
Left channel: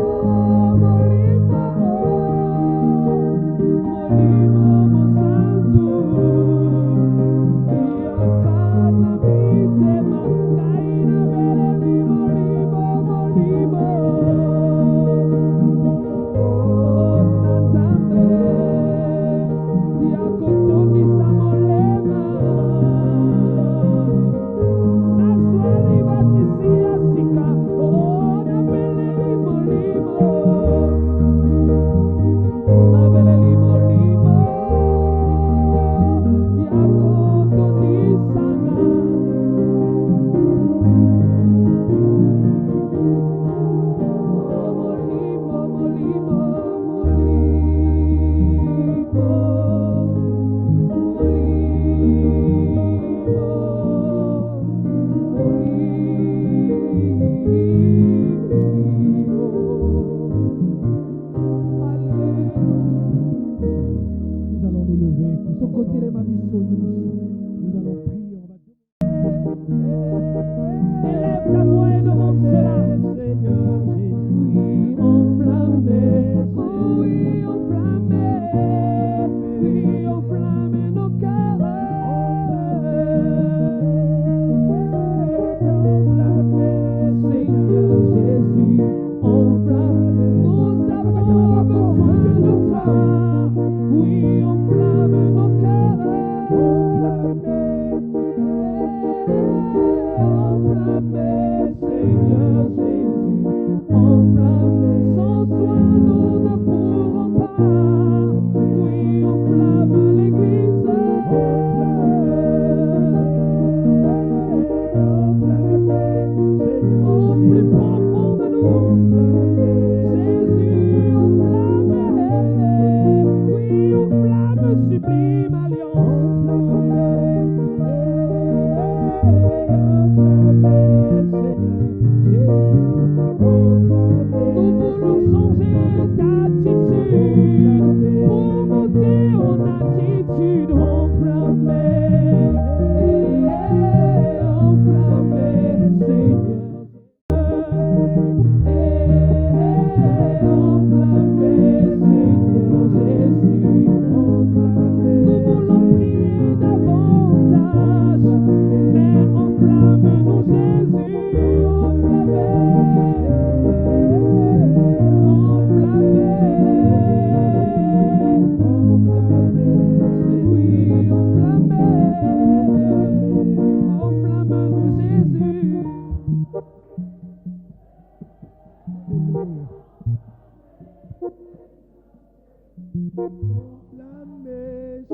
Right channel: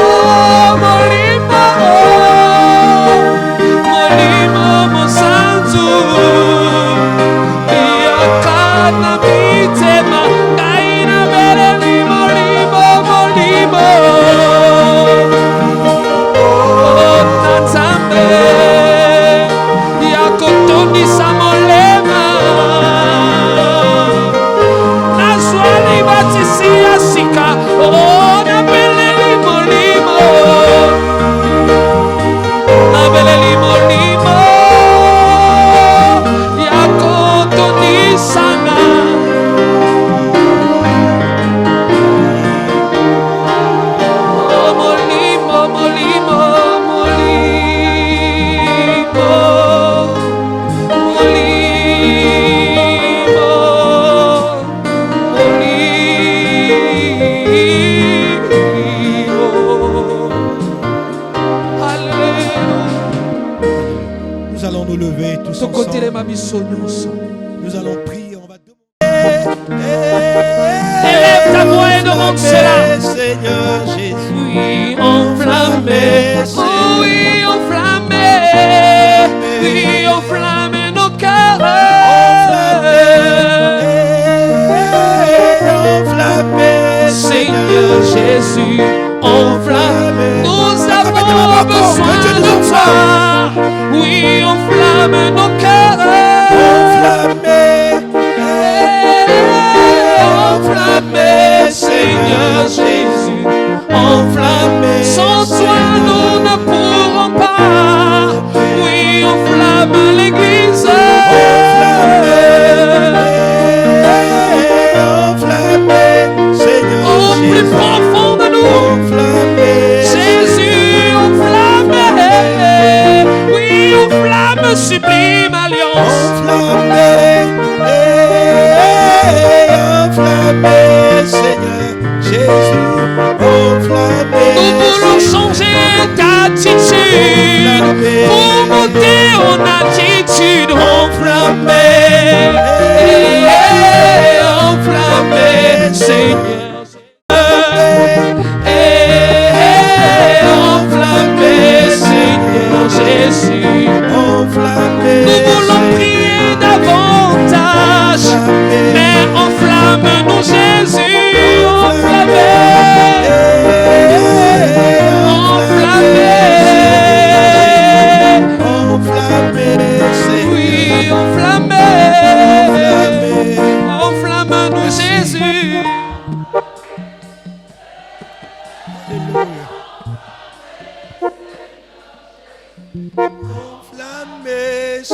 Oh, molimo, molimo, mosanzu. Yo kana mitema, kaina beleli, molimo, molimo. Oh, Nzambe, yakotondisa molema. Nazwali batisi ya sika, oh, nabeleli molimo. Nabeleli molimo, yakotondisana. Oh, molimo, molimo, Nous allons nous lever tous tokotelema ensemble. biso nyonso. Nous allons prier. On va demander. Élève ta voix et demande cela. Seigneur Jésus. Oui, enflammé. Oh oui, enflammé. Oui, enflammé nos cœurs. Enflammé, Seigneur Jésus, enflamme. Nous avons besoin de toi. Oui, enflamme nos cœurs. enflammé,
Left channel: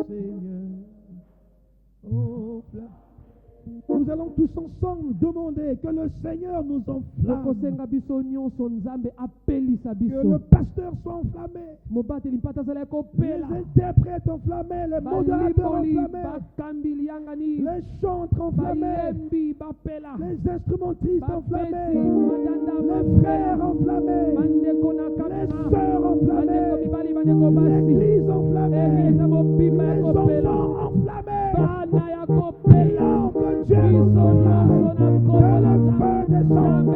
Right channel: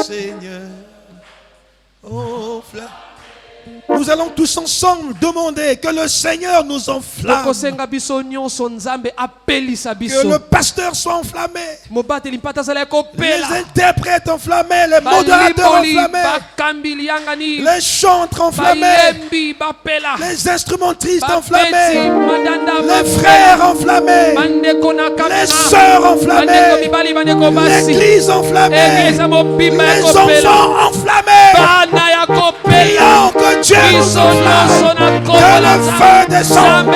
Seigneur. Oh, flamme. Nous allons tous ensemble demander que le Seigneur nous enflamme. Que le pasteur soit enflammé. Les interprètes enflammés, les modérateurs enflammés, les chantres enflammés, les instrumentistes enflammés, les frères enflammés, les sœurs enflammées, l'église enflammée, les enfants enflammés. Prions que Dieu nous enflamme, que le feu descende.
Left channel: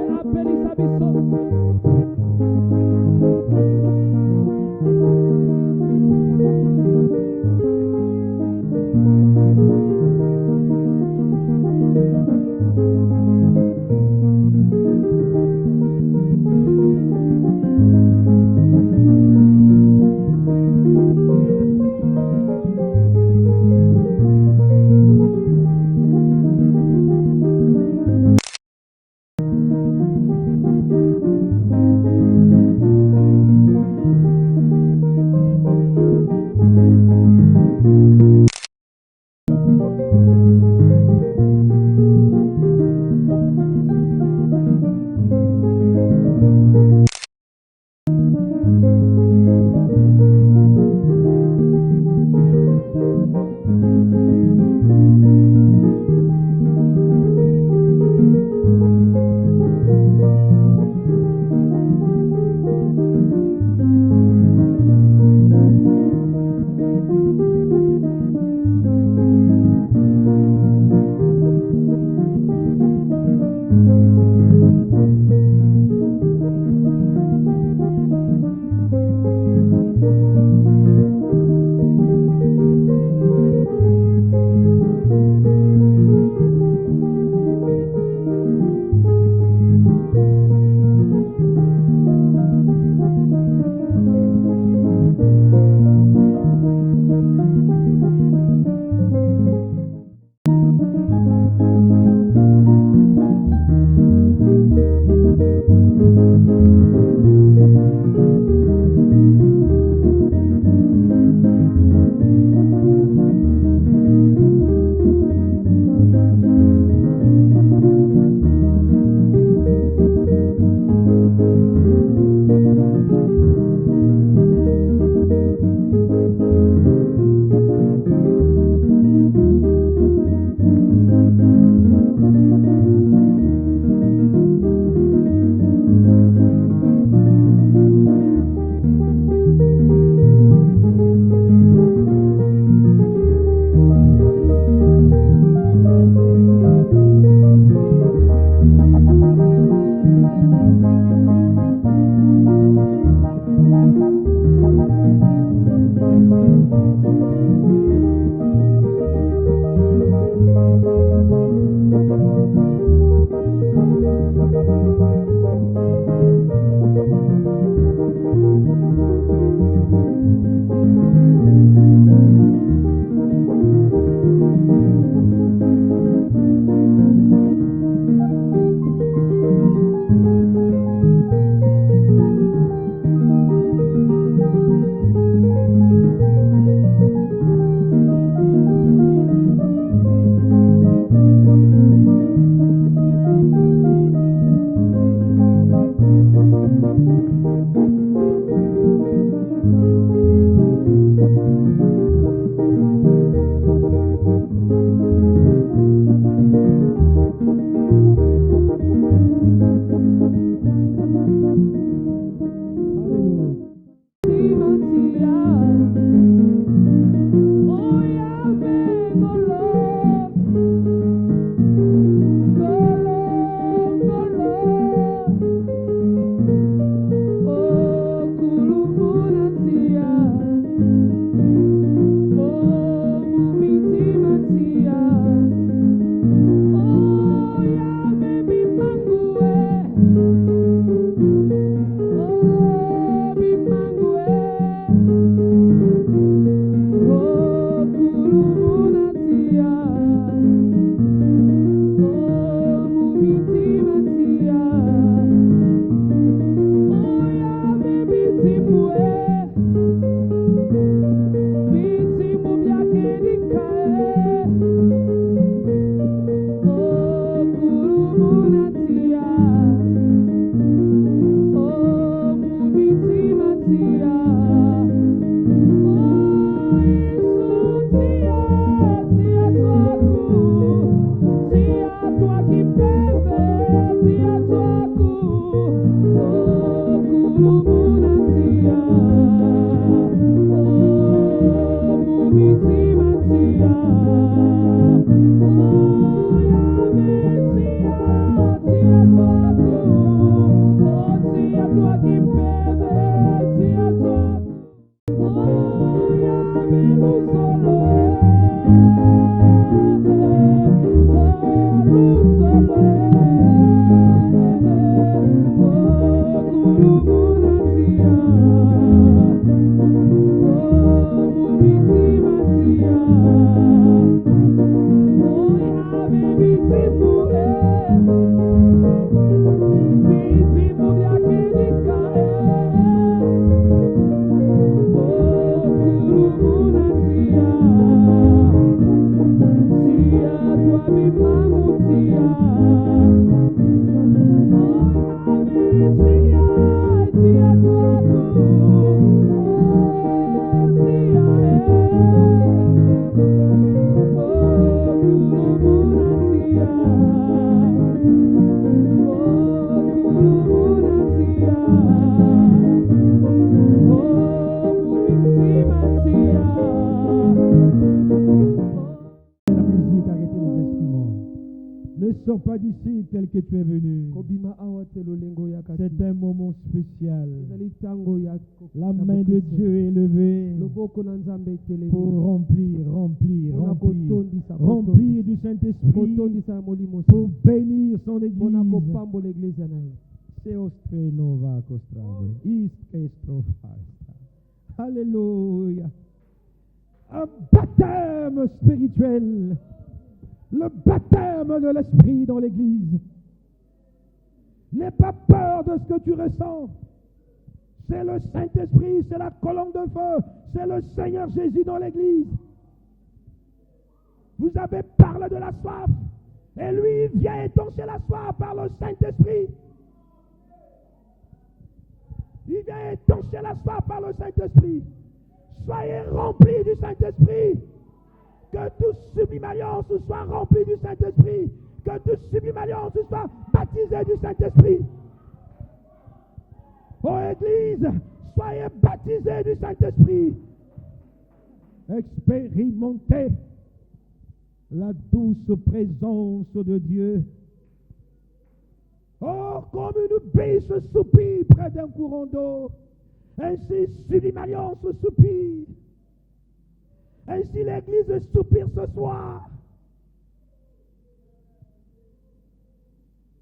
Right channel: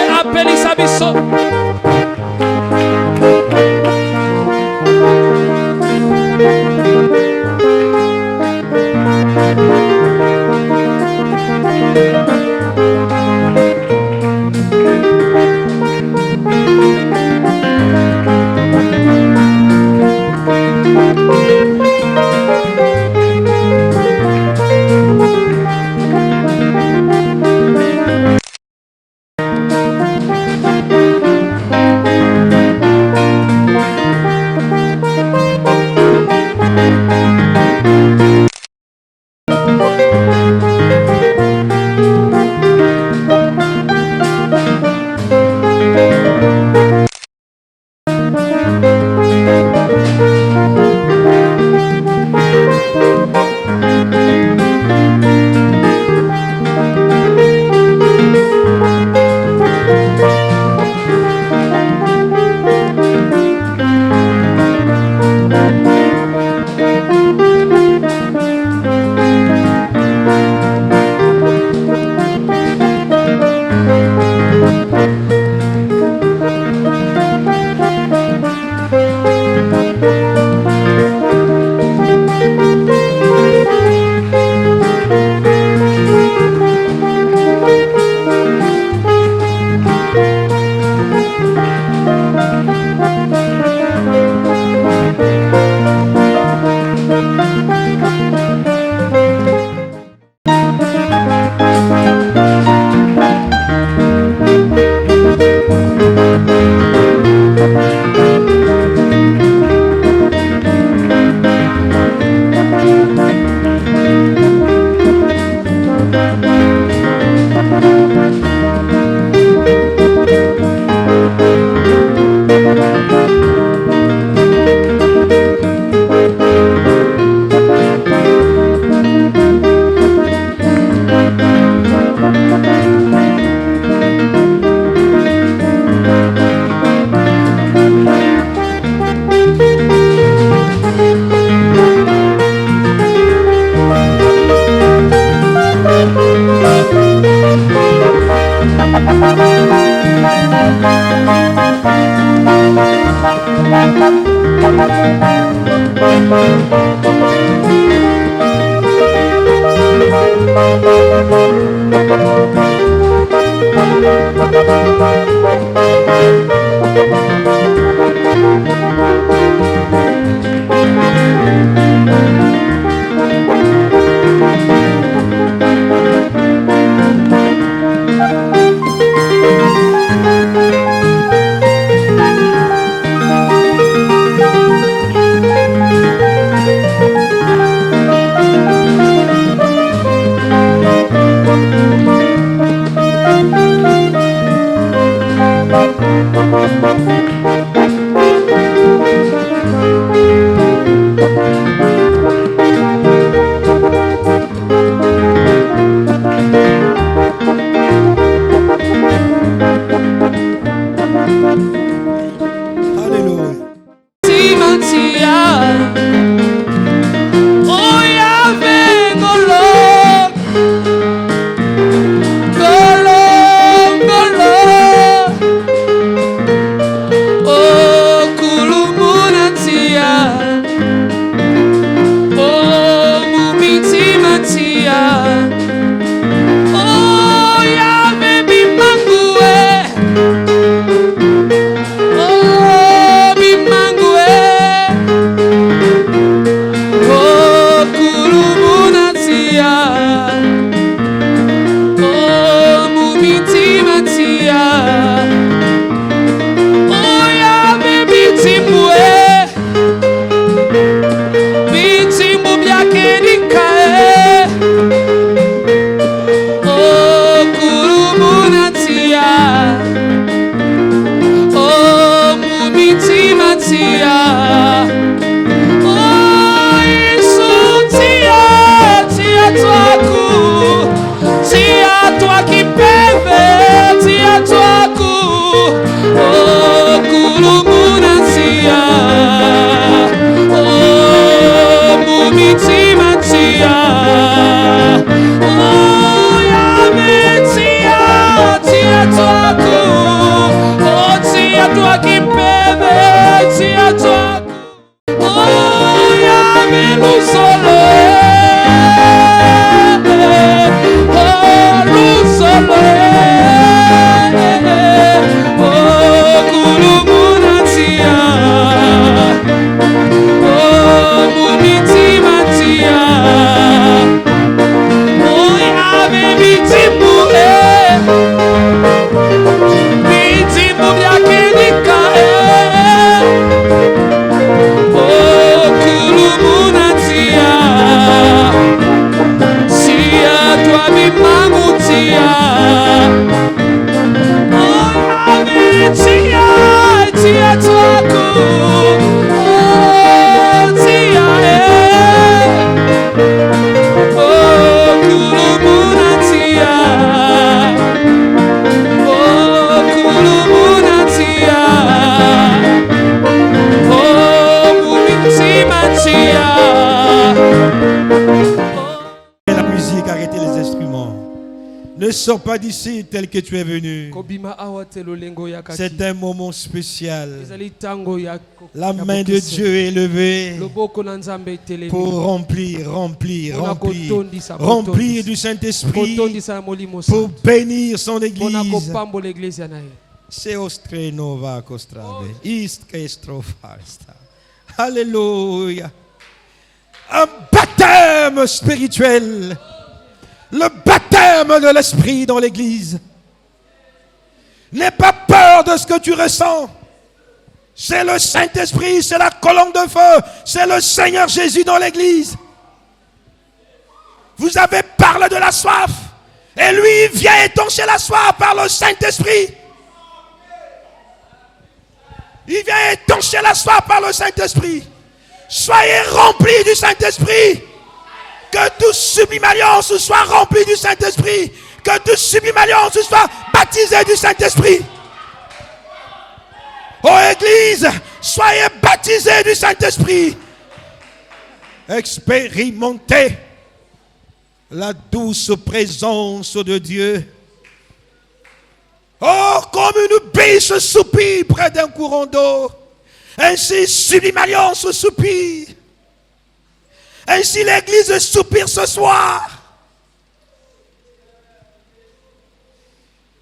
Ne sors pas d'ici tel que tu es venu. C'est un moment spécial. La main de Dieu est levée pour remplir du Saint-Esprit, pour bénir son Église. C'est Ostrenova Kostrave. Alléluia. Un baptême spirituel. Le baptême de l'Esprit dans l'Église. N'aie pas peur de ce que tu ressens. C'est le Saint-Esprit, c'est la colonne de feu, c'est le Seigneur Jésus dans l'Église. Vous avez parlé de la soif, et lui vient étancher la soif par le Saint-Esprit. Il vient étancher la soif par le Saint-Esprit. Soyez remplis du Saint-Esprit. Que tout sublime alliance soit rempli du Saint-Esprit. Que tout sublime alliance soit baptisé du Saint-Esprit. Oh Église, soyez baptisés du Saint-Esprit. Expérimentez la douce présence de Dieu. Oh, comme une biche soupire près d'un courant d'eau, ainsi sublime alliance soupire. Ainsi l'Église soupire ce soir.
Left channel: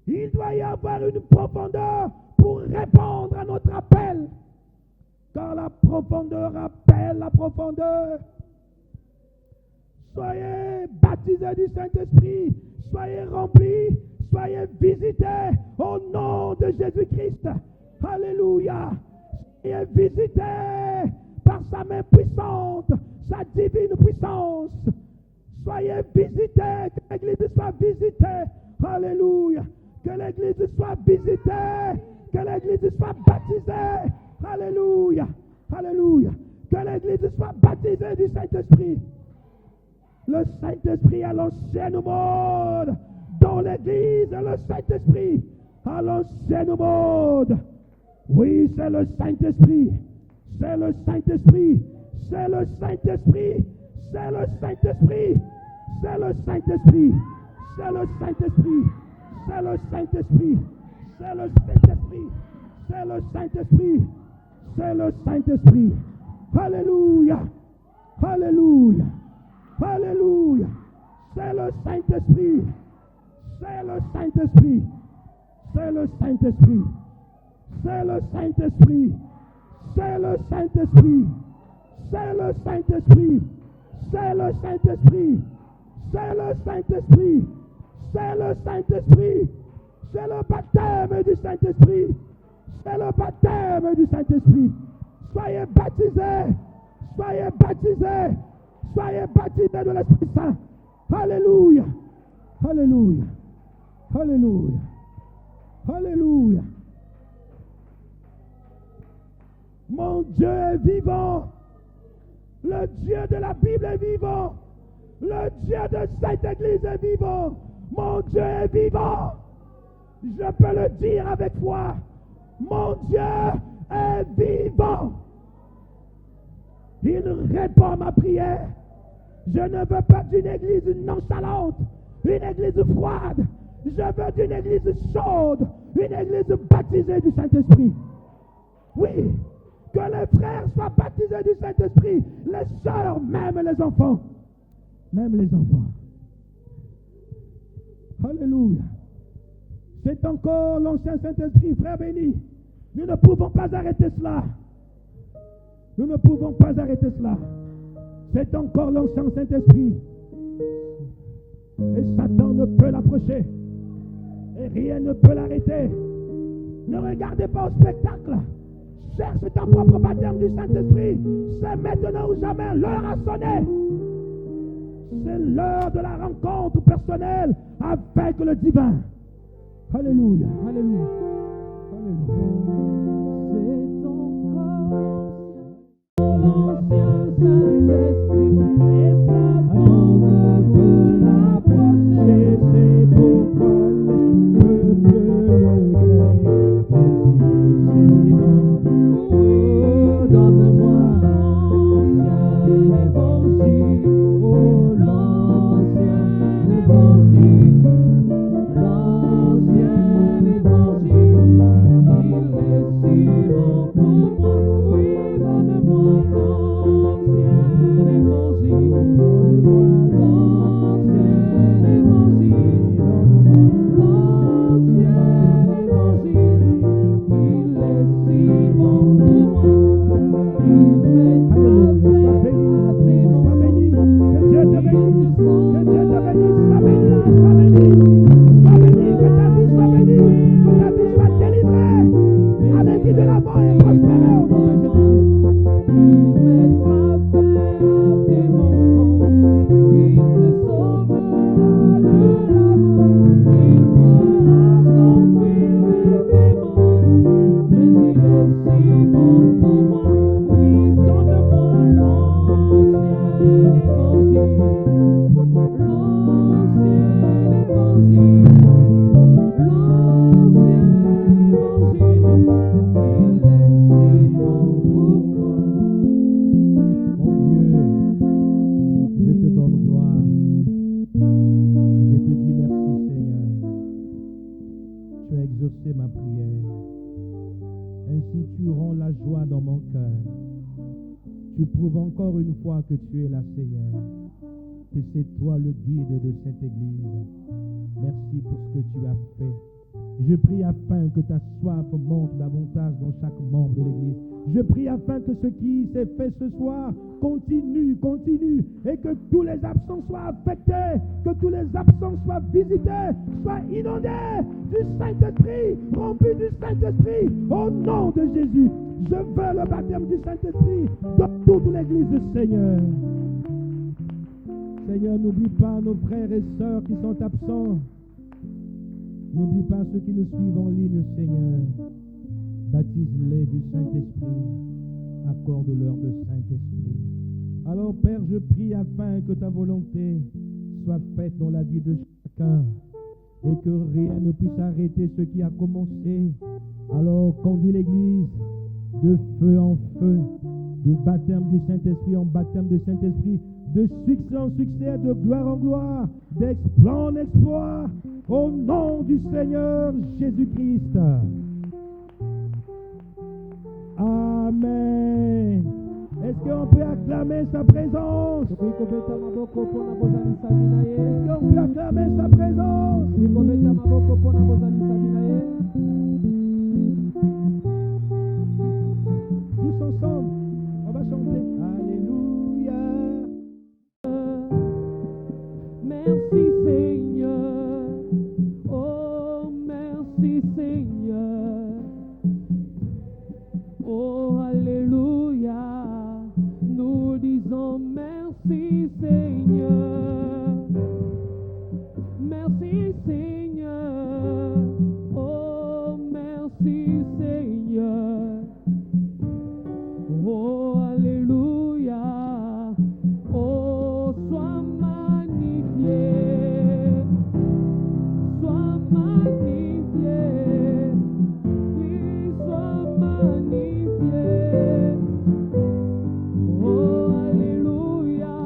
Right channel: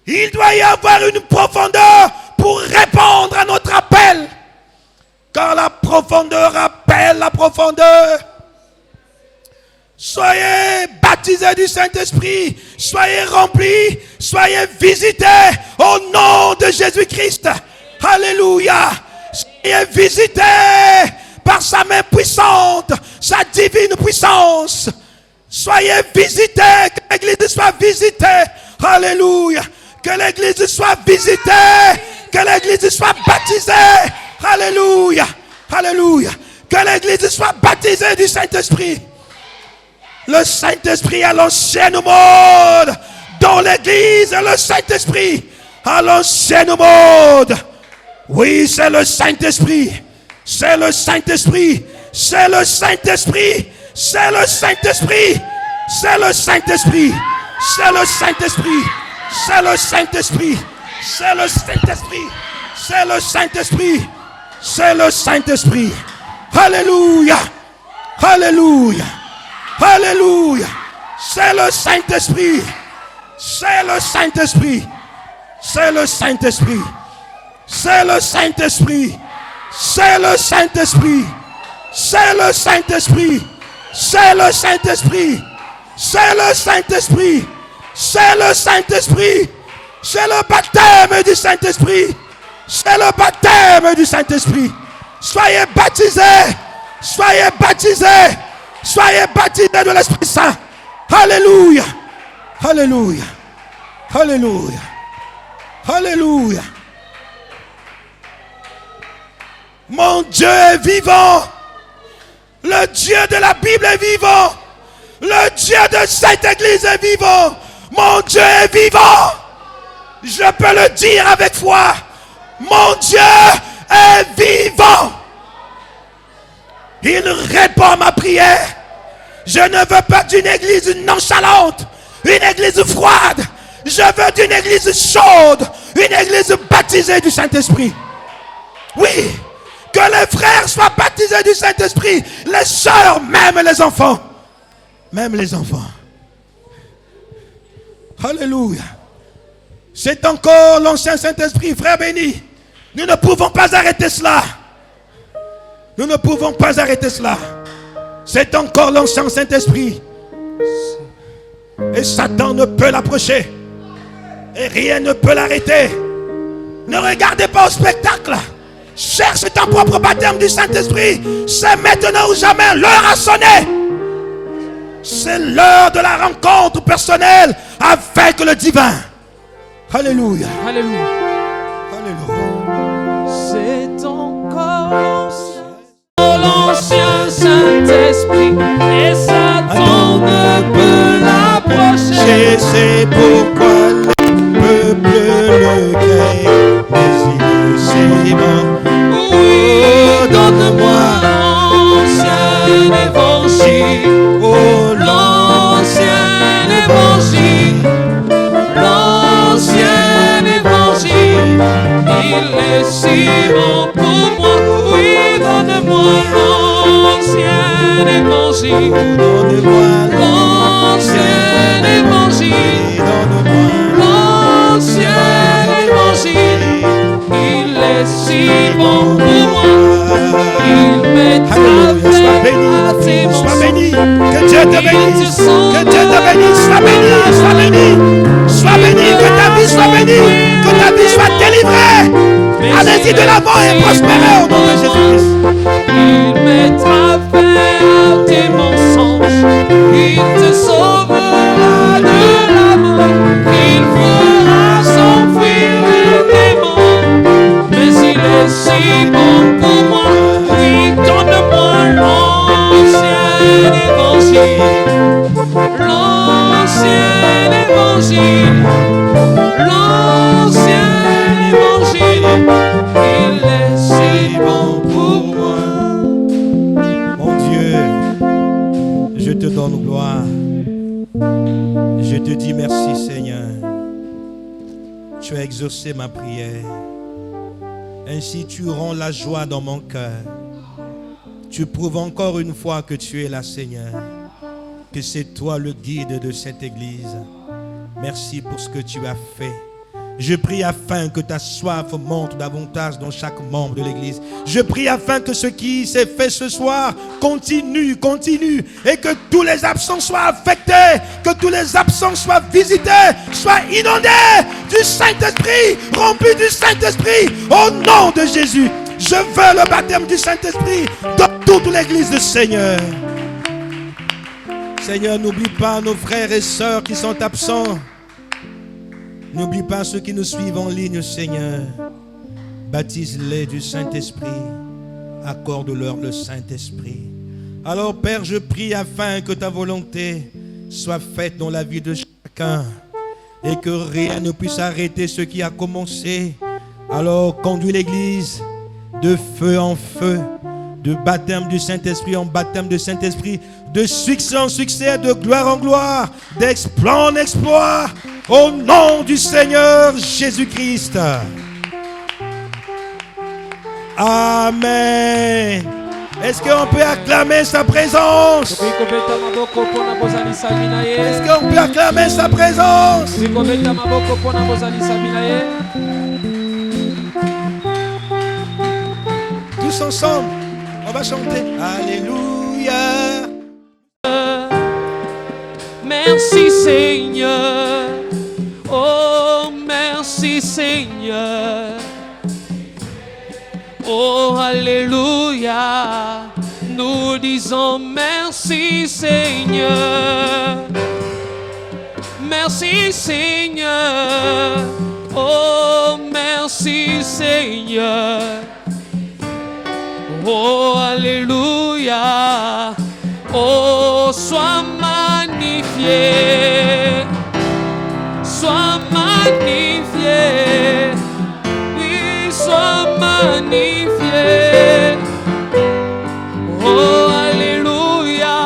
Il doit y avoir une profondeur pour répondre à notre appel. Car la profondeur appelle la profondeur. Soyez baptisés du Saint-Esprit. Soyez remplis. Soyez visités au nom de Jésus-Christ. Alléluia. Soyez visités par sa main puissante, sa divine puissance. Soyez visités, que l'Église soit visitée. Alléluia. Que l'Église soit visitée, que l'Église soit baptisée. Alléluia. Alléluia. Que l'Église soit baptisée du Saint-Esprit. Le Saint-Esprit à l'ancienne mode. Dans l'Église, le Saint-Esprit à l'ancienne mode. Oui, c'est le Saint-Esprit. C'est le Saint-Esprit. C'est le Saint-Esprit. C'est le Saint-Esprit. C'est le Saint-Esprit. C'est le Saint-Esprit. C'est le Saint-Esprit. C'est le Saint-Esprit. C'est le Saint-Esprit. C'est le Saint-Esprit. Alléluia. Alléluia. Alléluia. C'est le Saint-Esprit. C'est le Saint-Esprit. C'est le Saint-Esprit. C'est le Saint-Esprit. C'est le Saint-Esprit. C'est le Saint-Esprit. C'est le Saint-Esprit. C'est le Saint-Esprit. C'est le Saint-Esprit. C'est le baptême du Saint-Esprit. C'est le baptême du Saint-Esprit. Soyez baptisés. Soyez baptisés. Soyez baptisés de l'Esprit Saint. Alléluia. Alléluia. Alléluia. Alléluia. Mon Dieu est vivant. Le Dieu de la Bible est vivant. Le Dieu de cette église est vivant. Mon Dieu est vivant. Je peux le dire avec foi. Mon Dieu est vivant. Il répond à ma prière. Je ne veux pas d'une église nonchalante, une église froide. Je veux d'une église chaude, une église baptisée du Saint-Esprit. Oui, que les frères soient baptisés du Saint-Esprit, les sœurs, même les enfants. Même les enfants. Alléluia. C'est encore l'ancien Saint-Esprit, frère béni. Nous ne pouvons pas arrêter cela. Nous ne pouvons pas arrêter cela. C'est encore l'ancien Saint-Esprit. Et Satan ne peut l'approcher. Et rien ne peut l'arrêter. Ne regardez pas au spectacle. Cherche ton propre baptême du Saint-Esprit. C'est maintenant ou jamais. L'heure a sonné. C'est l'heure de la rencontre personnelle avec le divin. Alléluia. Alléluia. Alléluia. C'est encore l'ancien Saint-Esprit et Satan ne peut l'approcher. C'est pourquoi le peuple le craint, mais il est bon. Oui, donne-moi l'ancien évangile. Oh, L'ancien évangile. Allez-y de l'avant et prospérez au nom de Jésus-Christ. Il mettra fin à tes mensonges. Il te sauvera de la mort. Il fera s'enfuir les démons. Mais il est si bon pour moi. Oui, donne-moi l'ancien évangile. L'ancien évangile. L'ancien évangile. Il est si bon pour moi. Mon Dieu, je te donne gloire. Je te dis merci, Seigneur. Tu as exaucé ma prière. Ainsi, tu rends la joie dans mon cœur. Tu prouves encore une fois que tu es là, Seigneur. Que c'est toi le guide de cette église. Merci pour ce que tu as fait. Je prie afin que ta soif monte davantage dans chaque membre de l'église. Je prie afin que ce qui s'est fait ce soir continue, et que tous les absents soient affectés, que tous les absents soient visités, soient inondés du Saint-Esprit, remplis du Saint-Esprit, au nom de Jésus. Je veux le baptême du Saint-Esprit dans toute l'église du Seigneur. Seigneur, n'oublie pas nos frères et sœurs qui sont absents. N'oublie pas ceux qui nous suivent en ligne, Seigneur. Baptise-les du Saint-Esprit. Accorde-leur le Saint-Esprit. Alors, Père, je prie afin que ta volonté soit faite dans la vie de chacun et que rien ne puisse arrêter ce qui a commencé. Alors, conduis l'Église de feu en feu, de baptême du Saint-Esprit en baptême du Saint-Esprit, de succès en succès, de gloire en gloire, d'exploit en exploit, au nom du Seigneur Jésus-Christ. Amen. Est-ce qu'on peut acclamer sa présence? Est-ce qu'on peut acclamer sa présence? Tous ensemble, on va chanter. Alléluia. Merci Seigneur. Oh, merci Seigneur. Oh, alléluia. Nous disons merci Seigneur. Merci Seigneur. Oh, merci Seigneur. Oh, alléluia. Oh, sois magnifié. Sois magnifié. Oui, sois magnifié. Oh, alléluia.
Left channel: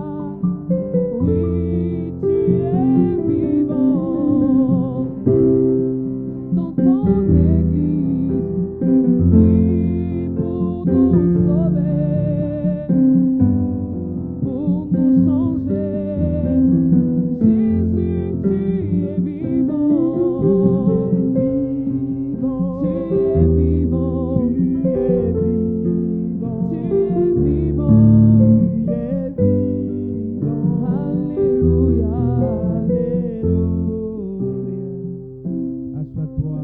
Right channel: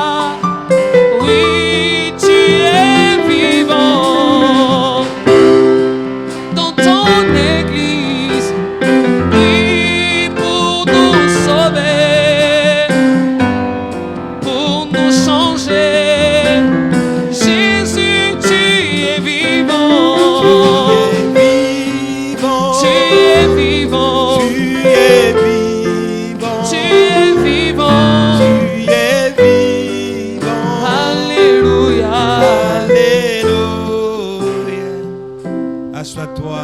Oui, tu es vivant dans ton église. Oui, pour nous sauver, pour nous changer. Jésus, tu es vivant. Tu es vivant. Tu es vivant. Tu es vivant. Tu es vivant. Alléluia. Alléluia. Assois-toi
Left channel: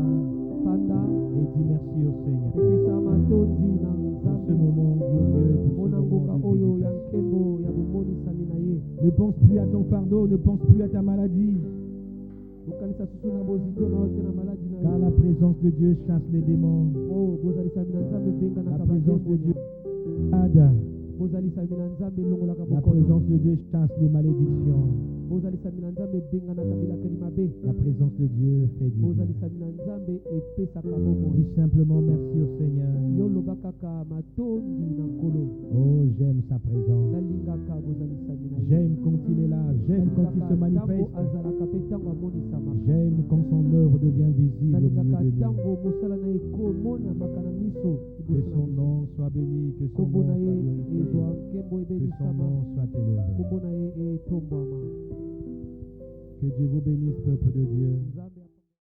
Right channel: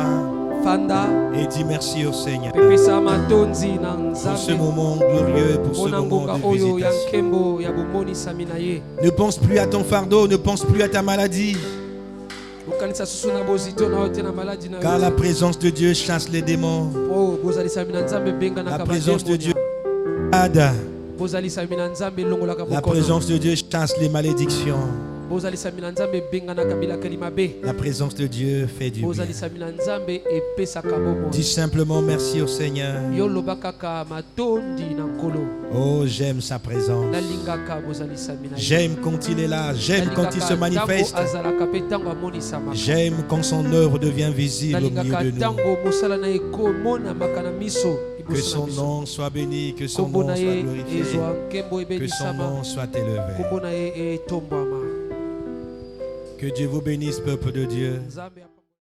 Fanda. et dis merci au Seigneur Pepesa matonzi na pour ce nzambe. moment glorieux, pour ce Mpona moment ngoka de oyo ya visitation. nkembo ya bomonisami na ye. Ne pense plus à ton fardeau, ne pense plus à ta maladie, Okanisa susu na bozito na yo te na maladi na yo. car la présence de Dieu chasse les démons. Oh, bozalisami na nzambe ebenganaka La présence de Dieu bademoni. aide. Bozalisami na nzambe elongolaka La bokono. présence de Dieu chasse les malédictions. Bozalisami na nzambe ebenganaka bilakeli mabe. La présence de Dieu fait du bien. Bozalisami na nzambe epesaka bomoi. Dis simplement merci au Seigneur. Yo loba kaka matondi na nkolo. Oh, j'aime sa présence. Nalingaka bozalisami na ye. J'aime quand il est là. J'aime quand il se manifeste. Ntango azalaka pe ntango amonisamaka. J'aime quand son œuvre devient visible au milieu Nalingaka de nous. ntango mosala na ye komonamaka na miso. Que liboso na son biso. nom soit béni, que son Kombo nom na soit ye glorifié, ezwa nkembo que son ebenisama. nom soit élevé. Kombo na ye etombwama. Que Dieu vous bénisse, peuple de Dieu. Nzambe